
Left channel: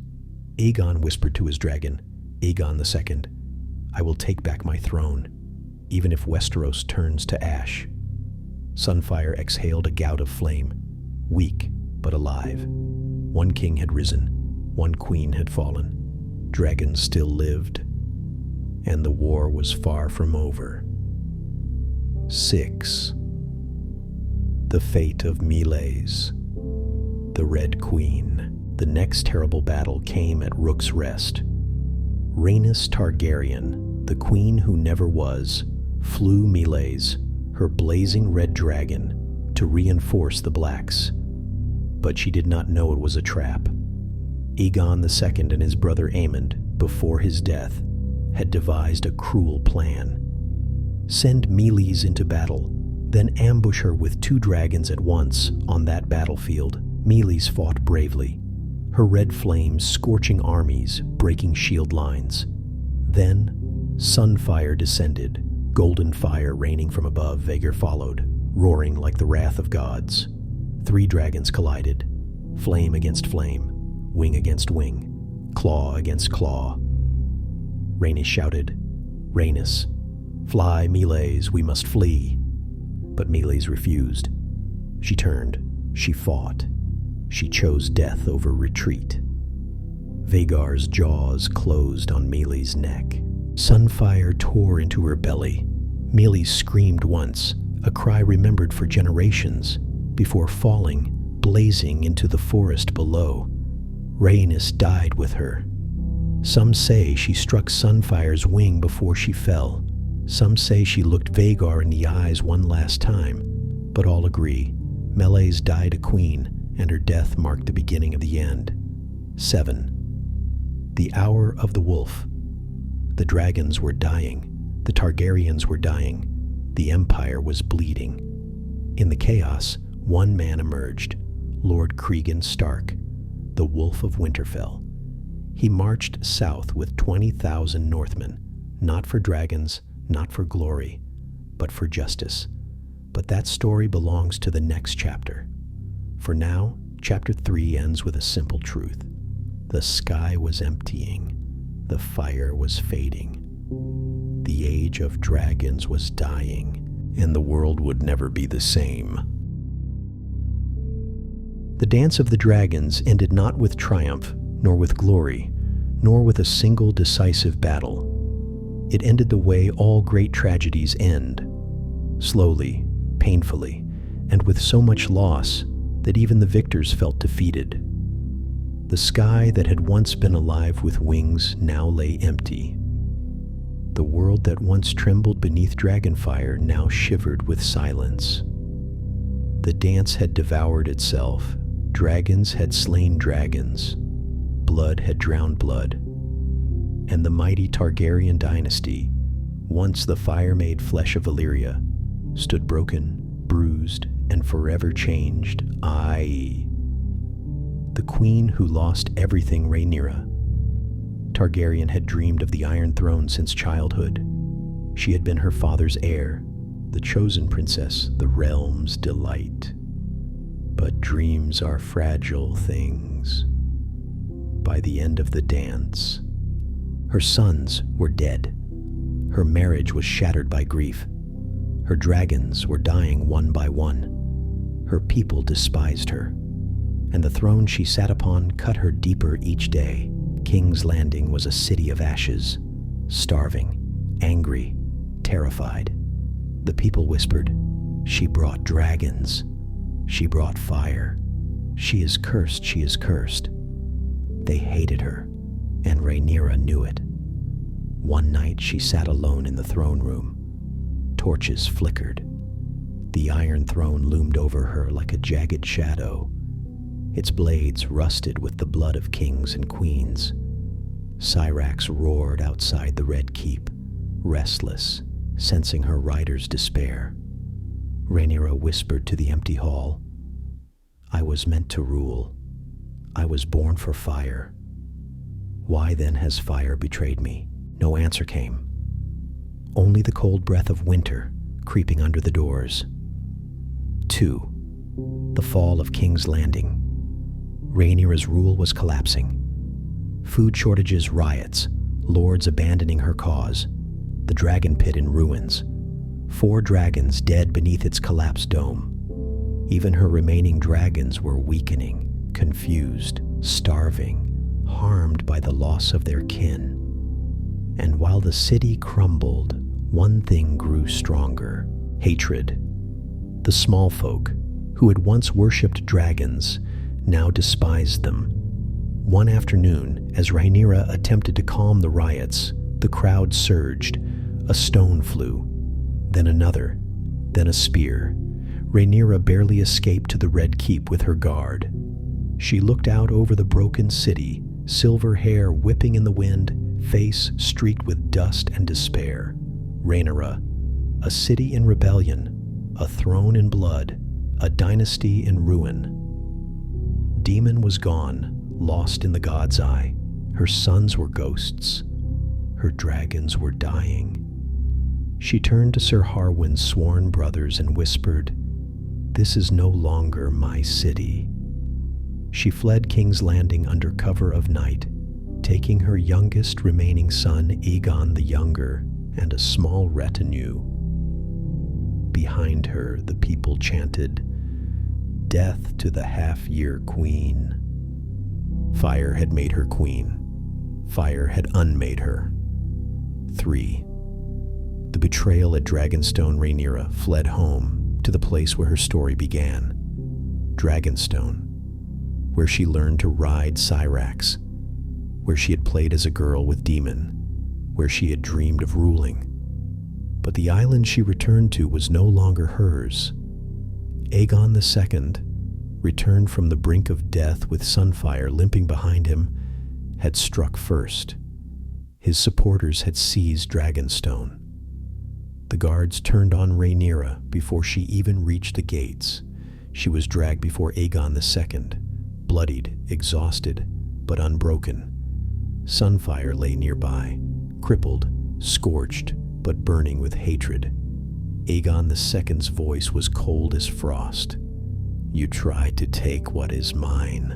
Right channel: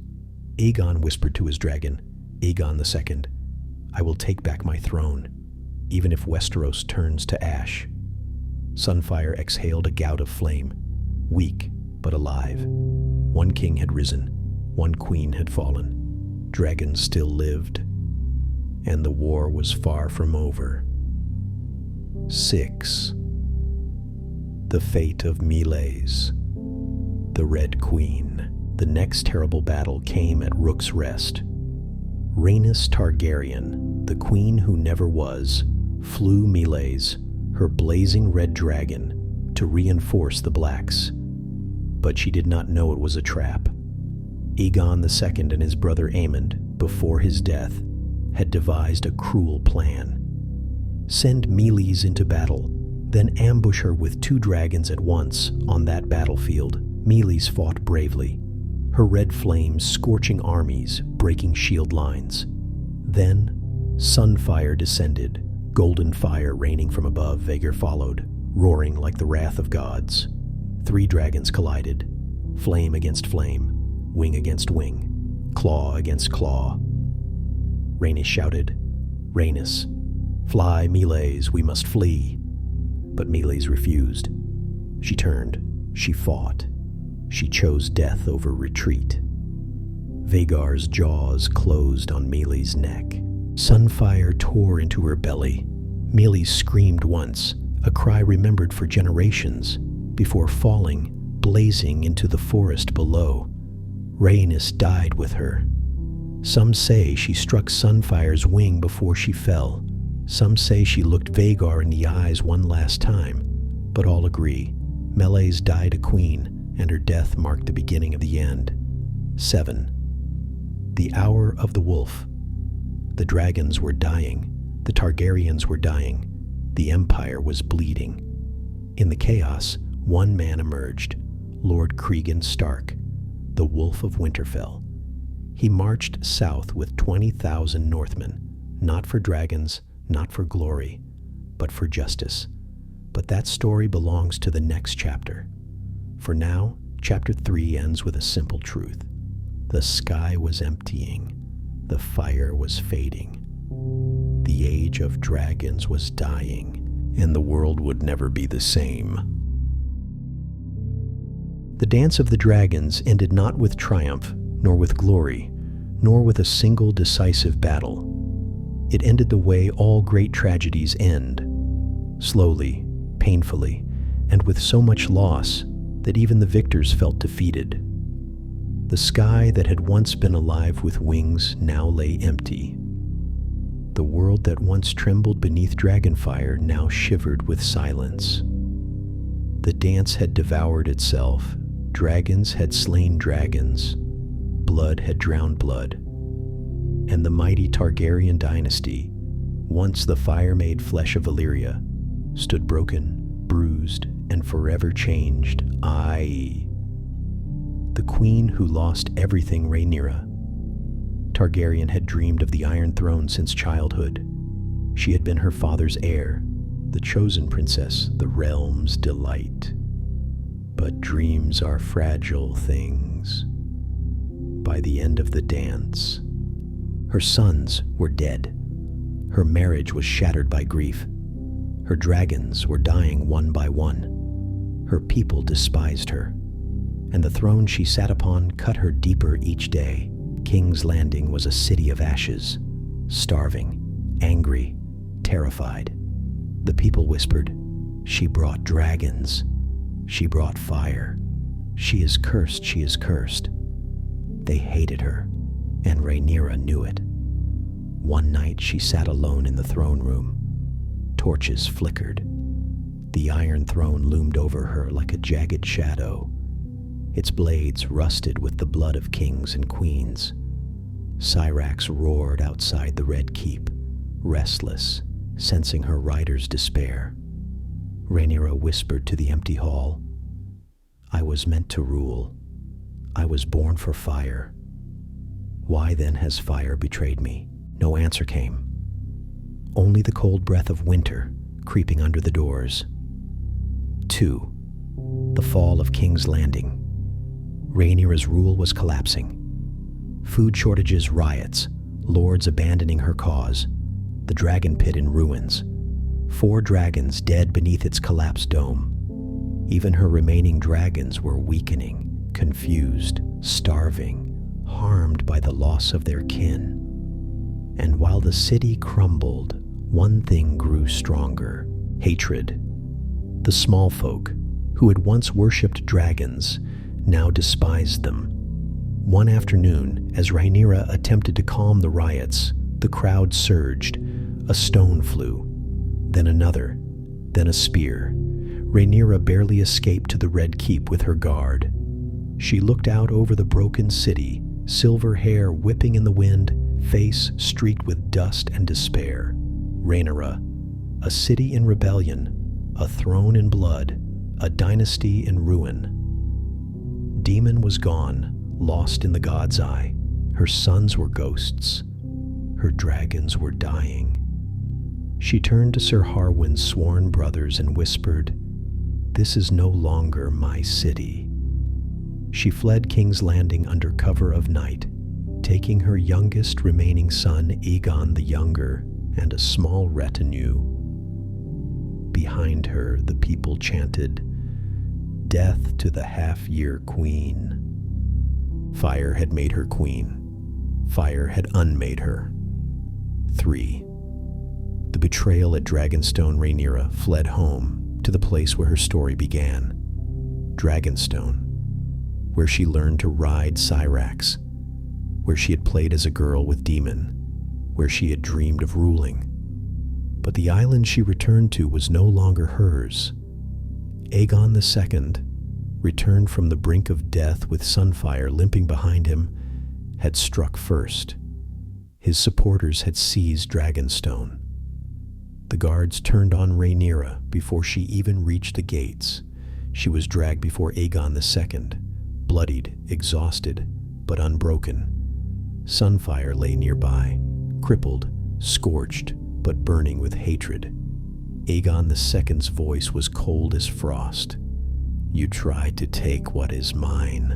Aegon whispered to his dragon, Aegon II, I will take back my throne, even if Westeros turns to ash." Sunfire exhaled a gout of flame, weak but alive. One king had risen, one queen had fallen. Dragons still lived, and the war was far from over. 6. The Fate of Meleys. The Red Queen. The next terrible battle came at Rook's Rest. Rhaenys Targaryen, the queen who never was, flew Meleys, her blazing red dragon, to reinforce the Blacks. But she did not know it was a trap. Aegon II and his brother Aemond, before his death, had devised a cruel plan. Send Meleys into battle, then ambush her with 2 dragons at once on that battlefield. Meleys fought bravely, her red flames scorching armies, breaking shield lines. Then, Sunfire descended, golden fire raining from above. Vhagar followed, roaring like the wrath of gods. 3 dragons collided, flame against flame, wing against wing, claw against claw. Rhaenys shouted, "Rhaenys, fly, Meleys, we must flee." But Meleys refused. She turned, she fought. She chose death over retreat. Vhagar's jaws closed on Meleys' neck. Sunfire tore into her belly. Meleys screamed once, a cry remembered for generations, before falling, blazing into the forest below. Rhaenys died with her. Some say she struck Sunfire's wing before she fell. Some say she looked Vhagar in the eyes one last time, but all agree Meleys died a queen, and her death marked the beginning of the end. 7. The Hour of the Wolf. The dragons were dying. The Targaryens were dying. The Empire was bleeding. In the chaos, one man emerged, Lord Cregan Stark, the Wolf of Winterfell. He marched south with 20,000 Northmen, not for dragons, not for glory, but for justice. But that story belongs to the next chapter. For now, chapter 3 ends with a simple truth. The sky was emptying. The fire was fading. The age of dragons was dying, and the world would never be the same. The Dance of the Dragons ended not with triumph, nor with glory, nor with a single decisive battle. It ended the way all great tragedies end, slowly, painfully, and with so much loss that even the victors felt defeated. The sky that had once been alive with wings now lay empty. The world that once trembled beneath dragonfire now shivered with silence. The dance had devoured itself. Dragons had slain dragons. Blood had drowned blood. And the mighty Targaryen dynasty, once the fire-made flesh of Valyria, stood broken, bruised, and forever changed. The queen who lost everything, Rhaenyra. Targaryen had dreamed of the Iron Throne since childhood. She had been her father's heir, the chosen princess, the realm's delight. But dreams are fragile things. By the end of the dance, her sons were dead. Her marriage was shattered by grief. Her dragons were dying one by one. Her people despised her, and the throne she sat upon cut her deeper each day. King's Landing was a city of ashes, starving, angry, terrified. The people whispered, "She brought dragons. She brought fire. She is cursed, she is cursed." They hated her, and Rhaenyra knew it. One night she sat alone in the throne room. Torches flickered. The Iron Throne loomed over her like a jagged shadow. Its blades rusted with the blood of kings and queens. Syrax roared outside the Red Keep, restless, sensing her riders' despair. Rhaenyra whispered to the empty hall, "I was meant to rule. I was born for fire. Why then has fire betrayed me?" No answer came. Only the cold breath of winter creeping under the doors. 2. The fall of King's Landing. Rhaenyra's rule was collapsing. Food shortages, riots, lords abandoning her cause. the dragon pit in ruins, 4 dragons dead beneath its collapsed dome. Even her remaining dragons were weakening, confused, starving, harmed by the loss of their kin. And while the city crumbled, one thing grew stronger: hatred. The small folk, who had once worshipped dragons, now despised them. One afternoon, as Rhaenyra attempted to calm the riots, the crowd surged. A stone flew, then another, then a spear. Rhaenyra barely escaped to the Red Keep with her guard. She looked out over the broken city, silver hair whipping in the wind, face streaked with dust and despair. Rhaenyra, a city in rebellion, a throne in blood, a dynasty in ruin. Daemon was gone, lost in the god's eye. Her sons were ghosts. Her dragons were dying. She turned to Sir Harwin's sworn brothers and whispered, "This is no longer my city." She fled King's Landing under cover of night, taking her youngest remaining son, Aegon the Younger, and a small retinue. Behind her, the people chanted, "Death to the half-year queen." Fire had made her queen. Fire had unmade her. 3. The betrayal at Dragonstone. Rhaenyra fled home to the place where her story began. Dragonstone, where she learned to ride Syrax, where she had played as a girl with Daemon, where she had dreamed of ruling. But the island she returned to was no longer hers. Aegon II, returned from the brink of death with Sunfire limping behind him, had struck first. His supporters had seized Dragonstone. The guards turned on Rhaenyra before she even reached the gates. She was dragged before Aegon II, bloodied, exhausted, but unbroken. Sunfire lay nearby, crippled, scorched, but burning with hatred. Aegon II's voice was cold as frost. "You tried to take what is mine."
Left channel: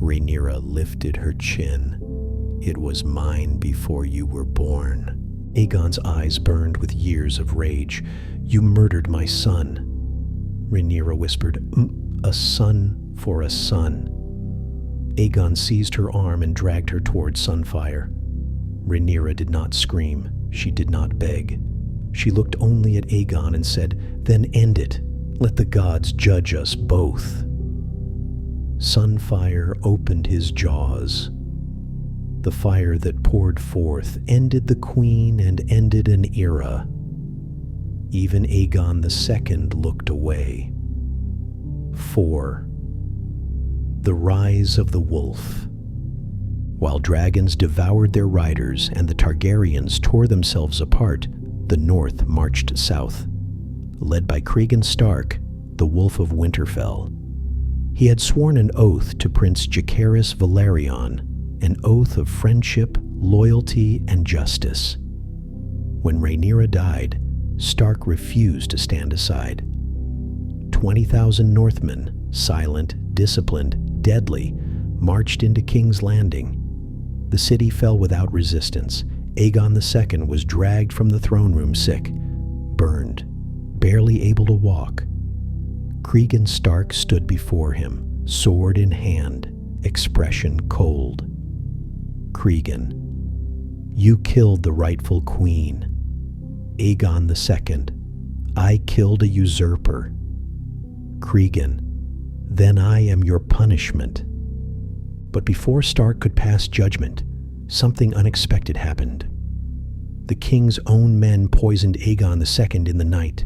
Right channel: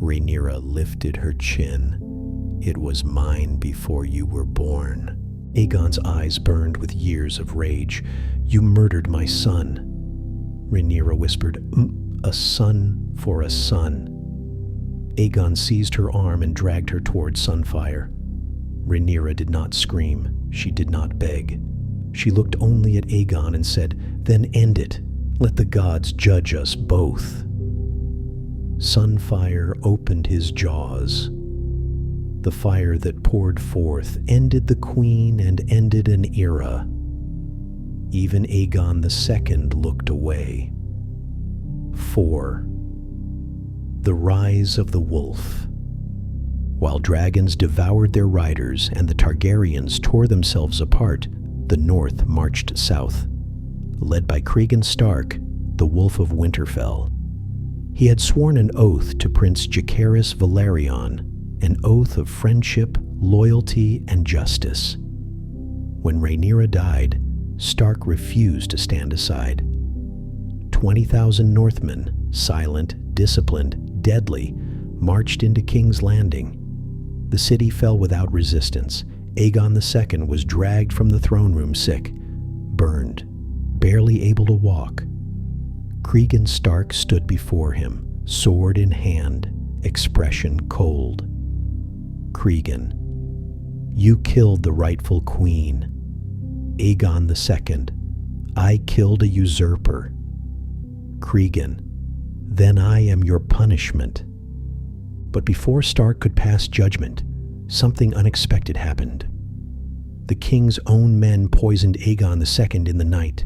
Rhaenyra lifted her chin. "It was mine before you were born." Aegon's eyes burned with years of rage. "You murdered my son." Rhaenyra whispered, "A son for a son." Aegon seized her arm and dragged her toward Sunfire. Rhaenyra did not scream. She did not beg. She looked only at Aegon and said, "Then end it. Let the gods judge us both." Sunfire opened his jaws. The fire that poured forth ended the queen and ended an era. Even Aegon II looked away. 4. The Rise of the Wolf. While dragons devoured their riders and the Targaryens tore themselves apart, the North marched south. Led by Cregan Stark, the Wolf of Winterfell. He had sworn an oath to Prince Jacaerys Balerion, an oath of friendship, loyalty, and justice. When Rhaenyra died, Stark refused to stand aside. 20,000 Northmen, silent, disciplined, deadly, marched into King's Landing. The city fell without resistance. Aegon II was dragged from the throne room sick, burned, barely able to walk. Cregan Stark stood before him, sword in hand, expression cold. "Cregan, you killed the rightful queen." Aegon II, "I killed a usurper." Cregan, "Then I am your punishment." But before Stark could pass judgment, something unexpected happened. The king's own men poisoned Aegon II in the night.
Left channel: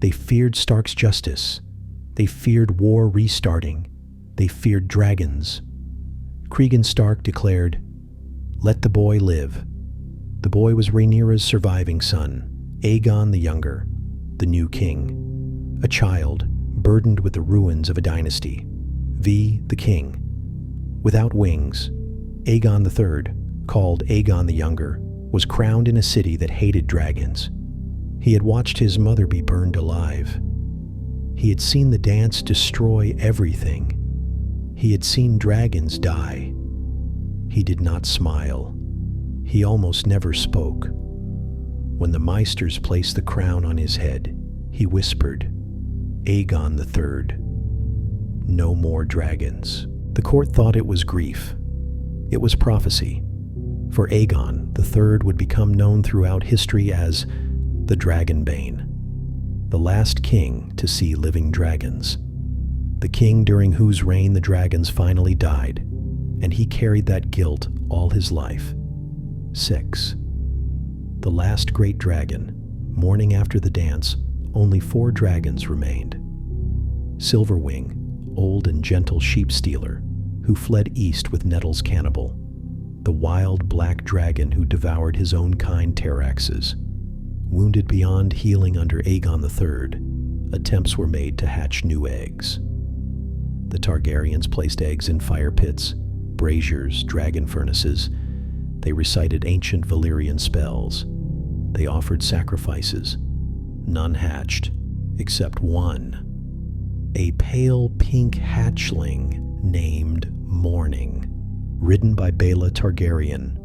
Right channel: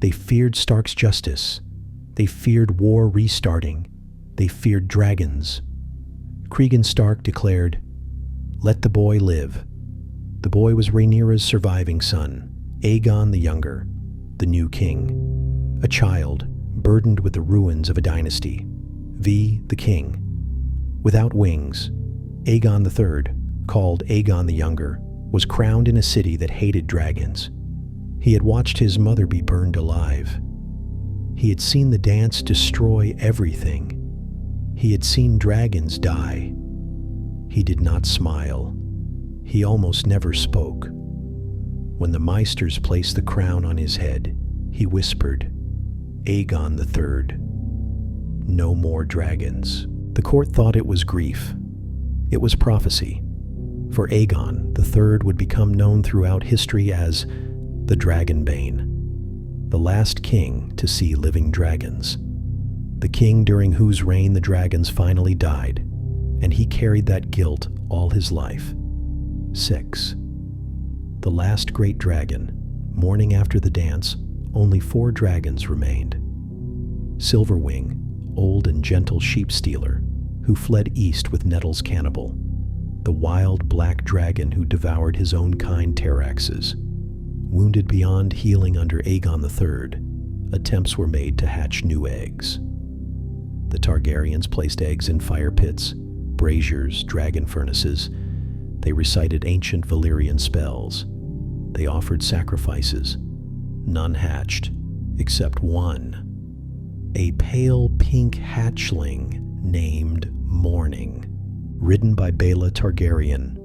They feared Stark's justice. They feared war restarting. They feared dragons. Cregan Stark declared, "Let the boy live." The boy was Rhaenyra's surviving son, Aegon the Younger, the new king. A child, burdened with the ruins of a dynasty. V, the king. Without wings, Aegon III, called Aegon the Younger, was crowned in a city that hated dragons. He had watched his mother be burned alive. He had seen the dance destroy everything. He had seen dragons die. He did not smile. He almost never spoke. When the Meisters placed the crown on his head, he whispered, "Aegon the Third, no more dragons." The court thought it was grief. It was prophecy, for Aegon the Third would become known throughout history as the Dragonbane, the last king to see living dragons, the king during whose reign the dragons finally died, and he carried that guilt all his life. 6. The last great dragon. Morning after the dance, only 4 dragons remained. Silverwing, old and gentle sheep stealer, who fled east with Nettle's cannibal. The wild black dragon who devoured his own kind Terraxes. Wounded beyond healing under Aegon III, attempts were made to hatch new eggs. The Targaryens placed eggs in fire pits, braziers, dragon furnaces. They recited ancient Valyrian spells. They offered sacrifices. None hatched, except one. A pale pink hatchling named Morning, ridden by Baela Targaryen.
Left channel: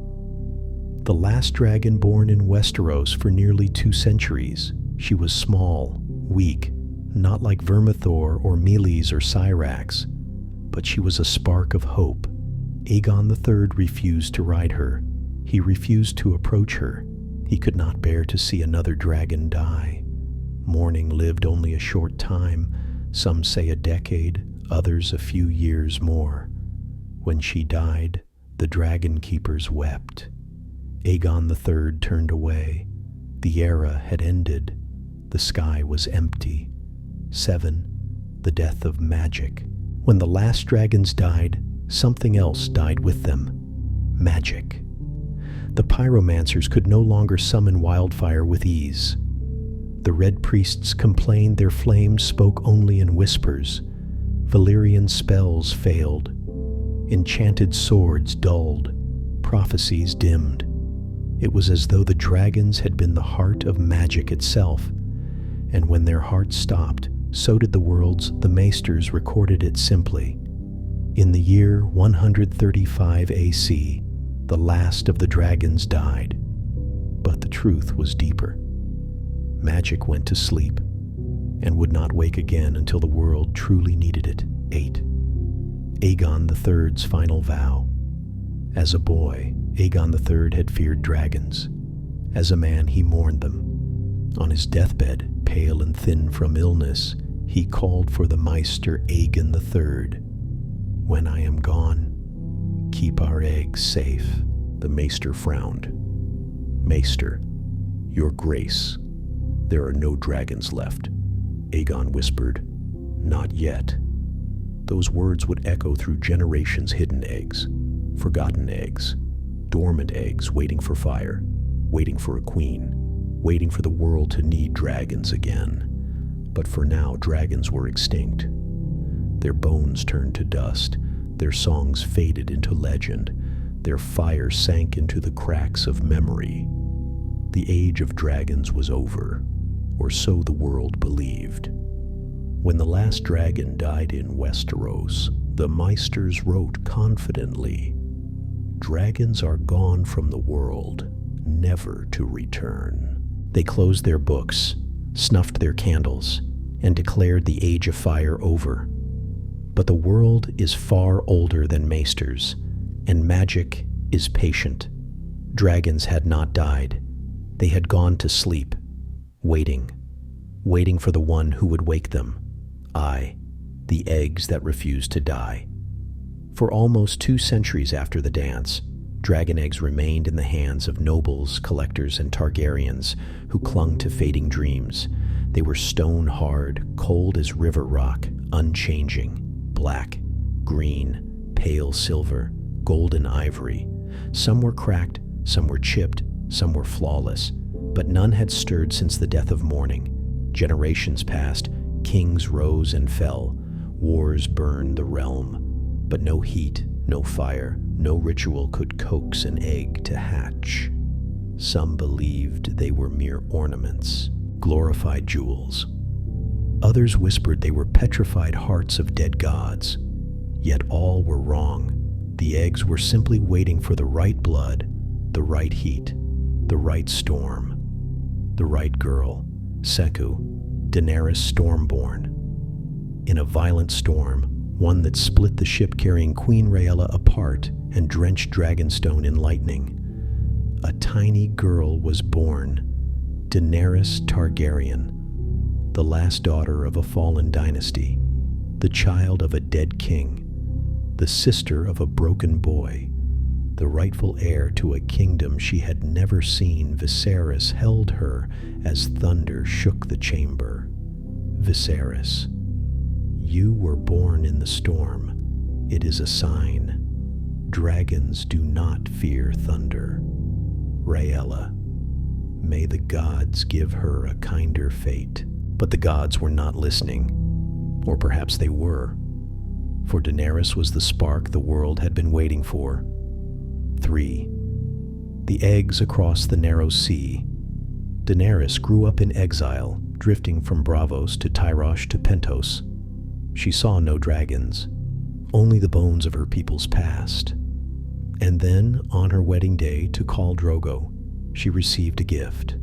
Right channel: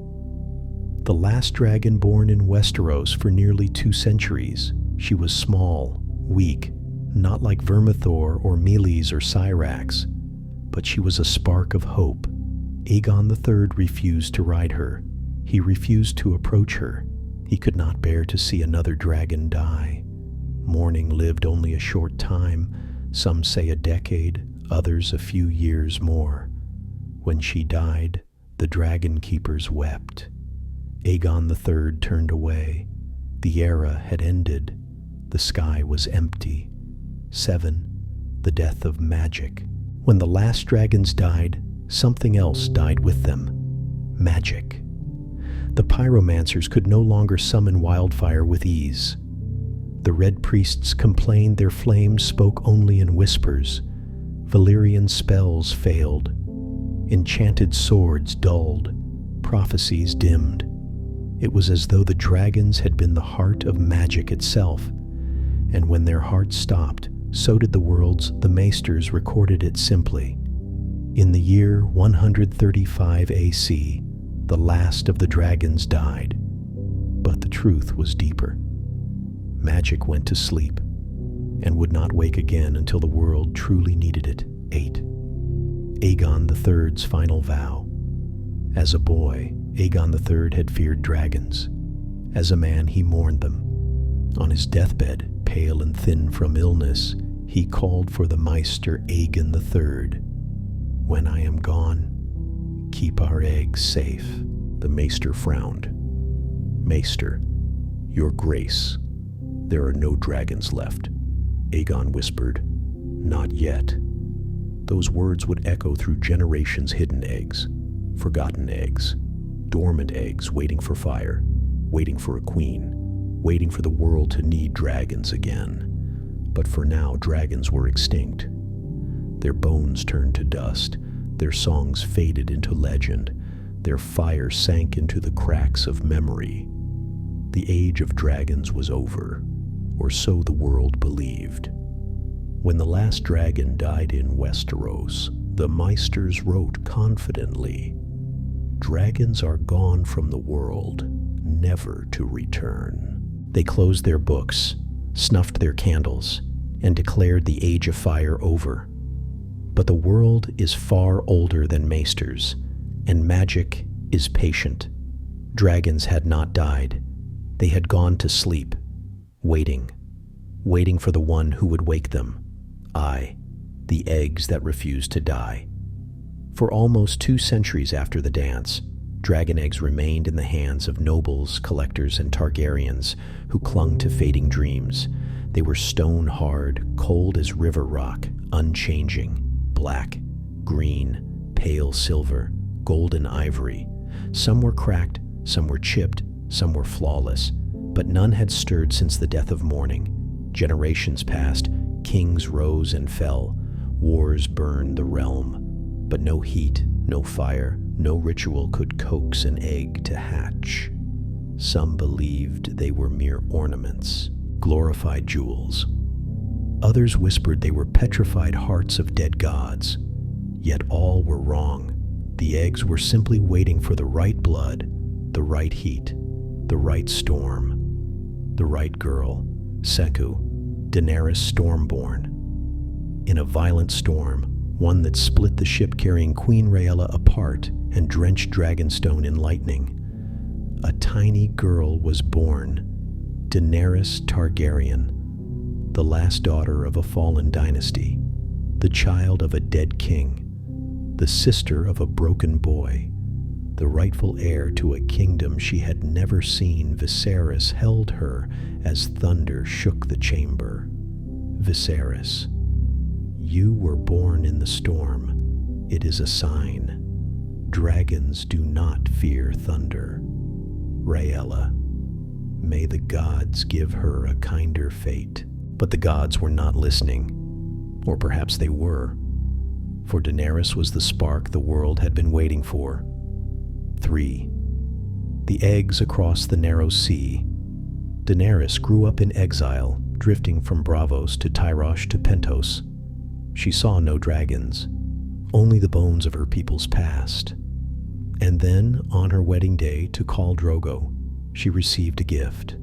The last dragon born in Westeros for nearly 2 centuries. She was small, weak, not like Vermithor or Meleys or Syrax, but she was a spark of hope. Aegon III refused to ride her. He refused to approach her. He could not bear to see another dragon die. Morning lived only a short time, some say a decade, others a few years more. When she died, the dragon keepers wept. Aegon III turned away. The era had ended. The sky was empty. 7. The death of magic. When the last dragons died, something else died with them. Magic. The pyromancers could no longer summon wildfire with ease. The red priests complained their flames spoke only in whispers. Valyrian spells failed. Enchanted swords dulled. Prophecies dimmed. It was as though the dragons had been the heart of magic itself. And when their hearts stopped, so did the worlds. The Maesters recorded it simply. In the year 135 AC, the last of the dragons died. But the truth was deeper. Magic went to sleep and would not wake again until the world truly needed it. 8. Aegon III's final vow. As a boy, Aegon III had feared dragons. As a man, he mourned them. On his deathbed, pale and thin from illness, he called for the Maester Aegon III. "When I am gone, keep our eggs safe." The Maester frowned. "Maester, your grace, there are no dragons left." Aegon whispered, "Not yet." Those words would echo through generations. Hidden eggs, forgotten eggs, dormant eggs waiting for fire, waiting for a queen, waiting for the world to need dragons again. But for now, dragons were extinct. Their bones turned to dust, their songs faded into legend, their fire sank into the cracks of memory. The age of dragons was over, or so the world believed. When the last dragon died in Westeros, the Maesters wrote confidently, "Dragons are gone from the world, never to return." They closed their books, snuffed their candles, and declared the Age of Fire over. But the world is far older than Maesters, and magic is patient. Dragons had not died. They had gone to sleep, waiting for the one who would wake them. The eggs that refused to die. For almost 2 centuries after the dance, dragon eggs remained in the hands of nobles, collectors, and Targaryens who clung to fading dreams. They were stone hard, cold as river rock, unchanging, black, green, pale silver, golden ivory. Some were cracked, some were chipped, some were flawless, but none had stirred since the death of morning. Generations passed, kings rose and fell, wars burned the realm, but no heat, no fire, no ritual could coax an egg to hatch. Some believed they were mere ornaments, glorified jewels. Others whispered they were petrified hearts of dead gods. Yet all were wrong. The eggs were simply waiting for the right blood, the right heat, the right storm. the right girl, Seku, Daenerys Stormborn. In a violent storm, one that split the ship carrying Queen Rhaegal apart and drenched Dragonstone in lightning, a tiny girl was born, Daenerys Targaryen, the last daughter of a fallen dynasty, the child of a dead king, the sister of a broken boy, the rightful heir to a kingdom she had never seen. Viserys held her as thunder shook the chamber. Viserys, you were born in the storm. It is a sign. Dragons do not fear thunder. Rhaegal, may the gods give her a kinder fate. But the gods were not listening. Or perhaps they were. For Daenerys was the spark the world had been waiting for. 3. The eggs across the narrow sea. Daenerys grew up in exile, drifting from Braavos to Tyrosh to Pentos. She saw no dragons, only the bones of her people's past. And then, on her wedding day to Khal Drogo, she received a gift.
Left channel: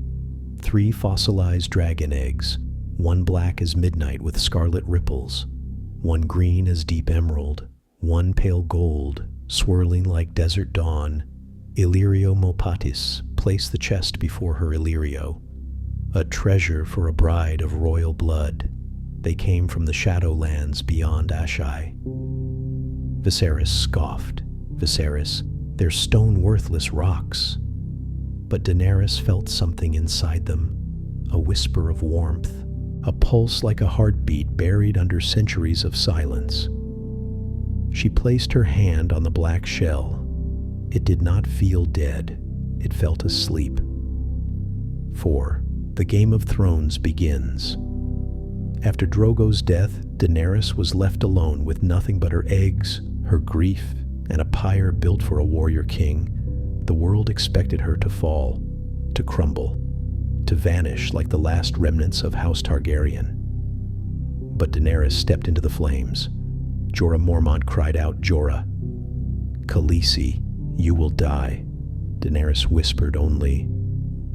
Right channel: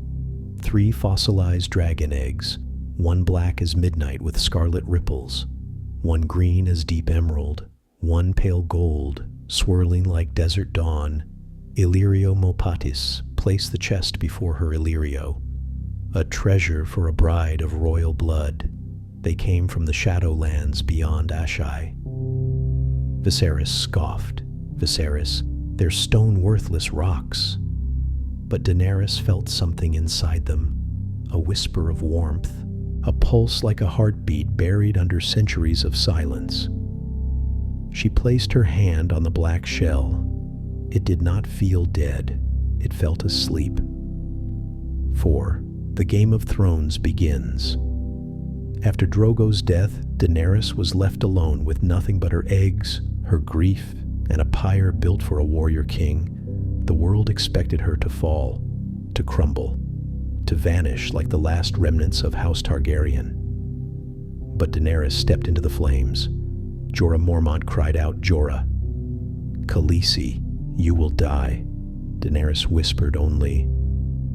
3 fossilized dragon eggs, one black as midnight with scarlet ripples, one green as deep emerald, one pale gold, swirling like desert dawn. Illyrio Mopatis placed the chest before her Illyrio, a treasure for a bride of royal blood. They came from the Shadowlands beyond Ashai. Viserys scoffed. Viserys, they're stone-worthless rocks. But Daenerys felt something inside them, a whisper of warmth, a pulse like a heartbeat buried under centuries of silence. She placed her hand on the black shell. It did not feel dead. It felt asleep. 4. The Game of Thrones begins. After Drogo's death, Daenerys was left alone with nothing but her eggs, her grief, and a pyre built for a warrior king. The world expected her to fall, to crumble, to vanish like the last remnants of House Targaryen. But Daenerys stepped into the flames. Jorah Mormont cried out, "Jorah, Khaleesi, you will die." Daenerys whispered only,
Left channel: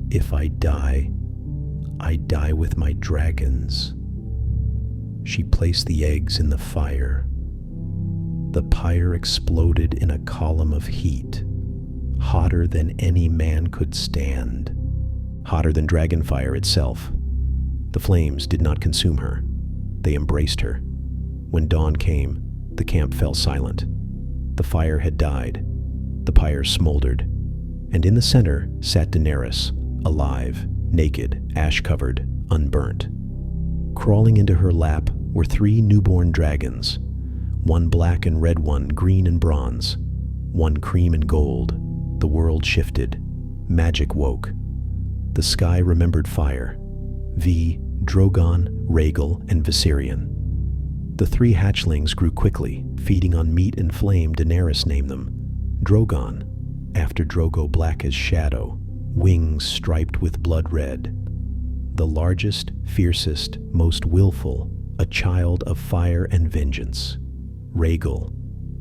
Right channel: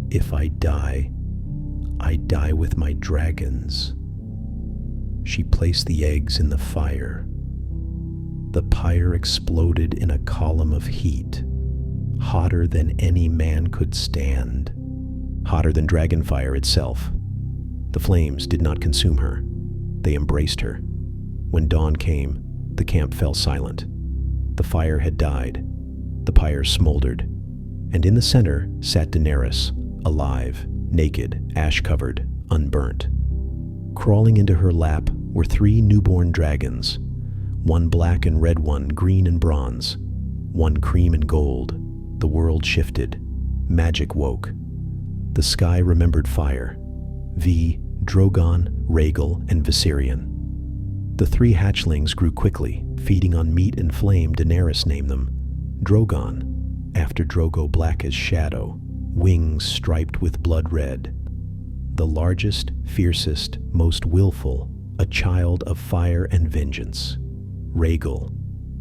"If I die with my dragons." She placed the eggs in the fire. The pyre exploded in a column of heat, hotter than any man could stand, hotter than dragonfire itself. The flames did not consume her. They embraced her. When dawn came, the camp fell silent. The fire had died. The pyre smoldered. And in the center sat Daenerys, alive, naked, ash-covered, unburnt. Crawling into her lap were 3 newborn dragons, one black and red, one green and bronze, one cream and gold. The world shifted. Magic woke. The sky remembered fire. Drogon, Rhaegal, and Viserion. The 3 hatchlings grew quickly, feeding on meat and flame. Daenerys named them Drogon, after Drogo black as shadow, wings striped with blood red. The largest, fiercest, most willful, a child of fire and vengeance. Rhaegal,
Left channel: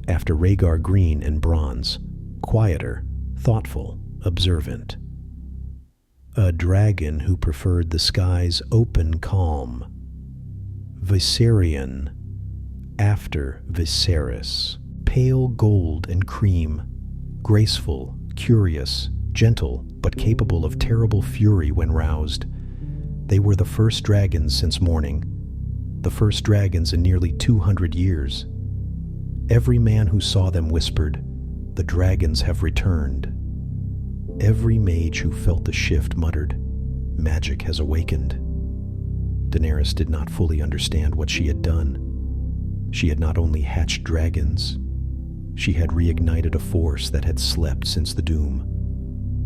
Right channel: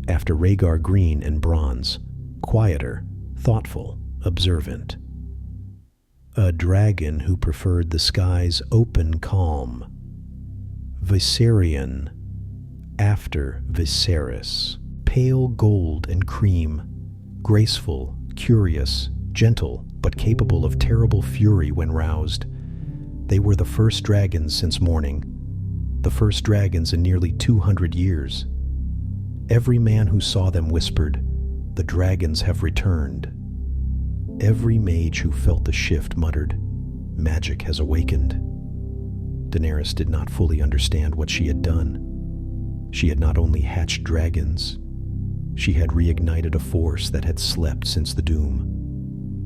after Rhaegar green and bronze, quieter, thoughtful, observant. A dragon who preferred the sky's open calm. Viserion, after Viserys, pale gold and cream, graceful, curious, gentle, but capable of terrible fury when roused. They were the first dragons since morning, the first dragons in nearly 200 years. Every man who saw them whispered, "The dragons have returned." Every mage who felt the shift muttered, "Magic has awakened." Daenerys did not fully understand what she had done. She had not only hatched dragons, she had reignited a force that had slept since the doom.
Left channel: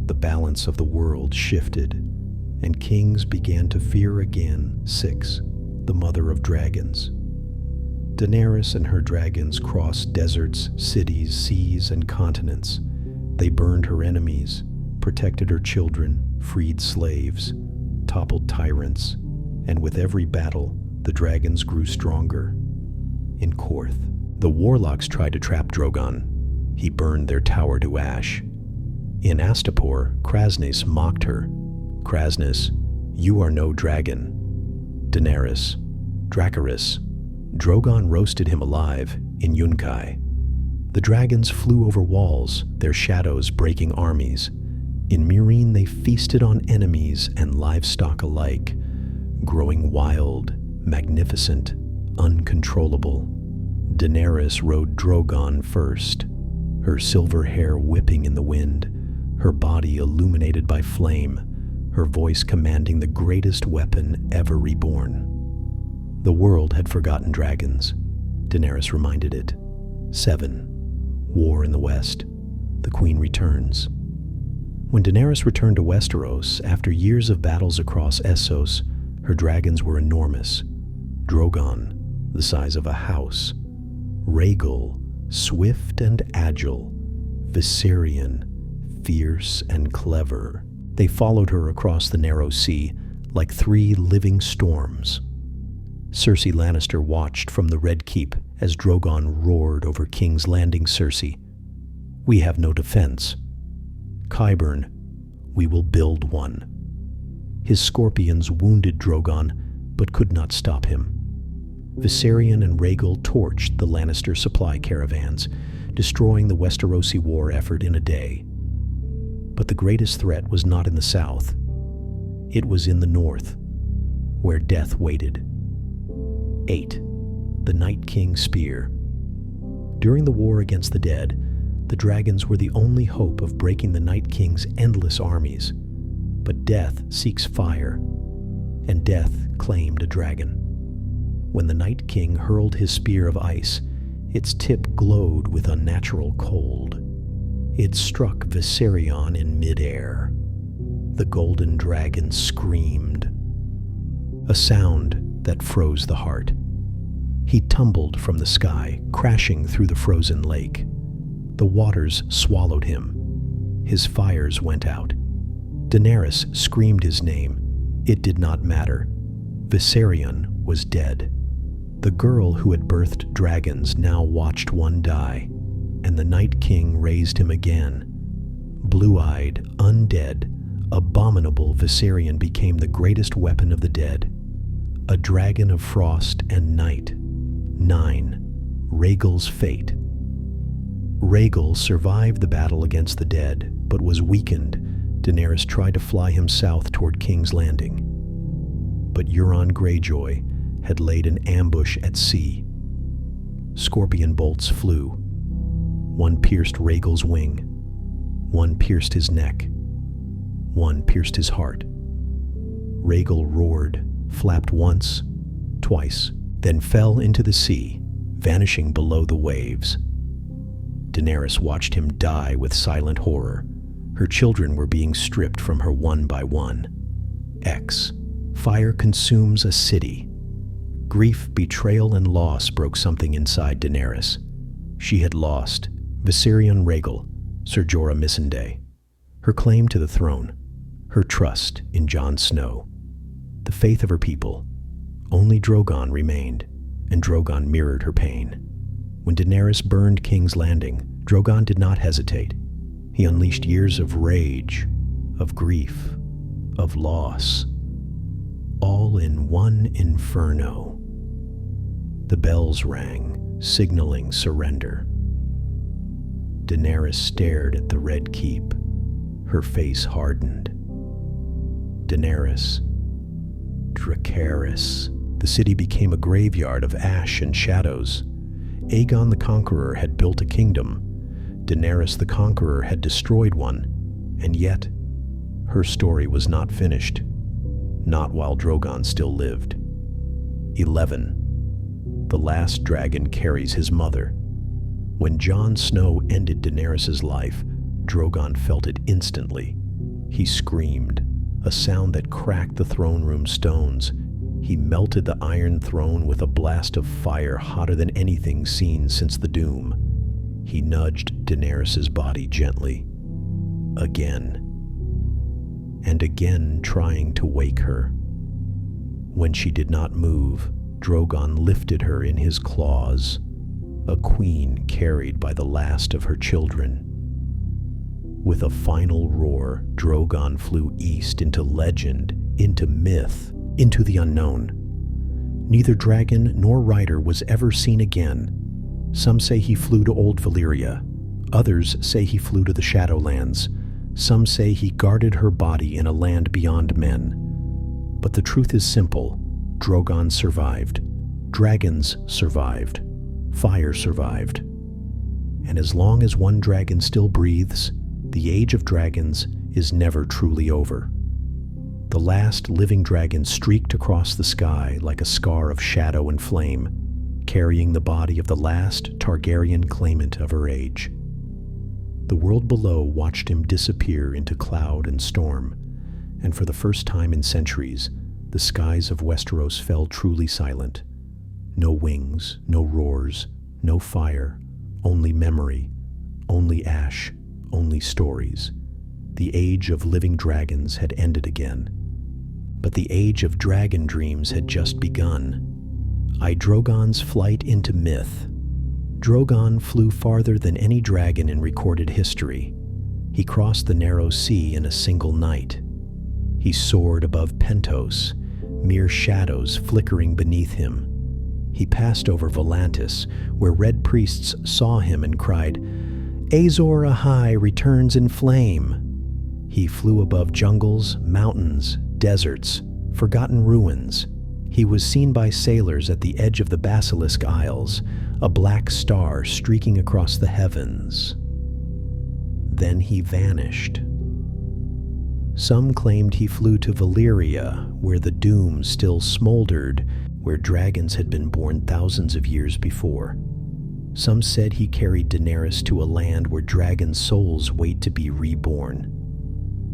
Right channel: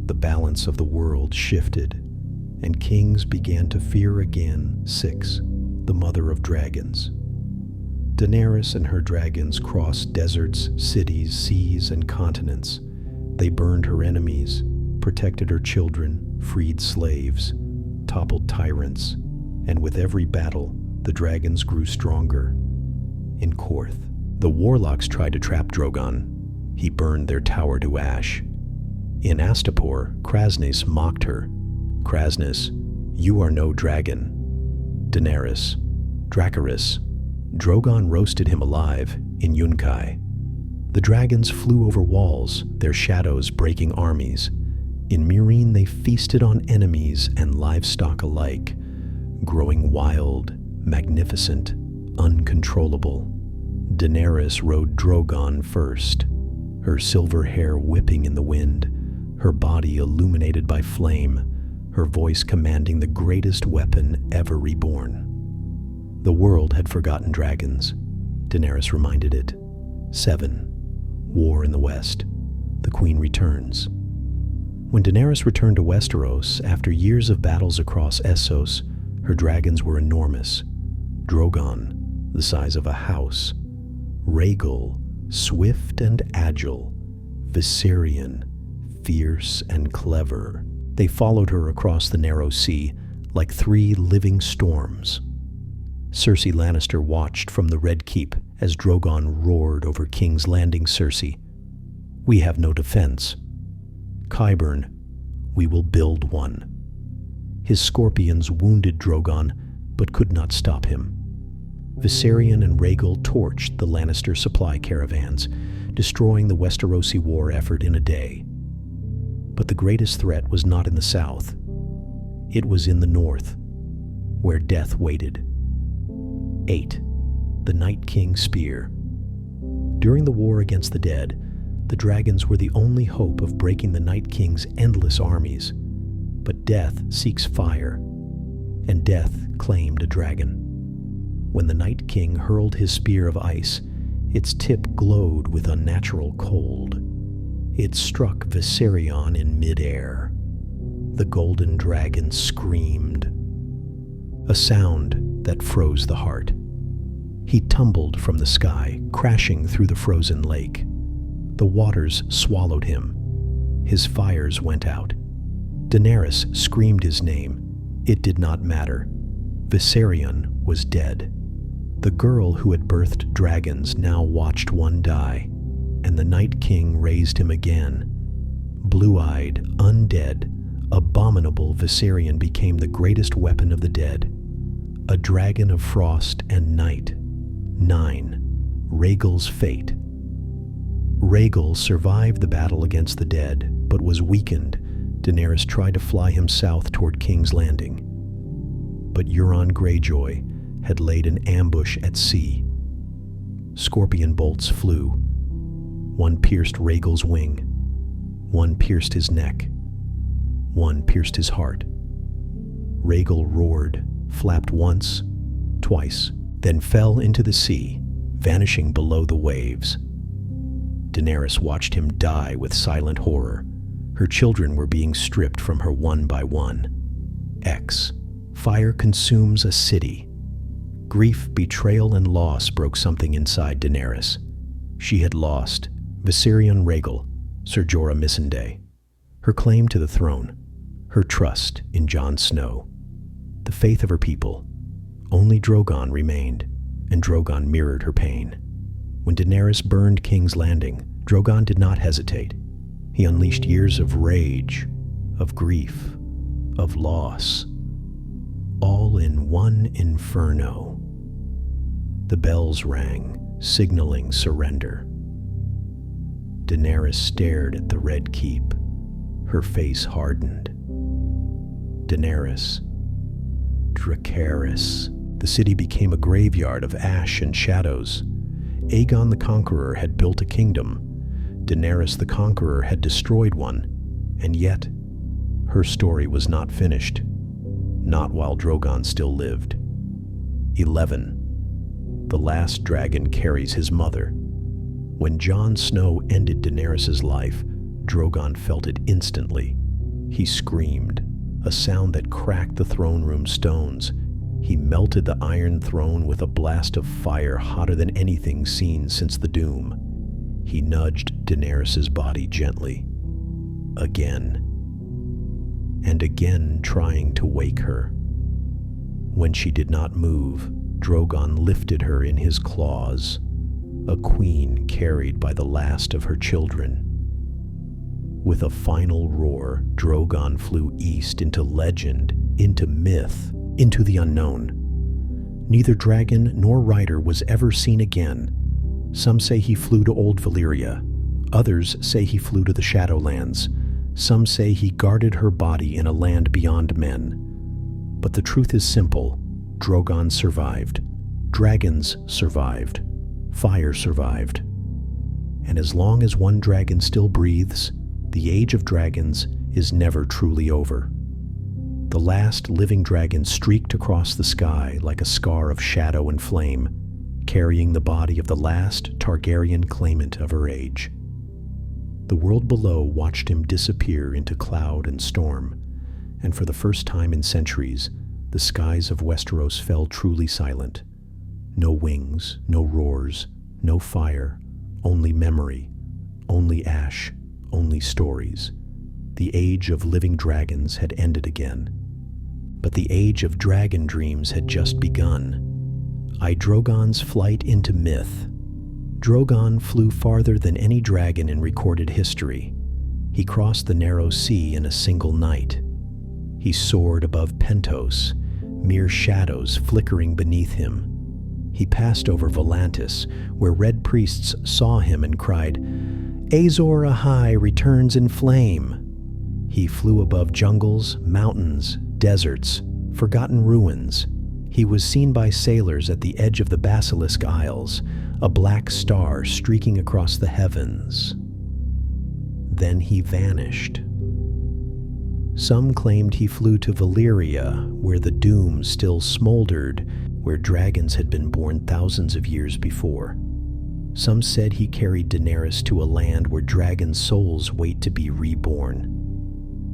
The balance of the world shifted, and kings began to fear again Syx, the mother of dragons. Daenerys and her dragons crossed deserts, cities, seas, and continents. They burned her enemies, protected her children, freed slaves, toppled tyrants, and with every battle, the dragons grew stronger. In Korth, the warlocks tried to trap Drogon. He burned their tower to ash. In Astapor, Krasnys mocked her. Krasnys, "You are no dragon." Daenerys, Dracarys, Drogon roasted him alive in Yunkai. The dragons flew over walls, their shadows breaking armies. In Meereen they feasted on enemies and livestock alike, growing wild, magnificent, uncontrollable. Daenerys rode Drogon first, her silver hair whipping in the wind, her body illuminated by flame, her voice commanding the greatest weapon ever reborn. The world had forgotten dragons, Daenerys reminded it. 7. War in the West. The Queen returns. When Daenerys returned to Westeros, after years of battles across Essos, her dragons were enormous. Drogon, the size of a house. Rhaegal, swift and agile. Viserion, fierce and clever. They followed her across the narrow sea like 3 living storms. Cersei Lannister watched from the Red Keep as Drogon roared over King's Landing. Cersei, "We have no defense." Qyburn, "We will build one." His scorpions wounded Drogon, but could not stop him. Viserion and Rhaegal torched the Lannister supply caravans, destroying the Westerosi war effort in a day. But the greatest threat was not in the south. It was in the north, where death waited. 8. The Night King's Spear. During the war against the dead, the dragons were the only hope of breaking the Night King's endless armies. But death seeks fire, and death claimed a dragon. When the Night King hurled his spear of ice, its tip glowed with unnatural cold. It struck Viserion in midair. The golden dragon screamed, a sound that froze the heart. He tumbled from the sky, crashing through the frozen lake. The waters swallowed him. His fires went out. Daenerys screamed his name. It did not matter. Viserion was dead. The girl who had birthed dragons now watched one die, and the Night King raised him again. Blue-eyed, undead, abominable Viserion became the greatest weapon of the dead, a dragon of frost and night. 9. Rhaegal's Fate. Rhaegal survived the battle against the dead, but was weakened. Daenerys tried to fly him south toward King's Landing. But Euron Greyjoy had laid an ambush at sea. Scorpion bolts flew. One pierced Rhaegal's wing. One pierced his neck. One pierced his heart. Rhaegal roared, flapped once, twice, then fell into the sea, vanishing below the waves. Daenerys watched him die with silent horror. Her children were being stripped from her one by one. X. Fire consumes a city. Grief, betrayal, and loss broke something inside Daenerys. She had lost Viserion Rhaegal, Ser Jorah Missandei, her claim to the throne, her trust in Jon Snow, the faith of her people. Only Drogon remained, and Drogon mirrored her pain. When Daenerys burned King's Landing, Drogon did not hesitate. He unleashed years of rage, of grief, of loss, all in one inferno. The bells rang, signaling surrender. Daenerys stared at the Red Keep. Her face hardened. Daenerys, Dracarys. The city became a graveyard of ash and shadows. Aegon the Conqueror had built a kingdom. Daenerys the Conqueror had destroyed one, and yet her story was not finished. Not while Drogon still lived. 11. The last dragon carries his mother. When Jon Snow ended Daenerys' life, Drogon felt it instantly. He screamed, a sound that cracked the throne room stones. He melted the Iron Throne with a blast of fire hotter than anything seen since the Doom. He nudged Daenerys' body gently. Again. And again, trying to wake her. When she did not move, Drogon lifted her in his claws, a queen carried by the last of her children. With a final roar, Drogon flew east into legend, into myth, into the unknown. Neither dragon nor rider was ever seen again. Some say he flew to old Valyria. Others say he flew to the Shadowlands. Some say he guarded her body in a land beyond men. But the truth is simple. Drogon survived. Dragons survived. Fire survived. And as long as one dragon still breathes, the age of dragons is never truly over. The last living dragon streaked across the sky like a scar of shadow and flame, carrying the body of the last Targaryen claimant of her age. The world below watched him disappear into cloud and storm, and for the first time in centuries, the skies of Westeros fell truly silent. No wings, no roars, no fire, only memory, only ash, only stories. The age of living dragons had ended again. But the age of dragon dreams had just begun. Drogon's flight into myth. Drogon flew farther than any dragon in recorded history. He crossed the narrow sea in a single night. He soared above Pentos, mere shadows flickering beneath him. He passed over Volantis, where red priests saw him and cried, "Azor Ahai returns in flame." He flew above jungles, mountains, deserts, forgotten ruins. He was seen by sailors at the edge of the Basilisk Isles, a black star streaking across the heavens. Then he vanished. Some claimed he flew to Valyria, where the doom still smoldered, where dragons had been born thousands of years before. Some said he carried Daenerys to a land where dragon souls wait to be reborn.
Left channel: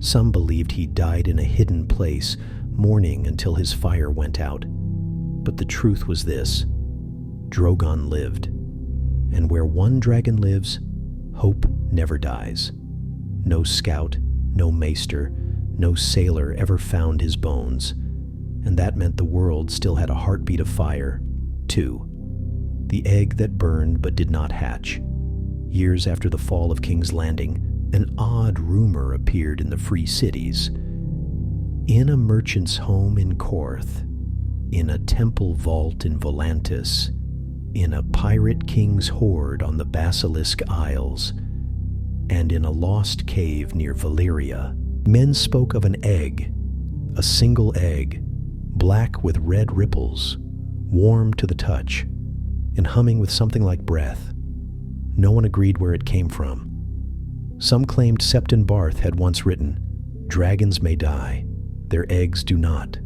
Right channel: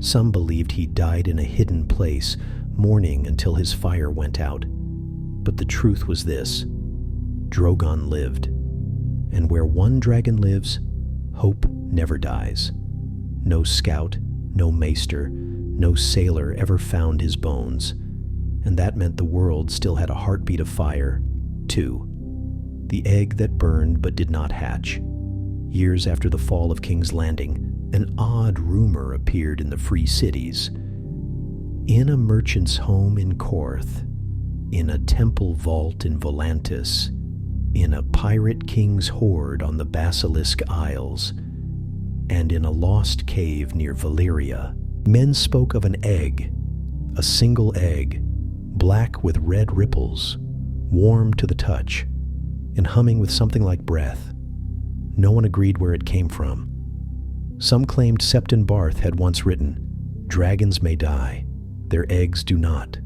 Some believed he died in a hidden place, mourning until his fire went out. But the truth was this: Drogon lived. And where one dragon lives, hope never dies. No scout, no maester, no sailor ever found his bones. And that meant the world still had a heartbeat of fire, too. The egg that burned but did not hatch. Years after the fall of King's Landing, an odd rumor appeared in the free cities. In a merchant's home in Korth, in a temple vault in Volantis, in a pirate king's hoard on the Basilisk Isles, and in a lost cave near Valyria, men spoke of an egg, a single egg, black with red ripples, warm to the touch, and humming with something like breath. No one agreed where it came from. Some claimed Septon Barth had once written, "Dragons may die, their eggs do not.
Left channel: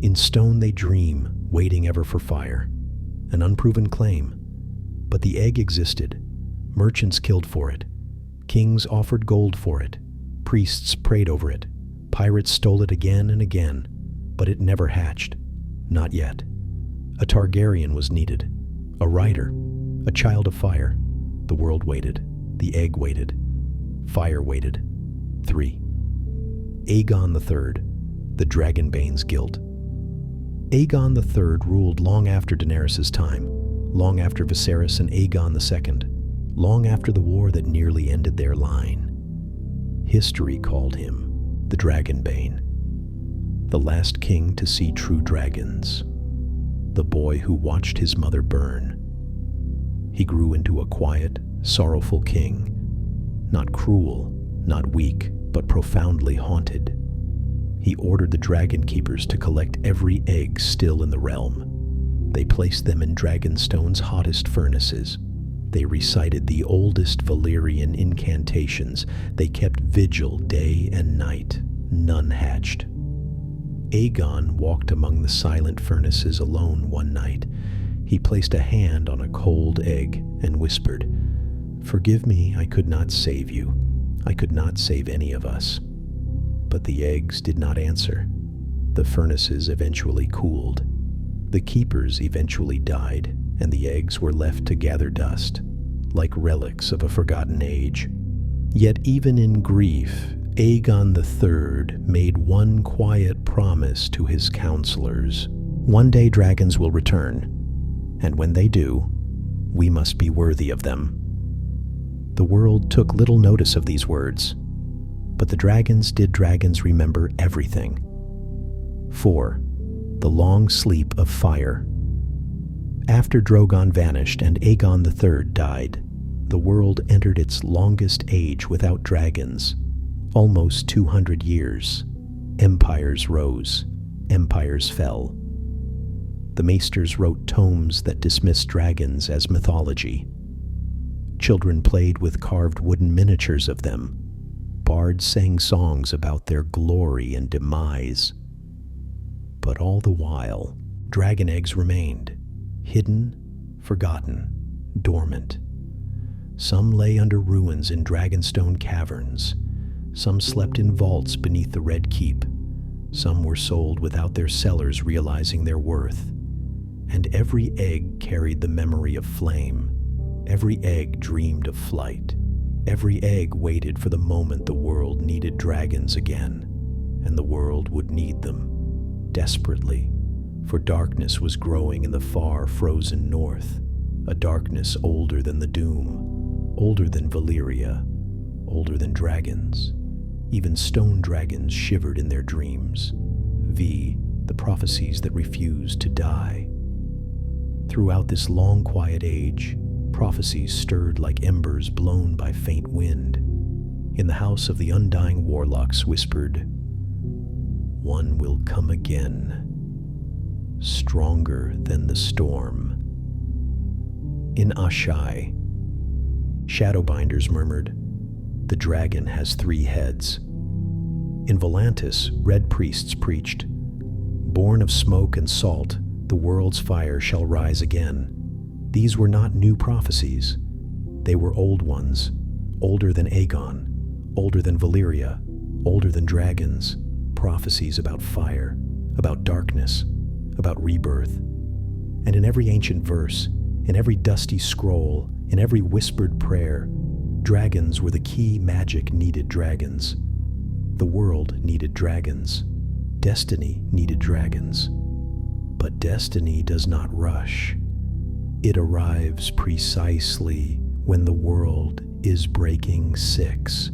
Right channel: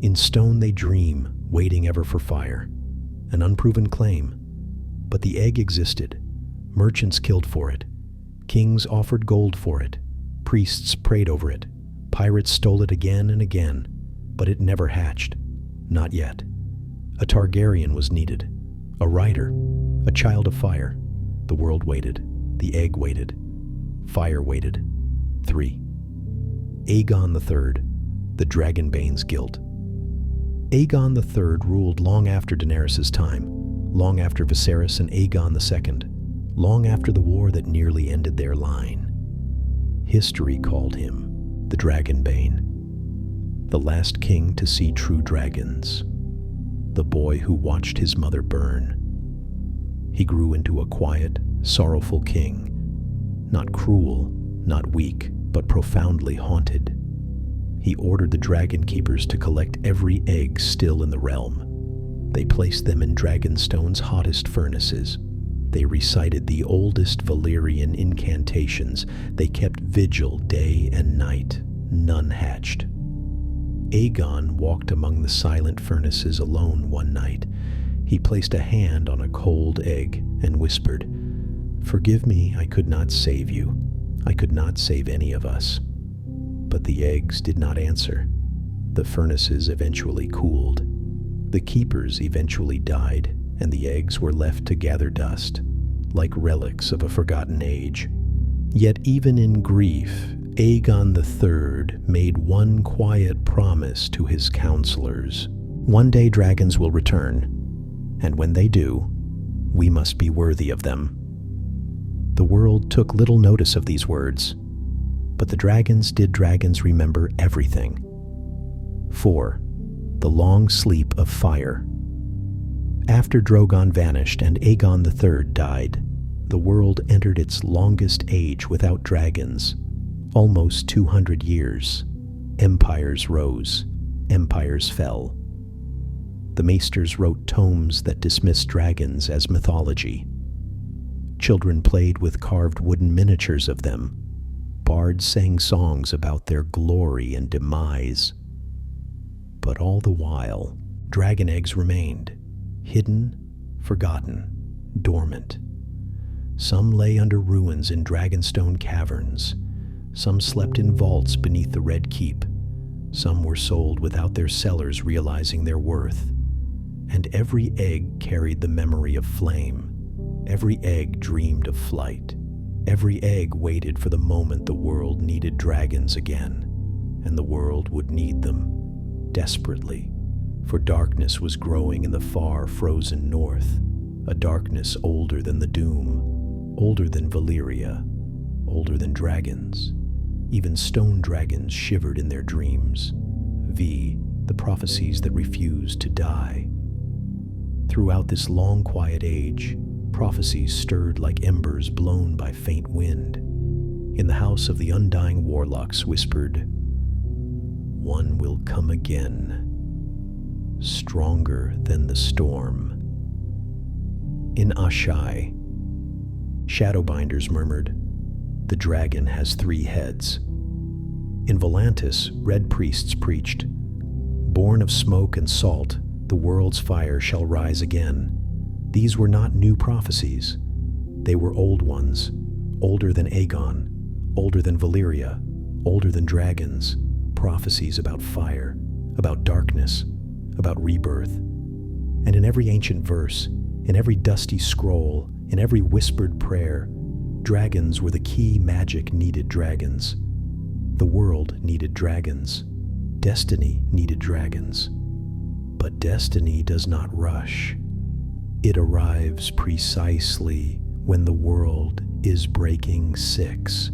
In stone they dream, waiting ever for fire." An unproven claim. But the egg existed. Merchants killed for it. Kings offered gold for it. Priests prayed over it. Pirates stole it again and again. But it never hatched. Not yet. A Targaryen was needed. A rider. A child of fire. The world waited. The egg waited. Fire waited. 3. Aegon III, the Dragonbane's guilt. Aegon III ruled long after Daenerys' time, long after Viserys and Aegon II, long after the war that nearly ended their line. History called him the Dragonbane, the last king to see true dragons, the boy who watched his mother burn. He grew into a quiet, sorrowful king, not cruel, not weak, but profoundly haunted. He ordered the dragon keepers to collect every egg still in the realm. They placed them in Dragonstone's hottest furnaces. They recited the oldest Valyrian incantations. They kept vigil day and night. None hatched. Aegon walked among the silent furnaces alone one night. He placed a hand on a cold egg and whispered, "Forgive me, I could not save you. I could not save any of us." But the eggs did not answer. The furnaces eventually cooled. The keepers eventually died, and the eggs were left to gather dust, like relics of a forgotten age. Yet even in grief, Aegon III made one quiet promise to his counselors. One day dragons will return, and when they do, we must be worthy of them. The world took little notice of these words, but the dragons did dragons remember everything. 4. The Long Sleep of Fire. After Drogon vanished and Aegon III died, the world entered its longest age without dragons, almost 200 years. Empires rose, empires fell. The maesters wrote tomes that dismissed dragons as mythology. Children played with carved wooden miniatures of them. Bards sang songs about their glory and demise. But all the while, dragon eggs remained, hidden, forgotten, dormant. Some lay under ruins in dragonstone caverns. Some slept in vaults beneath the Red Keep. Some were sold without their sellers realizing their worth. And every egg carried the memory of flame. Every egg dreamed of flight. Every egg waited for the moment the world needed dragons again, and the world would need them desperately, for darkness was growing in the far frozen north, a darkness older than the Doom, older than Valyria, older than dragons. Even stone dragons shivered in their dreams. The prophecies that refused to die. Throughout this long quiet age, prophecies stirred like embers blown by faint wind. In the house of the undying warlocks whispered, "One will come again, stronger than the storm." In Ashai, Shadowbinders murmured, "The dragon has 3 heads." In Volantis, red priests preached, "Born of smoke and salt, the world's fire shall rise again." These were not new prophecies. They were old ones, older than Aegon, older than Valyria, older than dragons, prophecies about fire, about darkness, about rebirth. And in every ancient verse, in every dusty scroll, in every whispered prayer, dragons were the key magic needed dragons. The world needed dragons. Destiny needed dragons. But destiny does not rush. It arrives precisely when the world is breaking 6.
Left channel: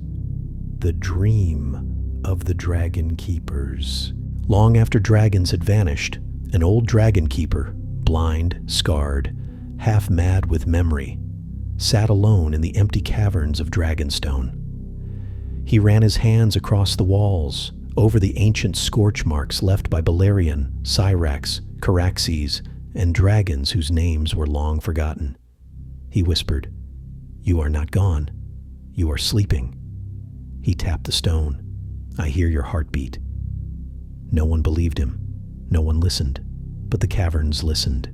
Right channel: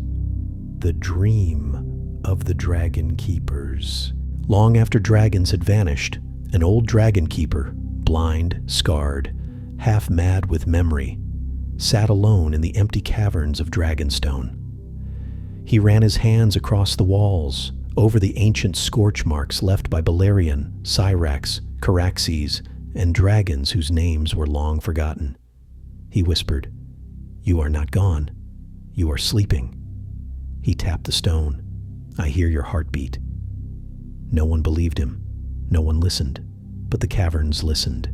The dream of the dragon keepers. Long after dragons had vanished, an old dragon keeper, blind, scarred, half mad with memory, sat alone in the empty caverns of Dragonstone. He ran his hands across the walls, over the ancient scorch marks left by Balerion, Syrax, Caraxes, and dragons whose names were long forgotten. He whispered, "You are not gone. You are sleeping." He tapped the stone. "I hear your heartbeat." No one believed him. No one listened. But the caverns listened.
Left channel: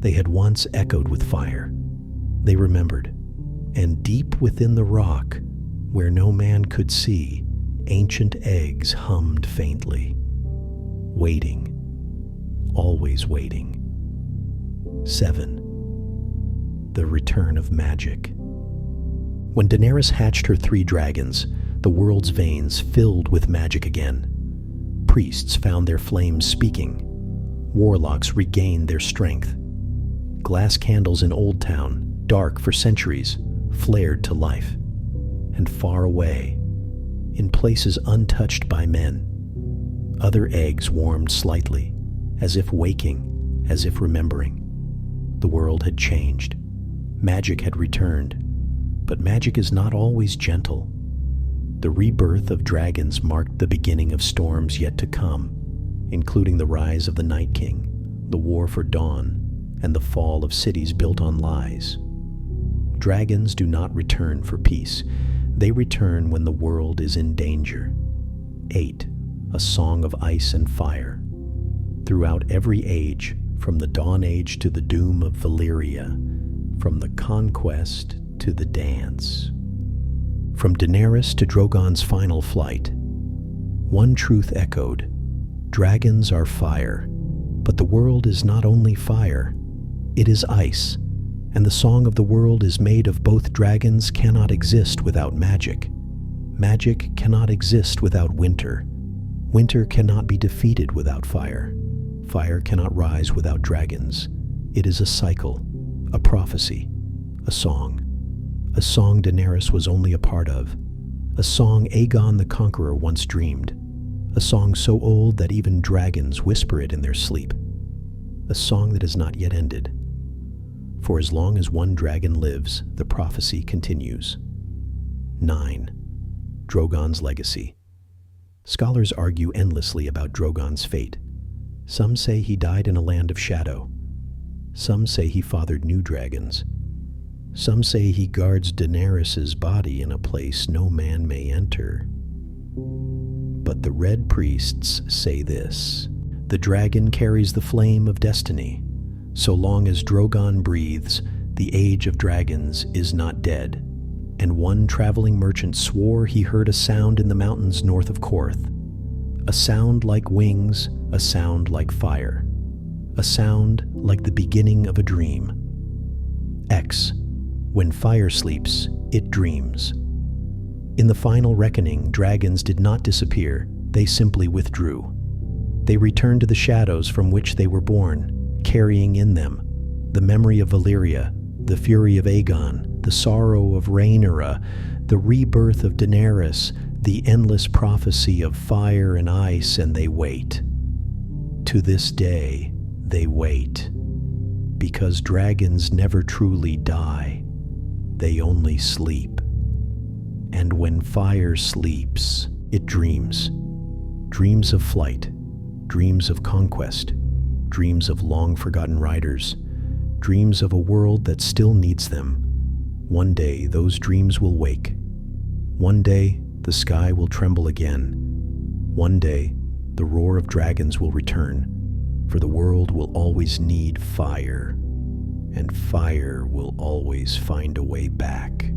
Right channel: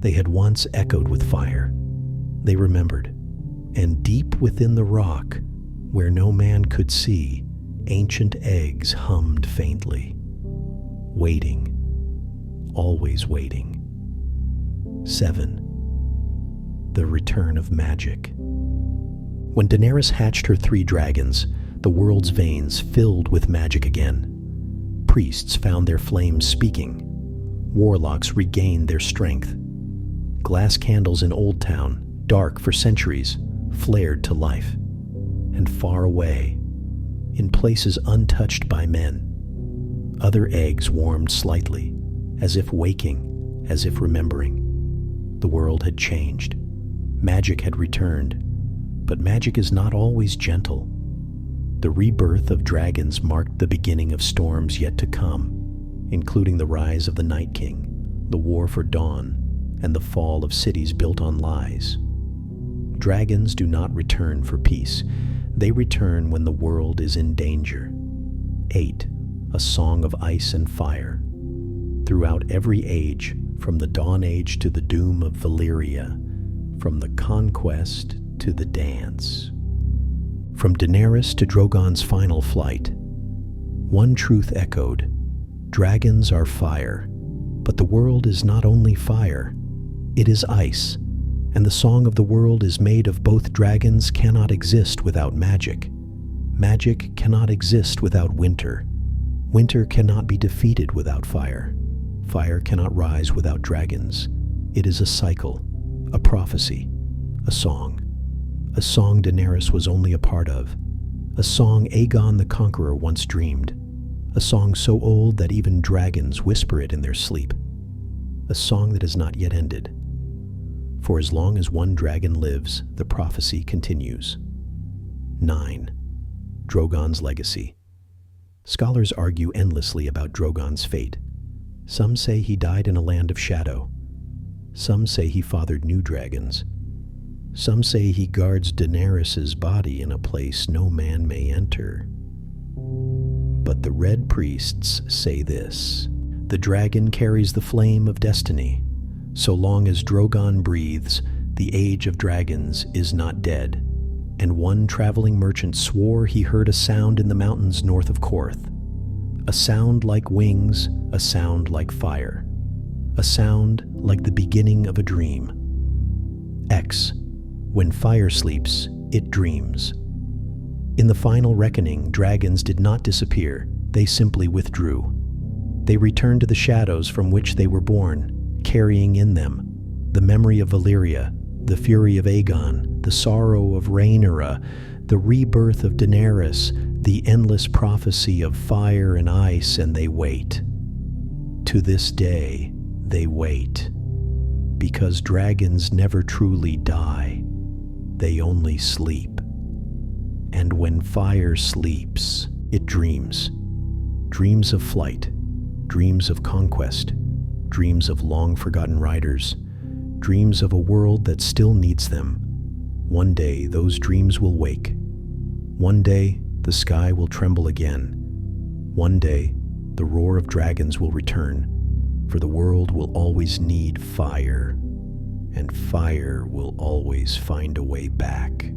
They had once echoed with fire. They remembered. And deep within the rock, where no man could see, ancient eggs hummed faintly. Waiting. Always waiting. 7. The Return of Magic. When Daenerys hatched her 3 dragons, the world's veins filled with magic again. Priests found their flames speaking. Warlocks regained their strength. Glass candles in Old Town, dark for centuries, flared to life. And far away, in places untouched by men, other eggs warmed slightly, as if waking, as if remembering. The world had changed. Magic had returned. But magic is not always gentle. The rebirth of dragons marked the beginning of storms yet to come, including the rise of the Night King, the war for dawn, and the fall of cities built on lies. Dragons do not return for peace. They return when the world is in danger. 8. A Song of Ice and Fire. Throughout every age, from the Dawn Age to the doom of Valyria, from the conquest to the dance. From Daenerys to Drogon's final flight, one truth echoed: dragons are fire, but the world is not only fire, it is ice, and the song of the world is made of both. Dragons cannot exist without magic. Magic cannot exist without winter. Winter cannot be defeated without fire. Fire cannot rise without dragons. It is a cycle, a prophecy, a song. A song Daenerys was only a part of. A song Aegon the Conqueror once dreamed. A a song so old that even dragons whisper it in their sleep, a song that has not yet ended. For as long as one dragon lives, the prophecy continues. 9. Drogon's legacy. Scholars argue endlessly about Drogon's fate. Some say he died in a land of shadow. Some say he fathered new dragons. Some say he guards Daenerys' body in a place no man may enter. But the Red Priests say this: the dragon carries the flame of destiny. So long as Drogon breathes, the age of dragons is not dead. And one traveling merchant swore he heard a sound in the mountains north of Korth. A sound like wings, a sound like fire. A sound like the beginning of a dream. X. When fire sleeps, it dreams. In the final reckoning, dragons did not disappear, they simply withdrew. They returned to the shadows from which they were born, carrying in them the memory of Valyria, the fury of Aegon, the sorrow of Rhaenyra, the rebirth of Daenerys, the endless prophecy of fire and ice, and they wait. To this day, they wait. Because dragons never truly die, they only sleep. And when fire sleeps, it dreams. Dreams of flight, dreams of conquest, dreams of long-forgotten riders, dreams of a world that still needs them. One day, those dreams will wake. One day, the sky will tremble again. One day, the roar of dragons will return, for the world will always need fire, and fire will always find a way back.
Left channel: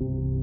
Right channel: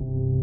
you.